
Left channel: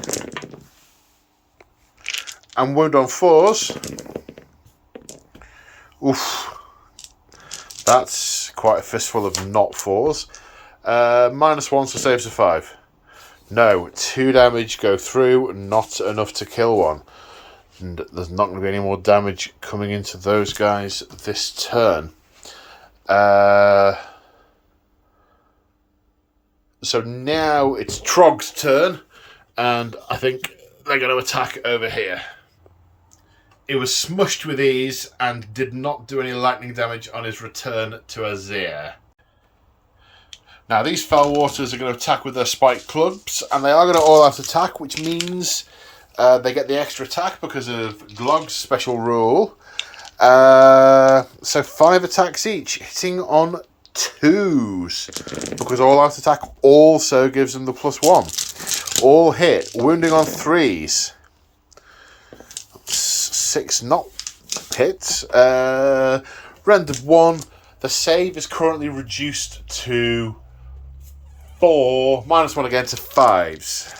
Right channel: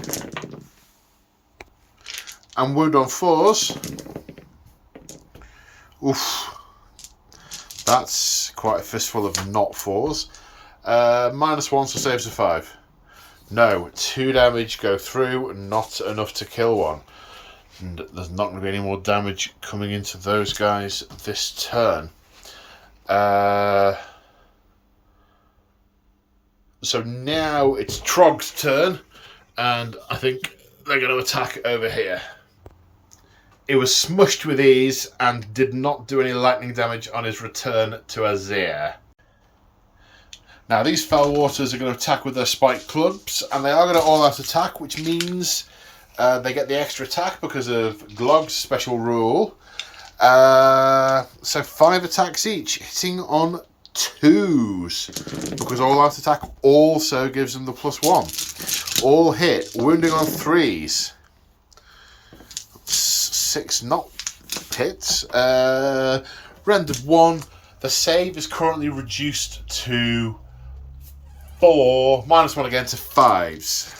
And wound on 4s. Oof. That's quite a fistful of not 4s. -1, so saves of 5. No, 2 damage go through, not enough to kill one. And there's not going to be any more damage coming into those guys this turn. So now it's Trogg's turn, and I think they're going to attack over here. It was smushed with ease and did not do any lightning damage on his return to Azir. Now these Fell Waters are going to attack with their spiked clubs, and they are going to all-out attack, which means they get the extra attack because of Glog's special rule. So 5 attacks each, hitting on 2s, because all-out attack also gives them the +1. All hit, wounding on 3s. 6 not hits. Rendered 1. The save is currently reduced to 4. -1 again to 5s.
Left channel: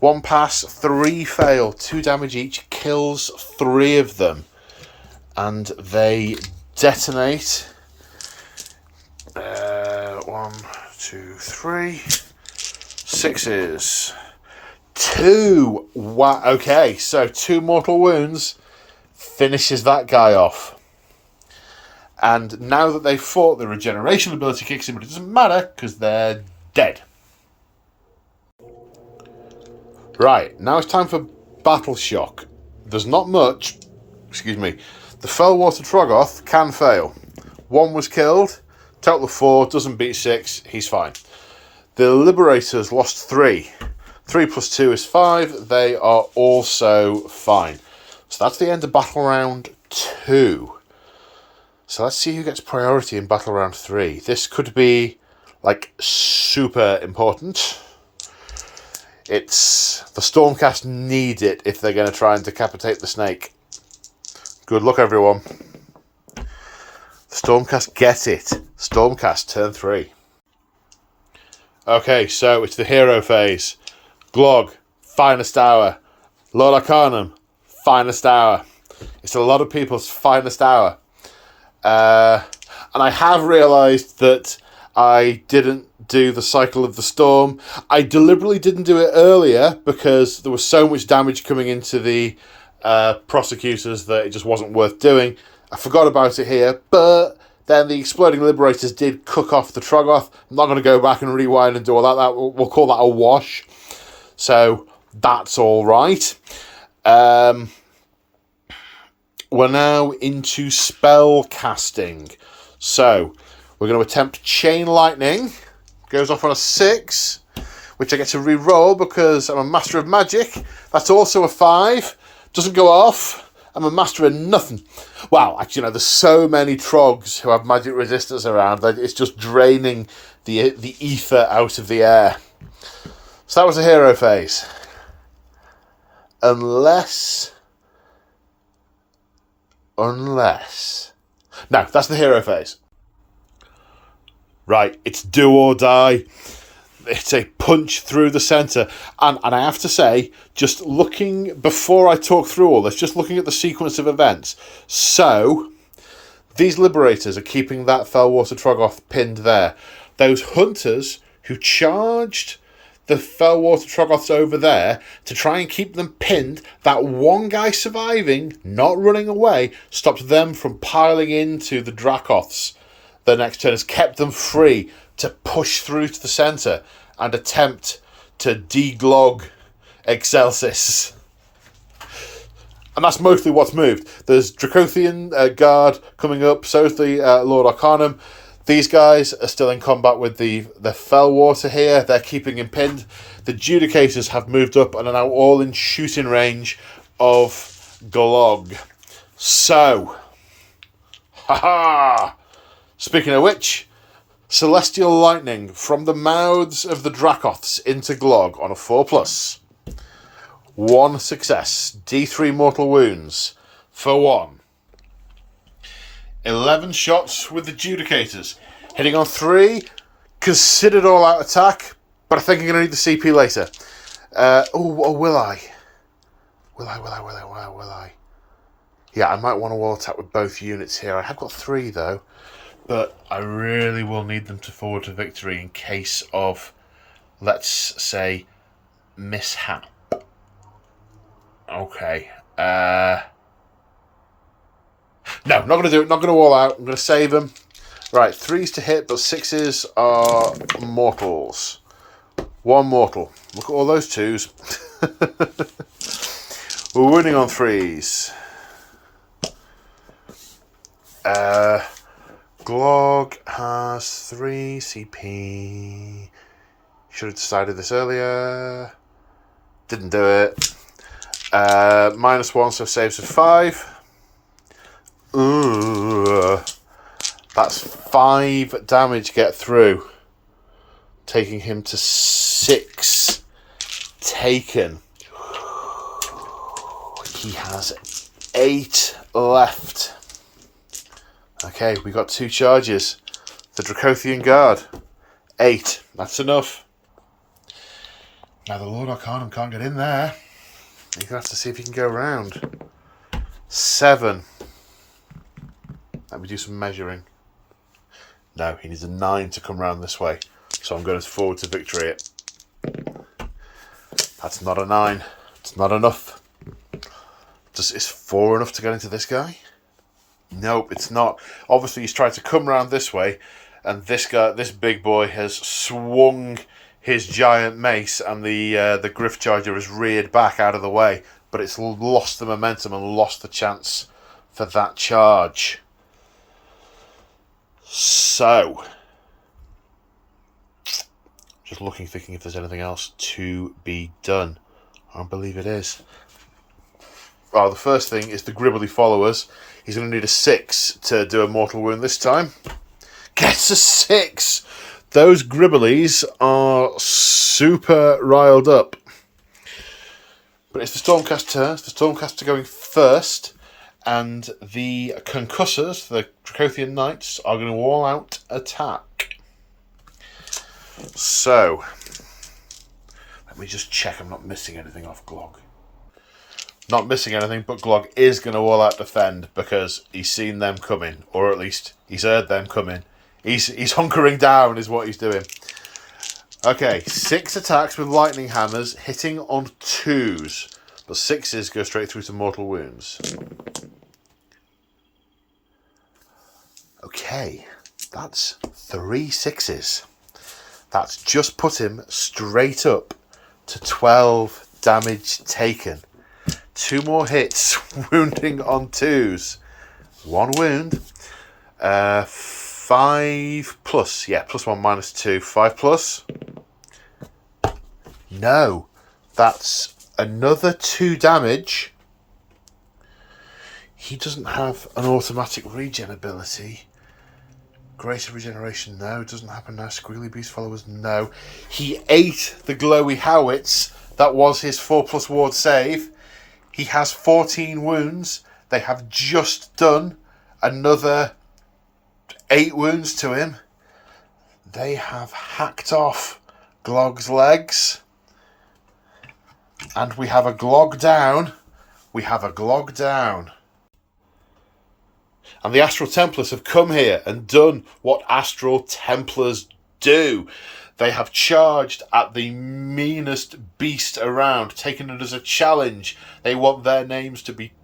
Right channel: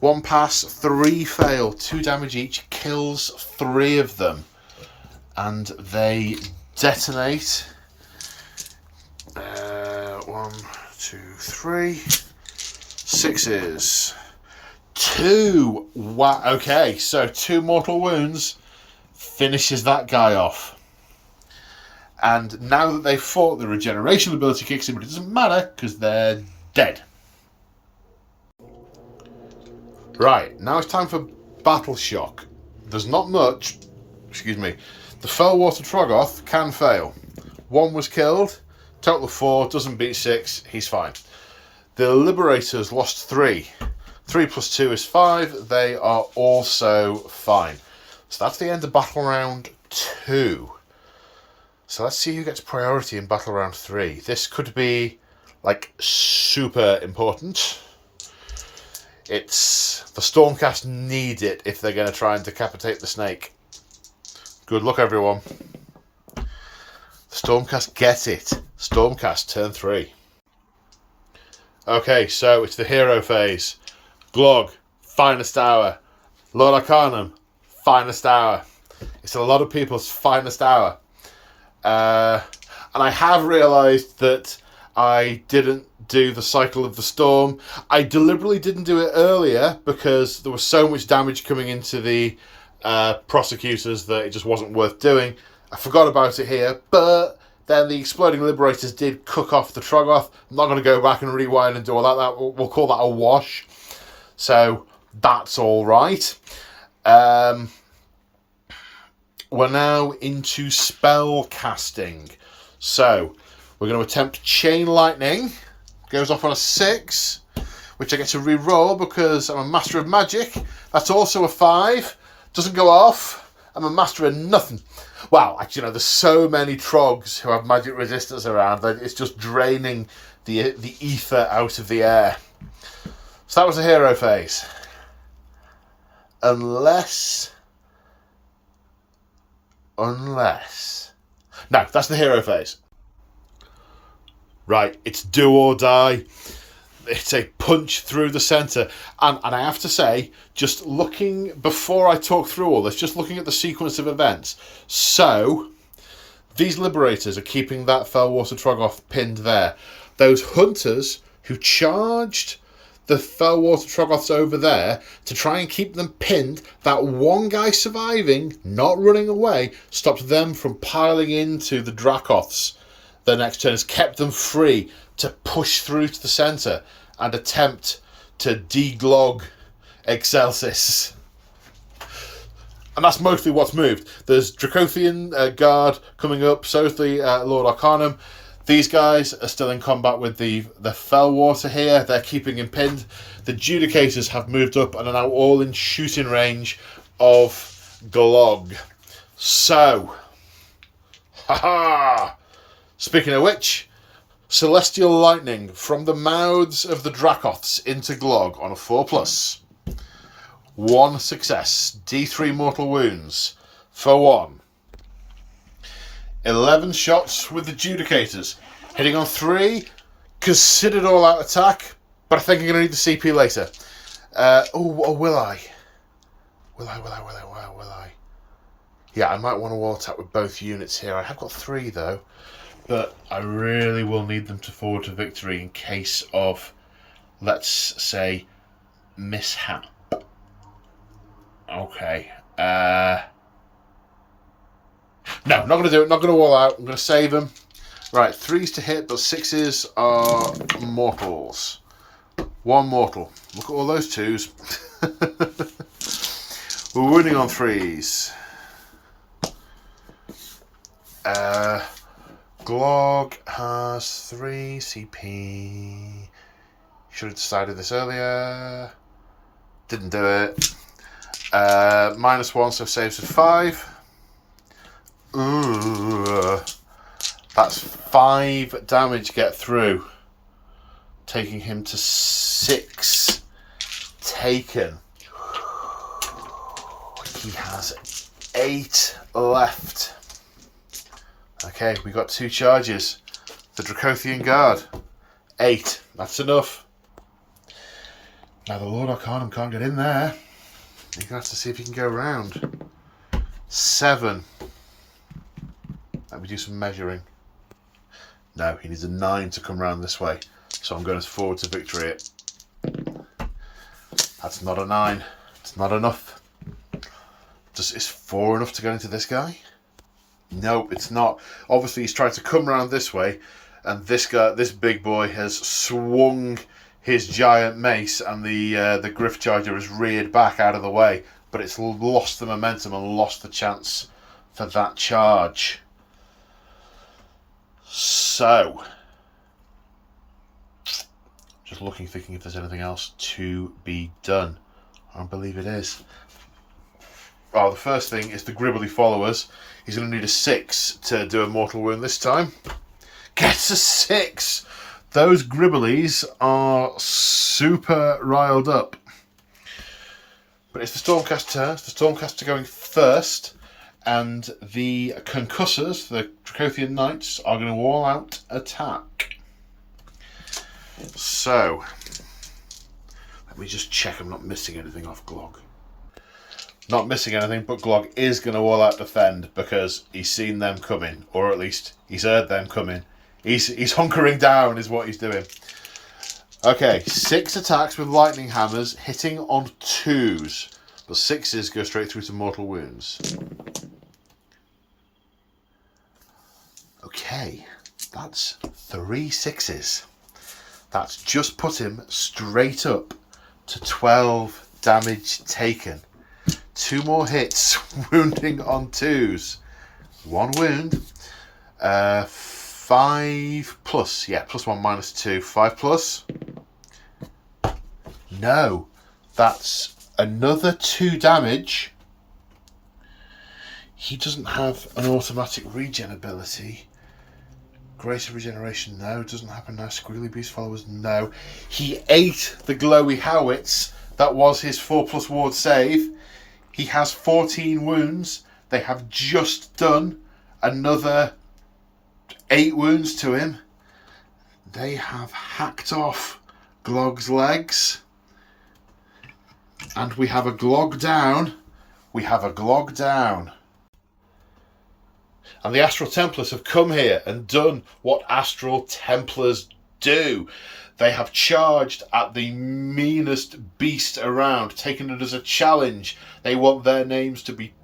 1 pass, 3 fail. 2 damage each, kills 3 of them. And they detonate. 1, 2, 3. 6s. 2. Wow. Okay, so 2 mortal wounds finishes that guy off. And now that they've fought, the regeneration ability kicks in, but it doesn't matter because they're dead. Right, now it's time for Battle Shock. There's not much. Excuse me. The Fellwater Troggoth can fail. 1 was killed. Total of 4. Doesn't beat 6. He's fine. The Liberators lost 3. 3 plus 2 is 5. They are also fine. So that's the end of Battle Round 2. So let's see who gets priority in Battle Round 3. This could be, super important. It's... The Stormcast need it if they're going to try and decapitate the snake. Good luck, everyone. The Stormcast get it. Stormcast turn 3. Okay, so it's the hero phase. Glog, finest hour. Lord Arcanum, finest hour. It's a lot of people's finest hour. And I have realised that I didn't do the Cycle of the Storm. I deliberately didn't do it earlier because there was so much damage coming into the prosecutors that it just wasn't worth doing. I forgot about it here, but then the Exploding Liberators did cook off the Troggoth. I'm not going to go back and rewind and do all that. We'll call that a wash. So that's all right. We're now into spell casting. So we're going to attempt Chain Lightning. Goes off on a 6, which I get to re-roll because I'm a Master of Magic. That's also a 5. Doesn't go off. I'm a Master of nothing. Wow, actually, there's so many Trogs who have magic resistance around that it's just draining the ether out of the air. So that was the hero phase. Unless... No, that's the hero phase. Right, it's do or die. It's a punch through the centre. And I have to say, just looking, before I talk through all this, just looking at the sequence of events. So, these Liberators are keeping that Fellwater Troggoth pinned there. Those Hunters who charged the Fellwater Troggoths over there to try and keep them pinned. That one guy surviving, not running away, stopped them from piling into the Dracoths. The next turn has kept them free to push through to the centre and attempt to deglog Excelsis. And that's mostly what's moved. There's Dracothian Guard coming up, so's the Lord Arcanum. These guys are still in combat with the Fellwater here. They're keeping him pinned. The Judicators have moved up and are now all in shooting range of Glog. So, speaking of which, Celestial Lightning from the mouths of the Dracoths into Glog on a 4+. 1 success. D3 mortal wounds for 1. 11 shots with the Judicators. Hitting on 3. Considered all-out attack, but I think I'm going to need the CP later. Will I? Will I? Yeah, I might want to wall attack with both units here. I have got 3, though. But I really will need them to forward to victory in case of, let's say, mishap. Okay. No, not going to do it. Not going to wall out. I'm going to save them. Right, 3s to hit, but 6s are mortals. 1 mortal. Look at all those 2s. We're winning on 3s. Glog has 3 CP. Should have decided this earlier. Didn't do it. -1, so saves of 5. Ooh, that's 5 damage get through, taking him to 6 taken. He has 8 left. Okay, we got 2 charges. The Dracothian Guard, 8. That's enough. Now the Lord Arcanum can't get in there. He's going to have to see if he can go around. 7. Let me do some measuring. No, he needs a 9 to come around this way. So I'm going to forward to victory it. That's not a 9. It's not enough. Is 4 enough to get into this guy? Nope, it's not. Obviously, he's tried to come around this way, and this big boy has swung his giant mace, and the Griff Charger has reared back out of the way, but it's lost the momentum and lost the chance for that charge. So, just looking, thinking if there's anything else to be done. I believe it is. Oh, the first thing is the Gribbly followers. He's going to need a 6 to do a mortal wound this time. Gets a 6! Those Gribblies are super riled up. But it's the Stormcast turn. It's the Stormcast going first. And the Concussors, the Dracothian Knights, are going to all-out attack. So, let me just check I'm not missing anything off Glog. Not missing anything, but Glog is going to all-out defend because he's seen them coming, or at least he's heard them coming. He's hunkering down is what he's doing. Okay, 6 attacks with lightning hammers, hitting on 2s, but 6s go straight through to mortal wounds. Okay, that's 3 6s. That's just put him straight up to 12 damage taken. 2 more hits, wounding on 2s. 1 wound. 5 plus. Yeah, +1 -2. 5 plus. No. That's another 2 damage. He doesn't have an automatic regen ability. Greater regeneration, no. Doesn't happen now. Squiggly Beast followers, no. He ate the glowy howitz. That was his 4+ ward save. He has 14 wounds. They have just done another 8 wounds to him. They have hacked off Glog's legs. And we have a Glog down. We have a Glog down. And the Astral Templars have come here and done what Astral Templars do. They have charged at the meanest beast around, taken it as a challenge. They want their names to be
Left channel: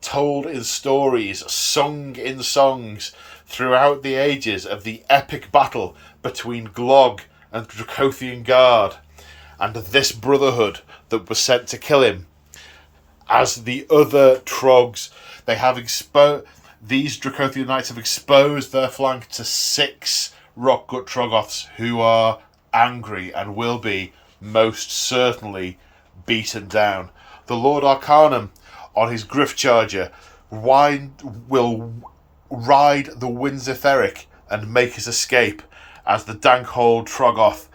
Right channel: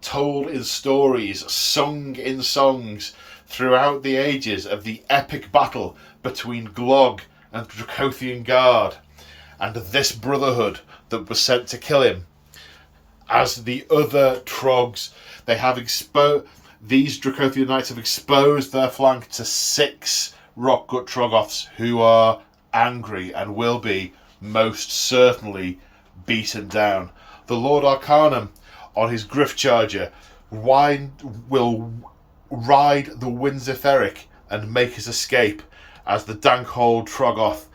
told in stories, sung in songs throughout the ages of the epic battle between Glog and Dracothian Guard, and this brotherhood that was sent to kill him. As the other Trogs, they have these Dracothian Knights have exposed their flank to 6 Rockgut Troggoths who are angry and will be most certainly beaten down. The Lord Arcanum, on his Griff Charger, will ride the Winds Etheric and make his escape as the Dankhold Troggoth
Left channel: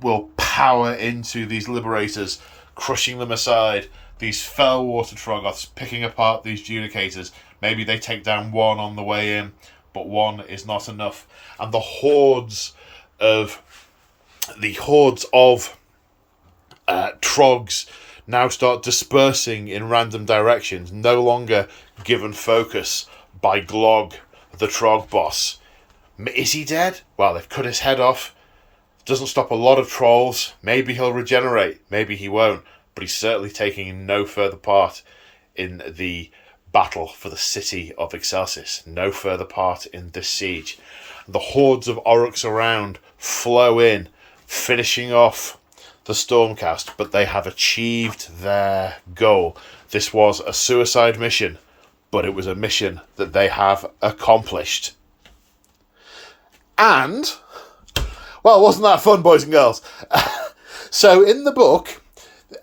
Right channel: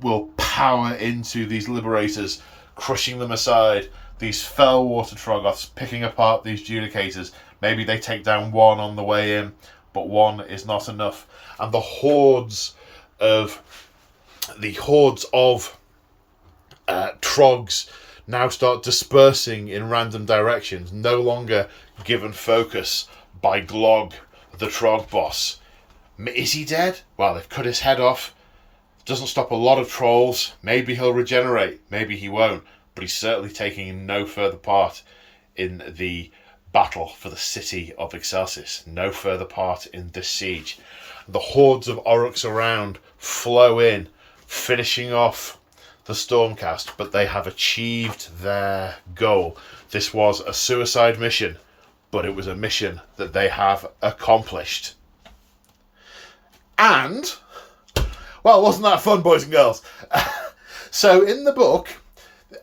will power into these Liberators, crushing them aside. These Fellwater Troggoths picking apart these Judicators. Maybe they take down one on the way in, but one is not enough. And the hordes of Trogs now start dispersing in random directions, no longer given focus by Glog, the Trog boss. Is he dead? Well, they've cut his head off. Doesn't stop a lot of trolls. Maybe he'll regenerate. Maybe he won't. But he's certainly taking no further part in the battle for the city of Excelsis. No further part in this siege. The hordes of Aurochs around flow in, finishing off the Stormcast, but they have achieved their goal. This was a suicide mission, but it was a mission that they have accomplished. And, well, wasn't that fun, boys and girls? So in the book,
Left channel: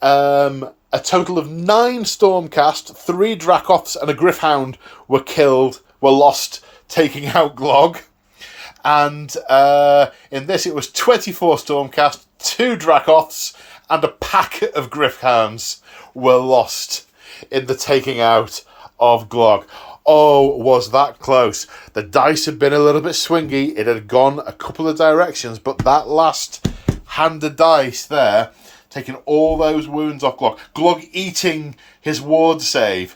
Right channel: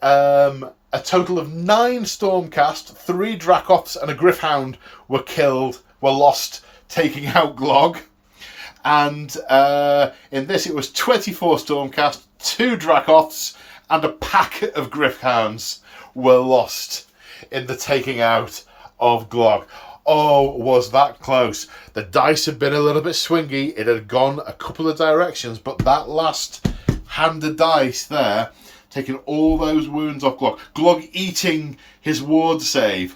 a total of 9 Stormcast, 3 Dracoths and a Griffhound were lost, taking out Glog. And in this, it was 24 Stormcast, 2 Dracoths, and a pack of Griffhounds were lost in the taking out of Glog. Oh, was that close. The dice had been a little bit swingy. It had gone a couple of directions, but that last hand of dice there, taking all those wounds off Glog. Glog eating his ward save.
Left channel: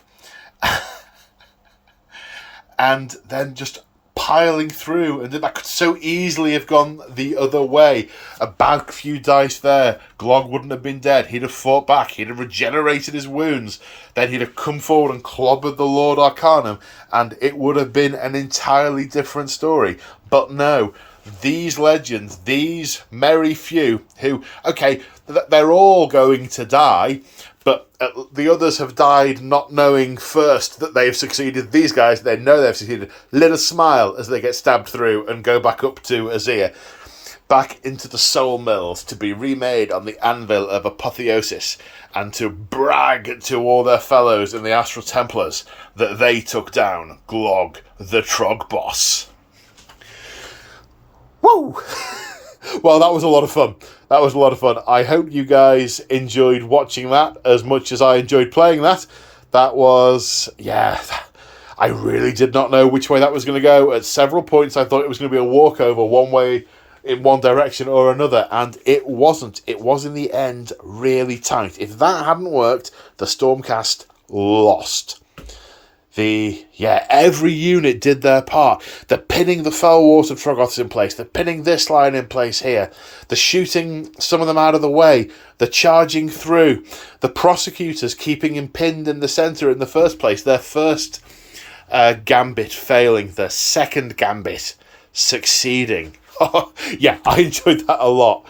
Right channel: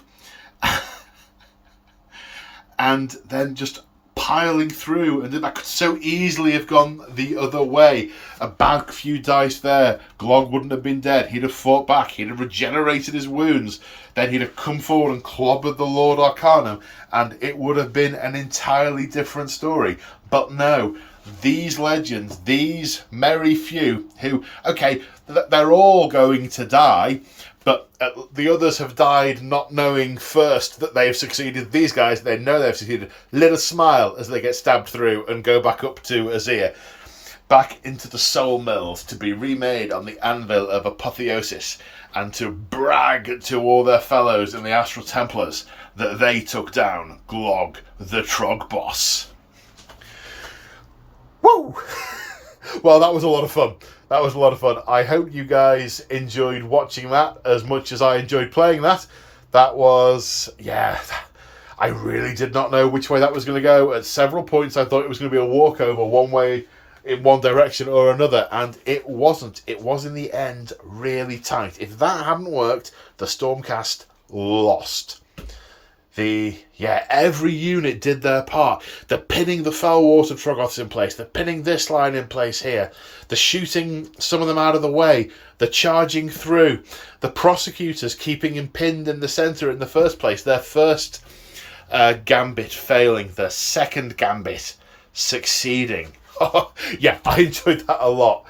And then just piling through, and that could so easily have gone the other way. A bad few dice there, Glog wouldn't have been dead. He'd have fought back, he'd have regenerated his wounds, then he'd have come forward and clobbered the Lord Arcanum, and it would have been an entirely different story. But no, these legends, these merry few who, okay, they're all going to die, but the others have died not knowing first that they've succeeded. These guys, they know they've succeeded. Let us smile as they get stabbed through and go back up to Azir, back into the soul mills to be remade on the anvil of apotheosis, and to brag to all their fellows in the Astral Templars that they took down Glog, the Trog boss. Woo! Well, that was a lot of fun. That was a lot of fun. I hope you guys enjoyed watching that as much as I enjoyed playing that. That was, yeah, I really did not know which way that was going to go. At several points, I thought it was going to be a walkover one way, in one direction or another, and it wasn't. It was, in the end, really tight. If that hadn't worked, the Stormcast lost. Every unit did their part. They're pinning the Fellwater Troggoths in place. They're pinning this line in place here. They're shooting some of them out of the way. They're charging through. The Prosecutors keeping him pinned in the centre in the first place. Their first gambit failing. Their second gambit succeeding. Yeah, I enjoyed that a lot.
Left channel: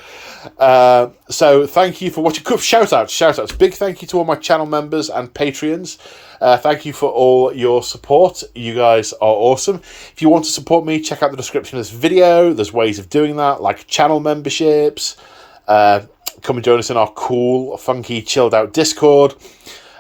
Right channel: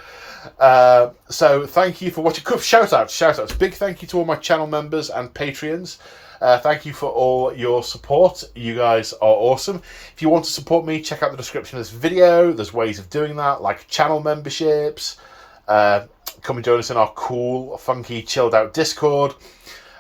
So thank you for watching. Shout outs. Big thank you to all my channel members and Patreons. Thank you for all your support. You guys are awesome. If you want to support me, check out the description of this video. There's ways of doing that, like channel memberships. Come and join us in our cool, funky, chilled out Discord.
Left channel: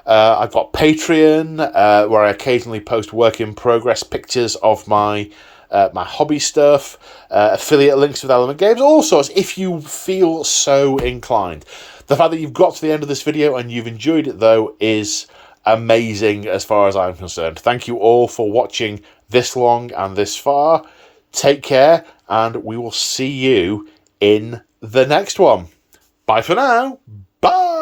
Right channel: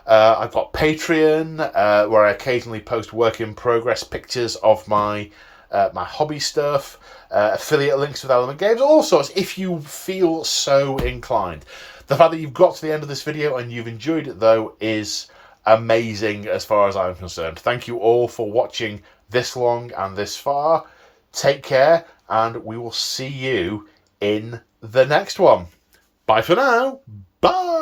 I've got Patreon, where I occasionally post work in progress pictures of my hobby stuff, affiliate links with Element Games, all sorts, if you feel so inclined. The fact that you've got to the end of this video and you've enjoyed it, though, is amazing as far as I'm concerned. Thank you all for watching this long and this far. Take care, and we will see you in the next one. Bye for now. Bye.